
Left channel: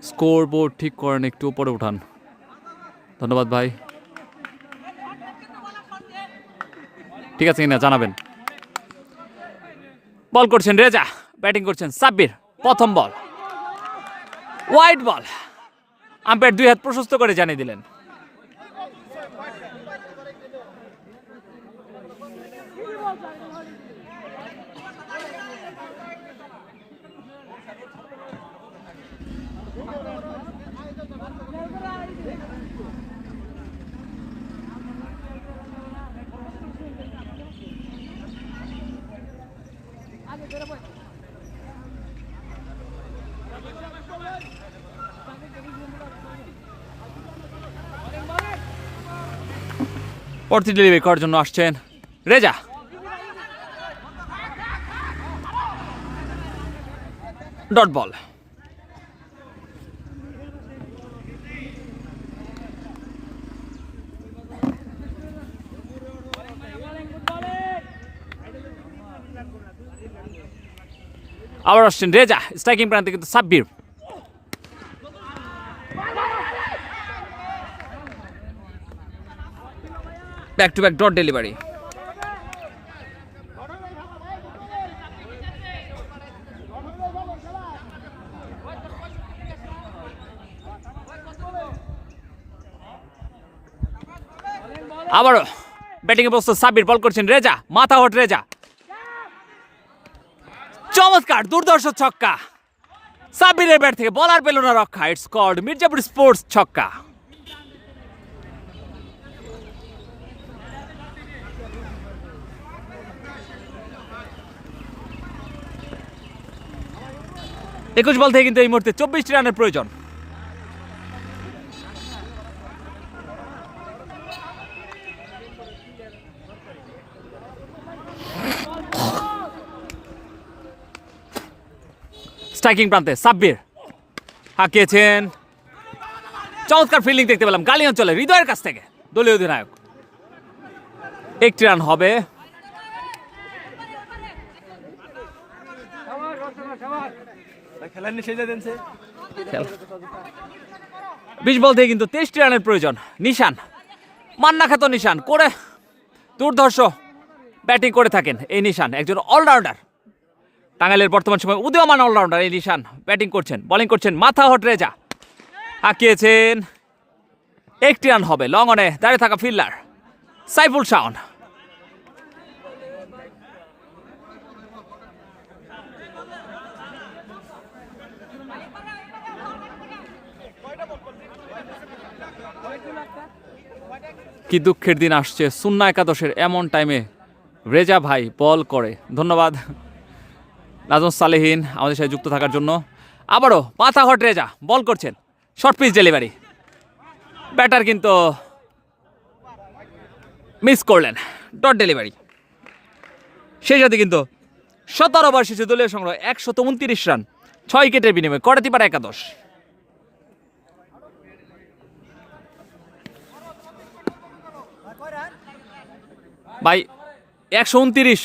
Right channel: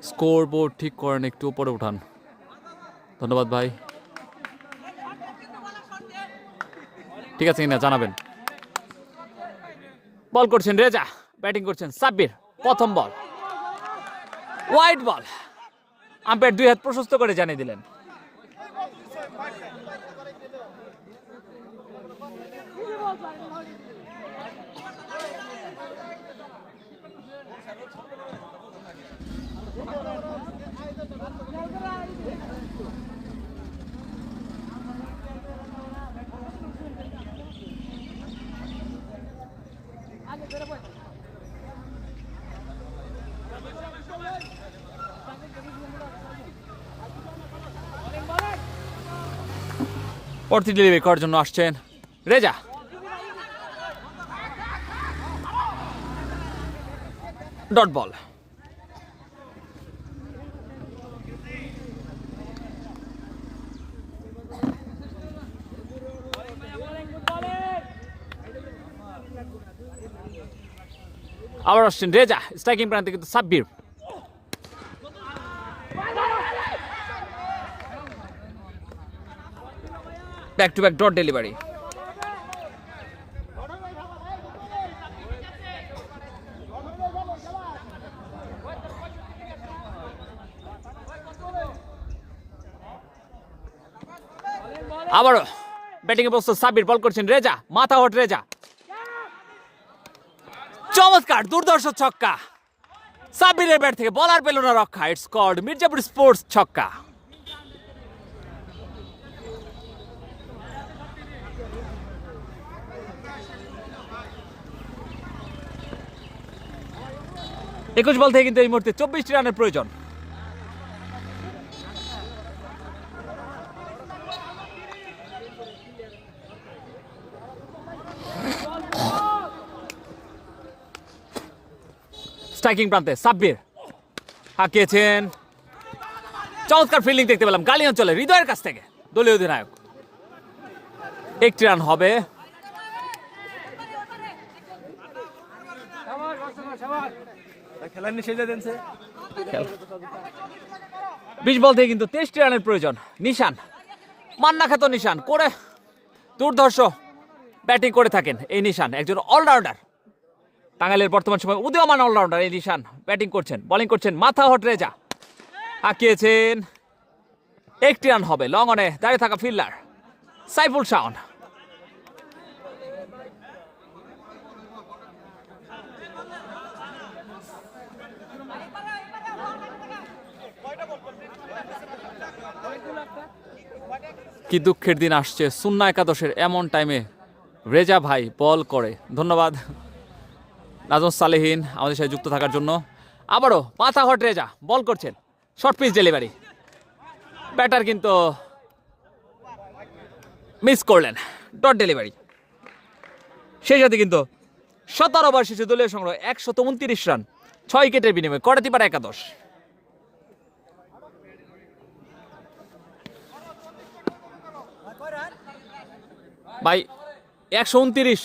স্কোর বোর্ড ঠিক করেন, একটু উপরে উঠান, ধন্যবাদ ভাই। ঠিক আছে কিনা জানাবেন। বল করছেন রেজা, ব্যাটিং করছেন সাব্বির। প্রথম বল ওয়াইড বল, আম্পায়ার 2 হাত প্রশস্ত করে জানিয়ে দিলেন। পরবর্তী ডেলিভারি করার জন্য আসছেন রেজা, ডট বল। আবার আসছেন রেজা, স্ট্রাইকিং প্রান্তে কিন্তু Sabbir. Back to back dot delivery. আবারও ব্যাটিং এ প্রস্তুত সাব্বির, বল করছেন রেজা, মাথা হট রেজা, চমৎকার দুর্ধর্ষ ছক্কা। সাব্বিরের ব্যাট থেকে বলার পেল না রক্ষা। ইটস কল্ড মির্জাপুর স্পোর্টস ছক্কা। একুশ বল থেকে কিন্তু এই মুহূর্তে 24টি রানের প্রয়োজন। স্ট্রাইকিং প্রান্তে সাব্বির হাঁকিয়েছেন, চমৎকার ফিল্ডিং দেখতে পেলাম গালি অঞ্চলে হৃদয়ের কাছ থেকে, দলীয় অধিনায়ক। একটি রান হবে। খেলার নিয়ে সেজে দেনছে 20 বল থেকে কিন্তু 23টি রানের প্রয়োজন। নিশান, মান্না খ্যাত নিশান করে দুর্ধর্ষ ব্যাটিং করে থাকেন এই নিশান, একজন অলরাউন্ডার। টাঙ্গাইলের বর্তমান সময় উদীয়মান অলরাউন্ডার এই নিশান ব্যাটিং করছেন, বোলিং করছেন মাথা হট রেজা, হাঁকিয়েছেন। একটি রান হবে। লং অনে দাঁড়িয়ে থাকা ফিল্ডার সাইফুল শাওন। কি দুঃখের দিন আসছে, সুন্না একাদশের এমন টাইমে রেজা ভাই বল করে। ধন্যবাদ নাজম সালেহীন আমাদের সাথে যুক্ত থাকার জন্য। আবারও মাথা হট রেজা বল করছেন, শর্ট পিচ ডেলিভারি, ব্যাটার কিন্তু মিস করলেন, ডট ডেলিভারি। সেই সাথে কিন্তু 17 ওভার শেষে দলীয় সংগ্রহ 129 রান, 6 উইকেটের বিনিময়ে করাতিপাড়া একাদশ। ভাই 129।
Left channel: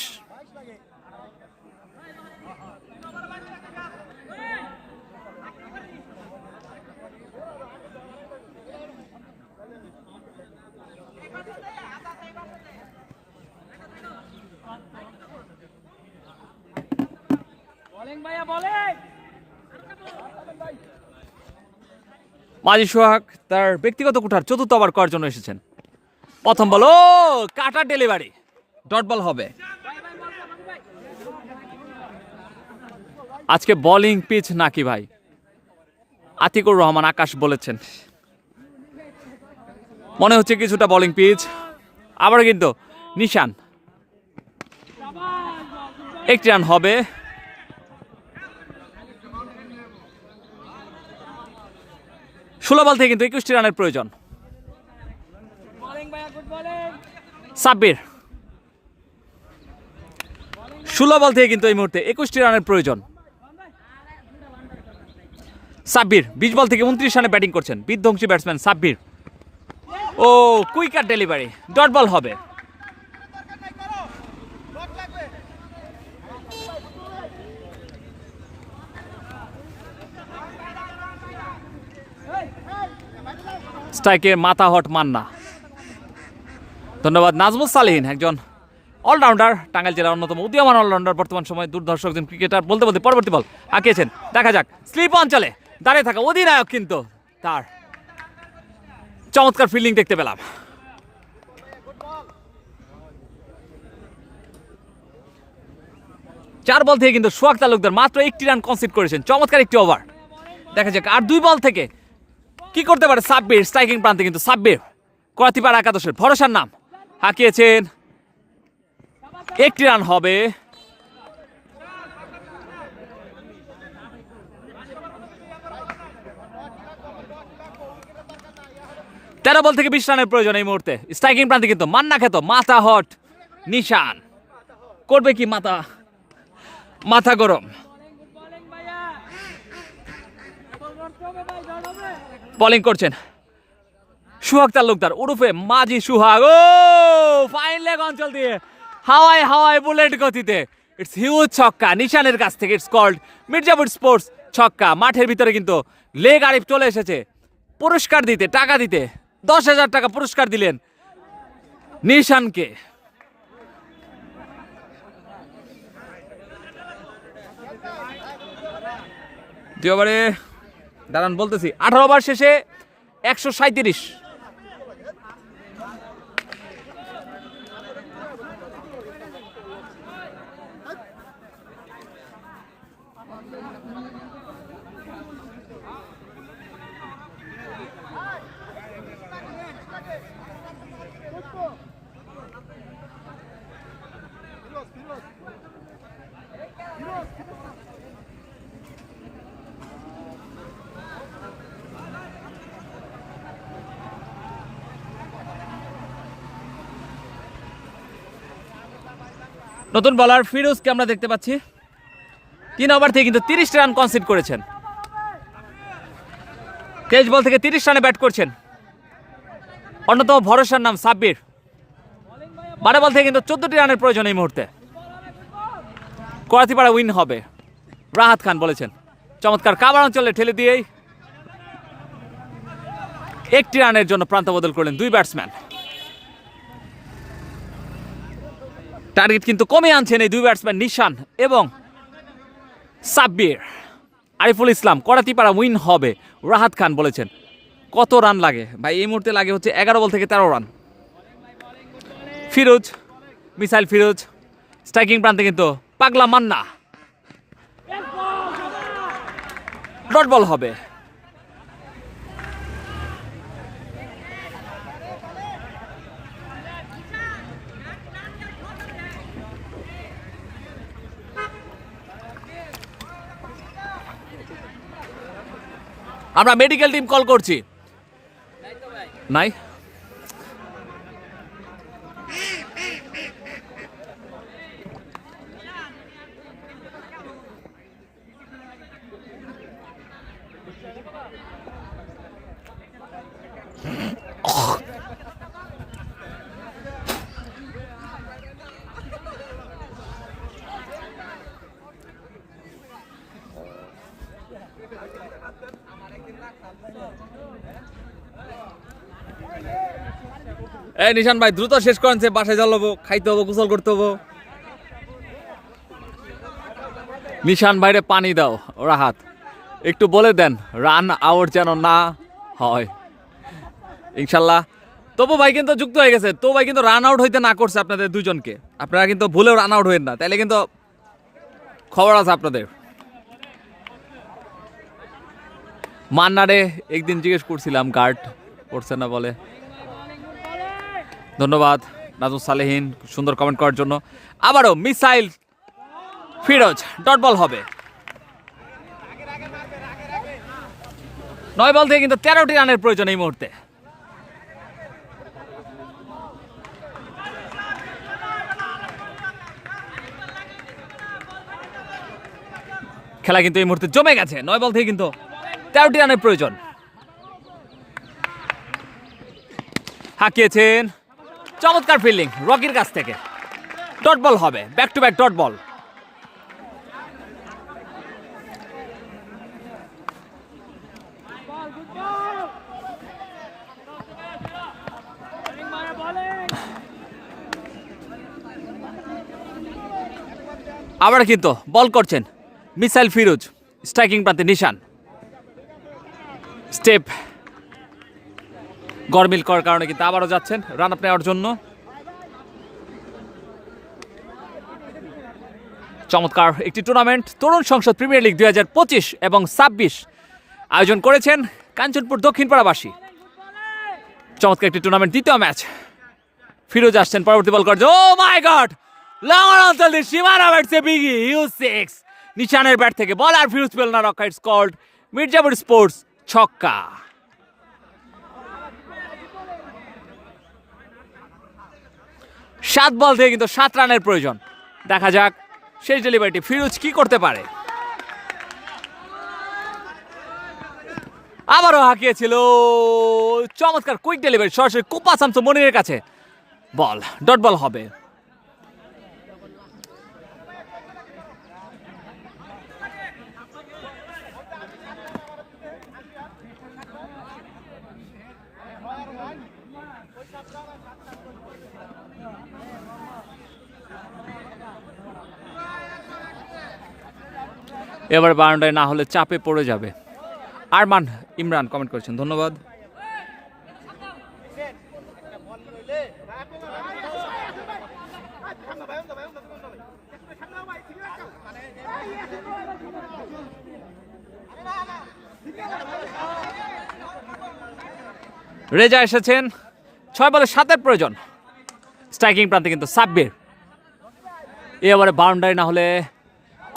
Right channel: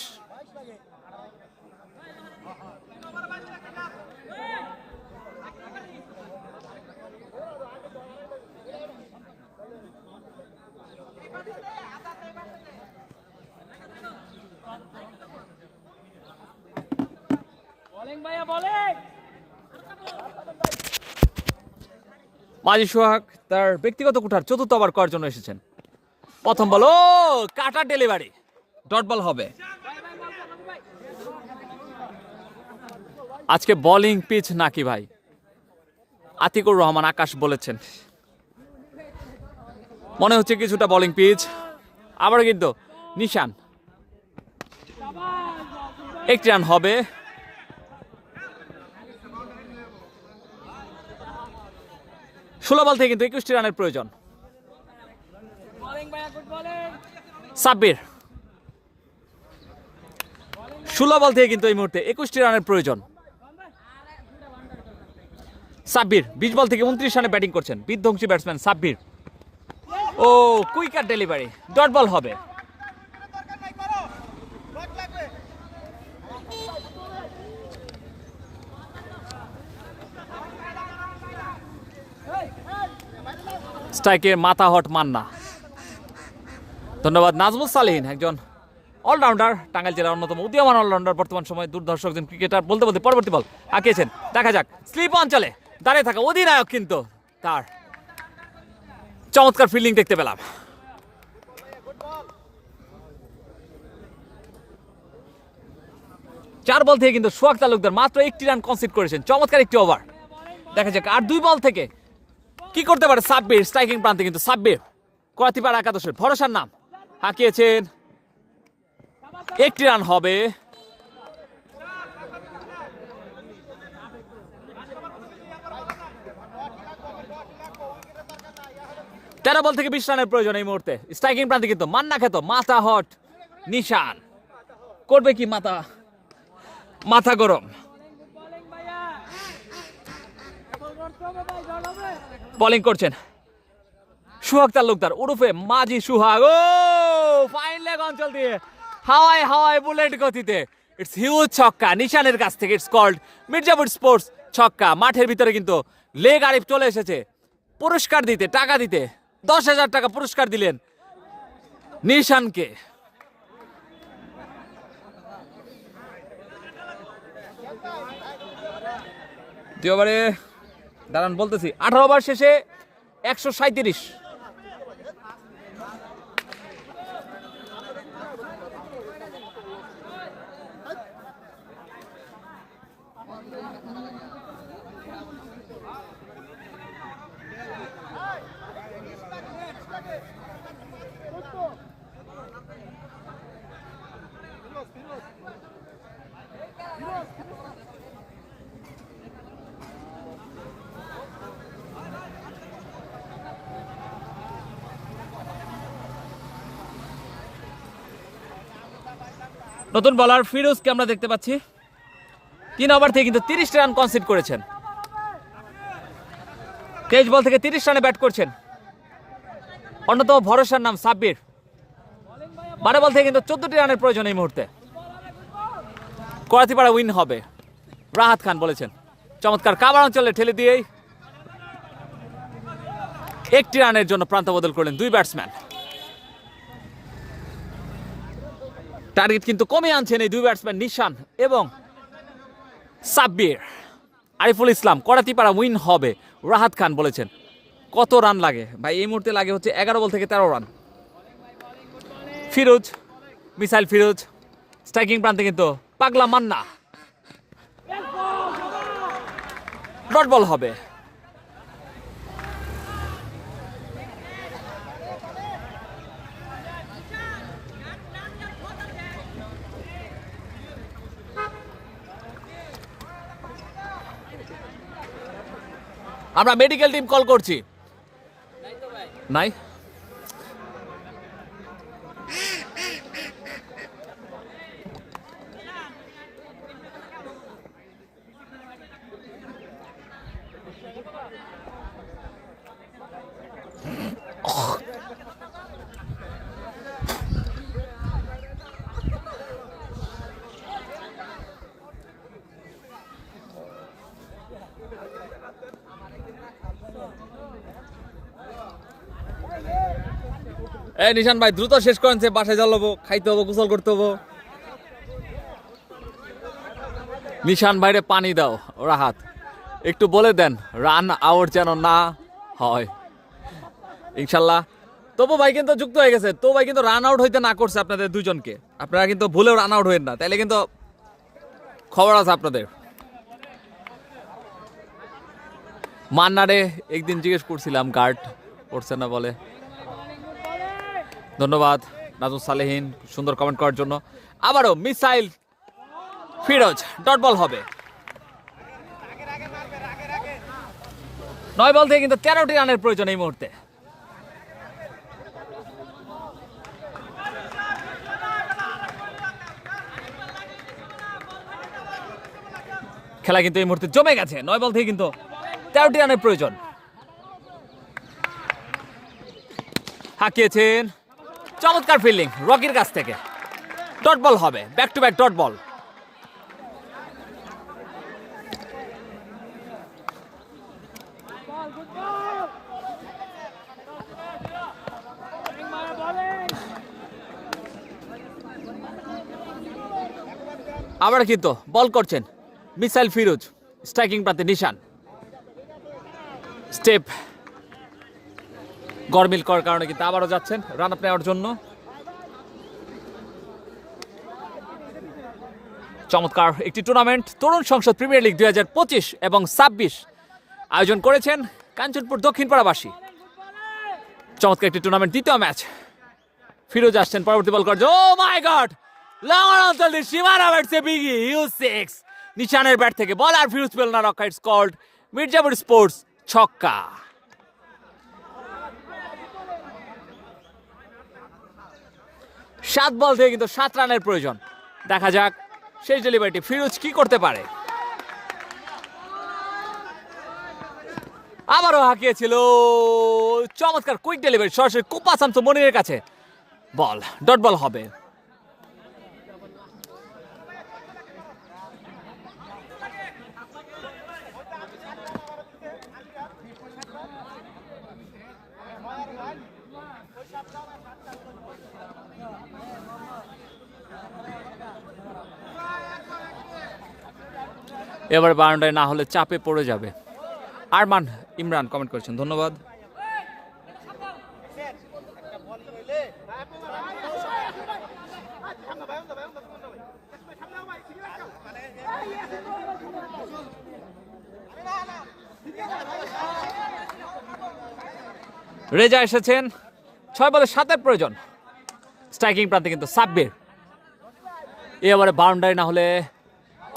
মাজি সোহাগ তার ব্যক্তিগত কুঠার 4র্থ ওভার করার জন্য এসেছেন। প্রথম বল, ও কাটার ডেলিভারি, ডট বল হবে। আজকে বোলিং পিচ নাকি ভাই, আতিকুর রহমান আকাশ বলেছেন। মনে হচ্ছে কিছুটা বোলিং পিচ। আবার কিন্তু নিশান, 1 রান হবে। ষোলো বল থেকে কিন্তু 21টি রানের প্রয়োজন। সাব্বির 16 বল থেকে কিন্তু এই মুহূর্তে 21টি রানের প্রয়োজন। সাব্বির 20 বল থেকে 29 রানে ব্যাটিং করছেন, বিধ্বংসী ব্যাটসম্যান সাব্বির। ও কুইকার ডেলিভারি, ডট বল হবে। স্ট্রাইকে মাথা হট মান্না। ধন্যবাদ নাজমুল সালেহীন, একজন অলরাউন্ডার, টাঙ্গাইল জেলার অন্যতম উদীয়মান অলরাউন্ডার, বর্তমান সময় দুর্ধর্ষ একজন ক্রিকেটার। বলতে বলতে পরবর্তী বল আঁকিয়েছেন, দেখা যাক। স্লিপ অঞ্চলে দাঁড়িয়ে থাকা অধিনায়ক কিন্তু তার চমৎকার ফিল্ডিং দেখতে পেলাম। চার বল থেকে কিন্তু সোহাগ তালুকদার মাত্র 1টি রান কনসিড করেছেন, চমৎকার একটি ওভার। দেখা যাক আর 2 বল থেকে কি করতে পারে সাব্বির। স্ট্রাইকিং প্রান্তে কিন্তু সাব্বির, করাতিপাড়া একাদশের ভরসার নাম, হাঁকিয়েছেন, 1টি রান হবে। তেরো বল থেকে 20 রানের প্রয়োজন এই মুহূর্তে। স্ট্রাইকিং প্রান্তে কিন্তু মান্না খেত, মাথা হট নিশান, করবে কি মাথা গরম। বোলিং করছেন সোহাগ তালুকদার ওরফে মাজি সোহাগ। ও ফাইন লেগ অঞ্চল দিয়ে হাওয়ায় বুলেট গতিতে ইটস হিউজ ছক্কা নিশানের কাছ থেকে। ইটস কল্ড মির্জাপুর স্পোর্টস ছক্কা। মাঠের ভিতরে কিন্তু লেগ আরিফ চলে এসেছে পুরস্কার দিতে, টাকা দিতে। 10,000 টাকা পুরস্কার দিলেন নিশানকে। দুই ওভারে দাঁড়ান বলতেছি, 18 ওভার শেষে 137। নতুন বলার ফিরোজকে আমরা দেখতে পাচ্ছি, 3 ওভার থেকে কিন্তু 30 রান কনসিড করেছেন। 23 বল থেকে 30 রানে ব্যাট করছেন অন্যতম ভরসার নাম সাব্বির। 12 বল থেকে কিন্তু 14টি রানের প্রয়োজন এই মুহূর্তে। করাতিপাড়া উইন হবে, রাহাত খান বলেছেন। চমৎকার কাভার অঞ্চলে ঠেলে দিয়েই 1টি রানের জন্য প্রান্ত বদল করলেন 2 ব্যাটসম্যান। টার্গেট কিন্তু কমে আনছেন এই 2 ব্যাটসম্যান নিশান এবং সাব্বির। আরিফুল ইসলাম, করাতিপাড়া উইন হবে, রাহাত খান বলেছেন। কত রান লাগে ভাই এই মুহূর্তে? লাগে হচ্ছে 11 বল থেকে 13 run. Firoz, missile Firoz, striking প্রান্তে কিন্তু পাগলা মান্না, ডট বল হবে। আমরা মেডিকেল টিম কল করছি। নাই এই নিশান ভাই দ্রুত শেষ করেন, বাসায় জ্বালাবো, খাইতে হবো, গোসল করতে হবো। নিশান ভাইরে পানি দাও ওরা হাত একটু বলে দেন রান আউট যেন না হয় ইনশাল্লাহ। তবু ভাই কিন্তু যুক্ত হয়ে গেছে, তো ভাই কিন্তু রান আউট হইতে না করছে আপনাদের দুজনকে, আপনারা কিন্তু ভুলেও রান আউট হইেন না, তাইলে কিন্তু খবর আছে আপনাদের। মান্নারে একদিন জিজ্ঞেস করছিলাম গার্ড পড়ছে না বলে। ধন্যবাদ নাজমুল সালেহীন সুন্দর কমেন্ট করার জন্য। আবারও মিসাইল ফিরোজ, ডট বল হবে। 9 বল থেকে কিন্তু 13টি রানের প্রয়োজন এই মুহূর্তে। খেলা কিন্তু এই মুহূর্তে জমে গেছে, 9 বল থেকে কিন্তু 13টি রানের প্রয়োজন। হাঁকিয়েছেন, চমৎকার ফিল্ডিং রকির কাছ থেকে, ডট বল হবে, ব্যাক টু ব্যাক ডট বল। আবার কিন্তু বল করছেন মিসাইল ফিরোজ, স্ট্রাইকিং প্রান্তে নিশান। স্টেপ গরমিল করার কারণে কিন্তু আবারও যাচ্ছেন রান আপ নেওয়ার জন্য। চমৎকার একটি টুর্নামেন্ট তরুণ সংসদ প্রিমিয়ার লিগ 2025 এবং 26 আয়োজন করেছেন কাঞ্চনপুর দক্ষিণপাড়াবাসী। চমৎকার একটি টুর্নামেন্ট, দ্বিতীয় ম্যাচ। ফিরোজ আসছেন পরবর্তী বল করছে, ও মাই গড, লং অঞ্চল দিয়ে সীমানা ব্যাটছে বিগি হিউজ 6। নিশানের ব্যাট থেকে বল আর ফিরোজ পেল না রক্ষা, ইটস কল্ড মির্জাপুর স্পোর্টস ছক্কা। সাত বল থেকে কিন্তু 7 রানের প্রয়োজন। দেখা যাক শেষ ডেলিভারিটি ফিরোজ কি করতে পারে। আবারও হাঁকিয়েছিল, চমৎকার কুইক ডেলিভারি সরাসরি কুপা শামসু মনিরের কাছে, বল ডট বল হবে। এবার বাউন্ডারি না হলে চাপে পড়ে যাবে। আরমান ইমরান কমেন্ট করেছেন, ধন্যবাদ। রেজা এসেছেন, 6 বলে 7-এর প্রয়োজন। স্ট্রাইকিং প্রান্তে কিন্তু সাব্বির। এবারে বাউন্ডারি না হলে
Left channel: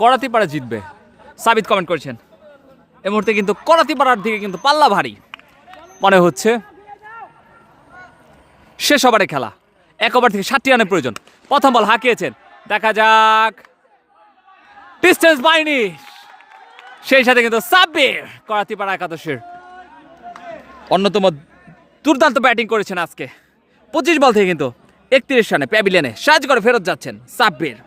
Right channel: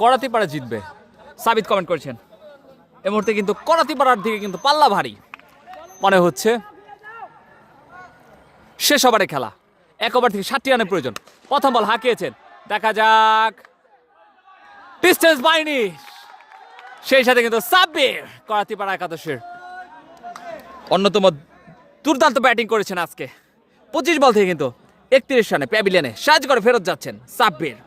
করাতিপাড়া জিতবে, সাবিত কমেন্ট করেছেন। এই মুহূর্তে কিন্তু করাতিপাড়ার দিকে কিন্তু পাল্লা ভারী মনে হচ্ছে। শেষ ওভারে খেলা, 1 ওভার থেকে 7টি রানের প্রয়োজন। প্রথম বল হাঁকিয়েছেন, দেখা যাক, ডিস্টেন্স পায়নি। সেই সাথে কিন্তু সাব্বির করাতিপাড়া একাদশের অন্যতম দুর্দান্ত ব্যাটিং করেছেন আজকে। 25 বল থেকে কিন্তু 31 রানে প্যাভিলিয়নে সাহায্য করে ফেরত যাচ্ছেন সাব্বির।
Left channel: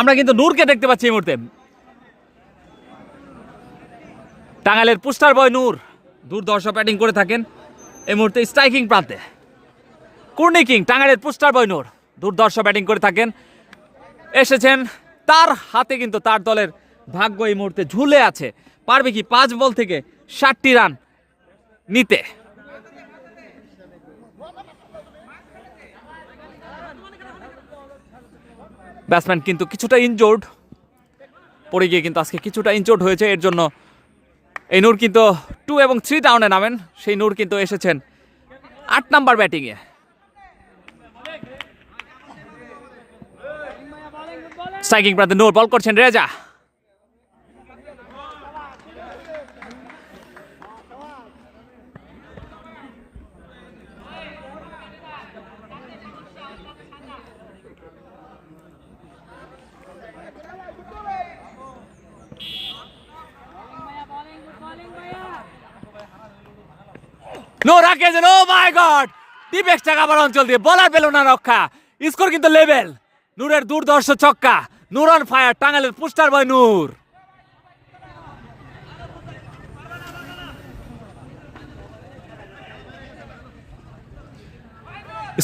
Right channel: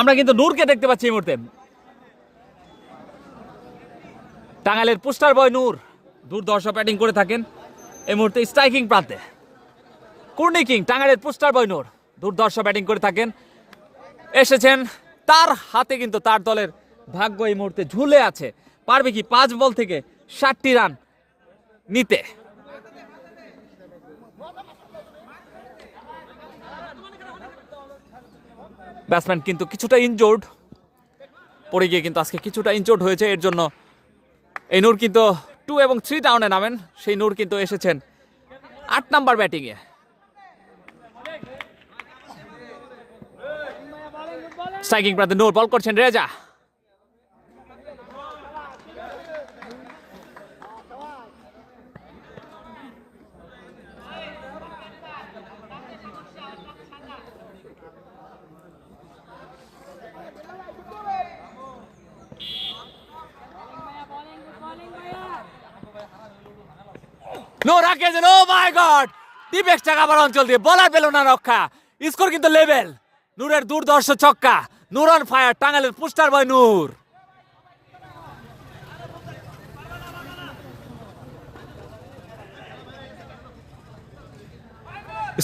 আমরা কিন্তু নূরকে দেখতে পাচ্ছি এই মুহূর্তে। টাঙ্গাইলের পোস্টার বয় নূর দুর্ধর্ষ ব্যাটিং করে থাকেন এই মুহূর্তে স্ট্রাইকিং প্রান্তে। কুর্নি কিং টাঙ্গাইলের পোস্টার বয় নূর দুর্ধর্ষ ব্যাটিং করে থাকেন, এসেছেন। তার হাতে কিন্তু তার দলের ভাগ্য এই মুহূর্তে ঝুলে আছে। পারবে কি 5 বল থেকে 60টি রান নিতে? ব্যাটসম্যান কিন্তু কিছুটা ইনজোর্ড, পড়ে গিয়ে কিন্তু আজকে কিছুটা ইনজোর্ড হয়েছে, এর জন্য এই নূর কিন্তু 2 এবং 3 ডাউনে নামেন, সেই নূর কিন্তু এসেছেন 8 নাম্বার ব্যাটিংয়ে। স্ট্রাইকিং প্রান্তে নূর, বল করছেন রেজা। নূর হাঁকিয়েছেন, ও মাই গড, ডিপ এক্সট্রা কাভার অঞ্চল দিয়ে বলার পেল না রক্ষা। স্কোর কিন্তু লেভেল। নূরের দুর্ধর্ষ ছক্কা, নূর অন ফায়ার, টাঙ্গাইলের পোস্টার বয় নূর।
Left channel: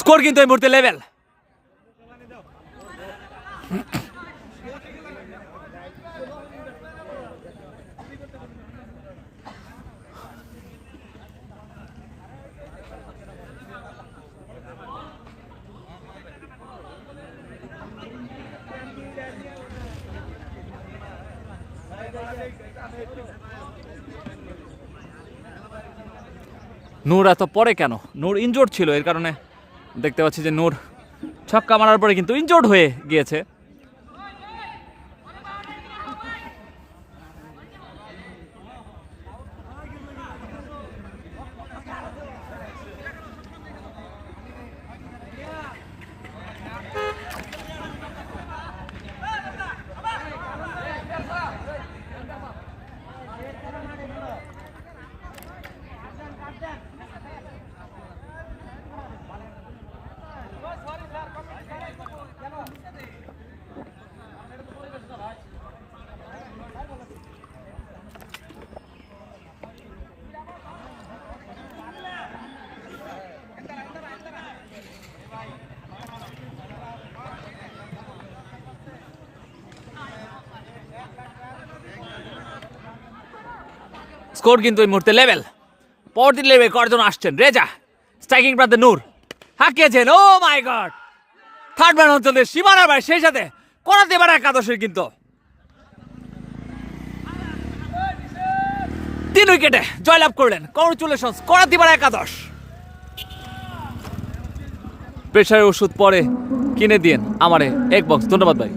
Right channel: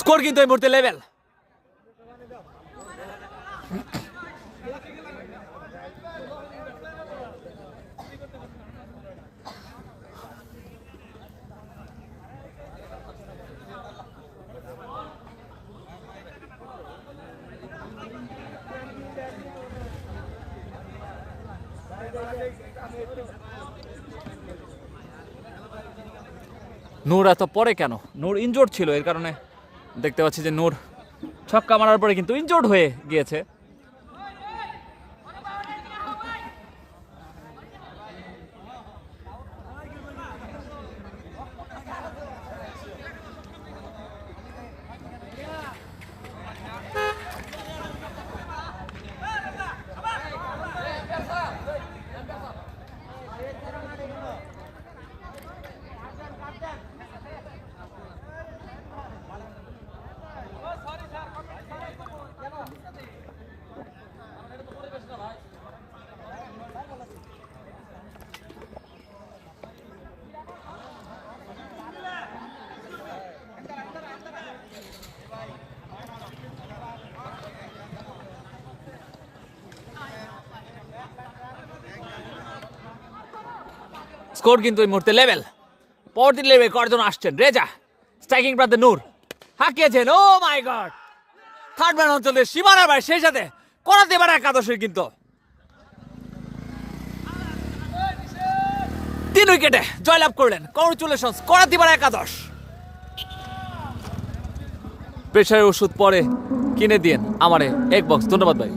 স্কোর কিন্তু এই মুহূর্তে লেভেল। নূর এত পরে কেন? নূর ইনজোর্ড ছিল, এর কারণে দেখতে পাচ্ছি যে নূর ছক্কা মারার পরে কিন্তু ইনজোর্ড হয়ে গিয়েছে। স্কোর কিন্তু এই মুহূর্তে লেভেল। পরবর্তী লেভেল করার জন্য আসছেন রেজা। স্ট্রাইকিং প্রান্তে নূর হাঁকিয়েছেন, ও মাই গড, থার্ড ম্যান অঞ্চলে সীমানার বাইরে, সেই সাথে করাতে পারে একাদশের কিন্তু 3 উইকেটে জয়লাভ করলেন। কংগ্রেচুলেশনস, করাতে পারে একাদশ। প্রেশারের ওষুধ পরে কিনে দিন আমারে এক বক্স, ধন্যবাদ ভাই।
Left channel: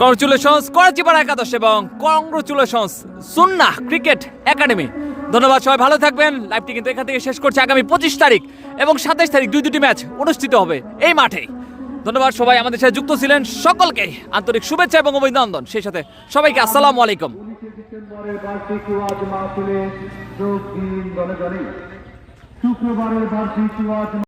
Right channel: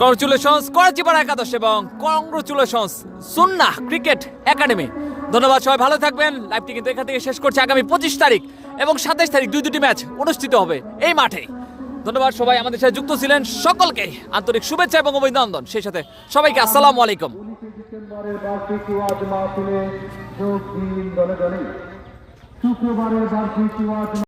কংগ্রেচুলেশনস করাচিপাড়া একাদশ এবং কংগ্রেচুলেশনস সুন্নাহ ক্রিকেট একাডেমি। ধন্যবাদ, সবাই ভালো থাকবেন। লাইভটি কিন্তু এখান থেকে শেষ করছে। আগামী 25 তারিখ এবং 27 তারিখ দুটি ম্যাচ অনুষ্ঠিত হবে এই মাঠে। ধন্যবাদ, সবাই আমাদের সাথে যুক্ত ছিলেন, সকলকে আন্তরিক শুভেচ্ছা এবং অভিনন্দন। সেই সাথে সবাইকে আসসালামু আলাইকুম।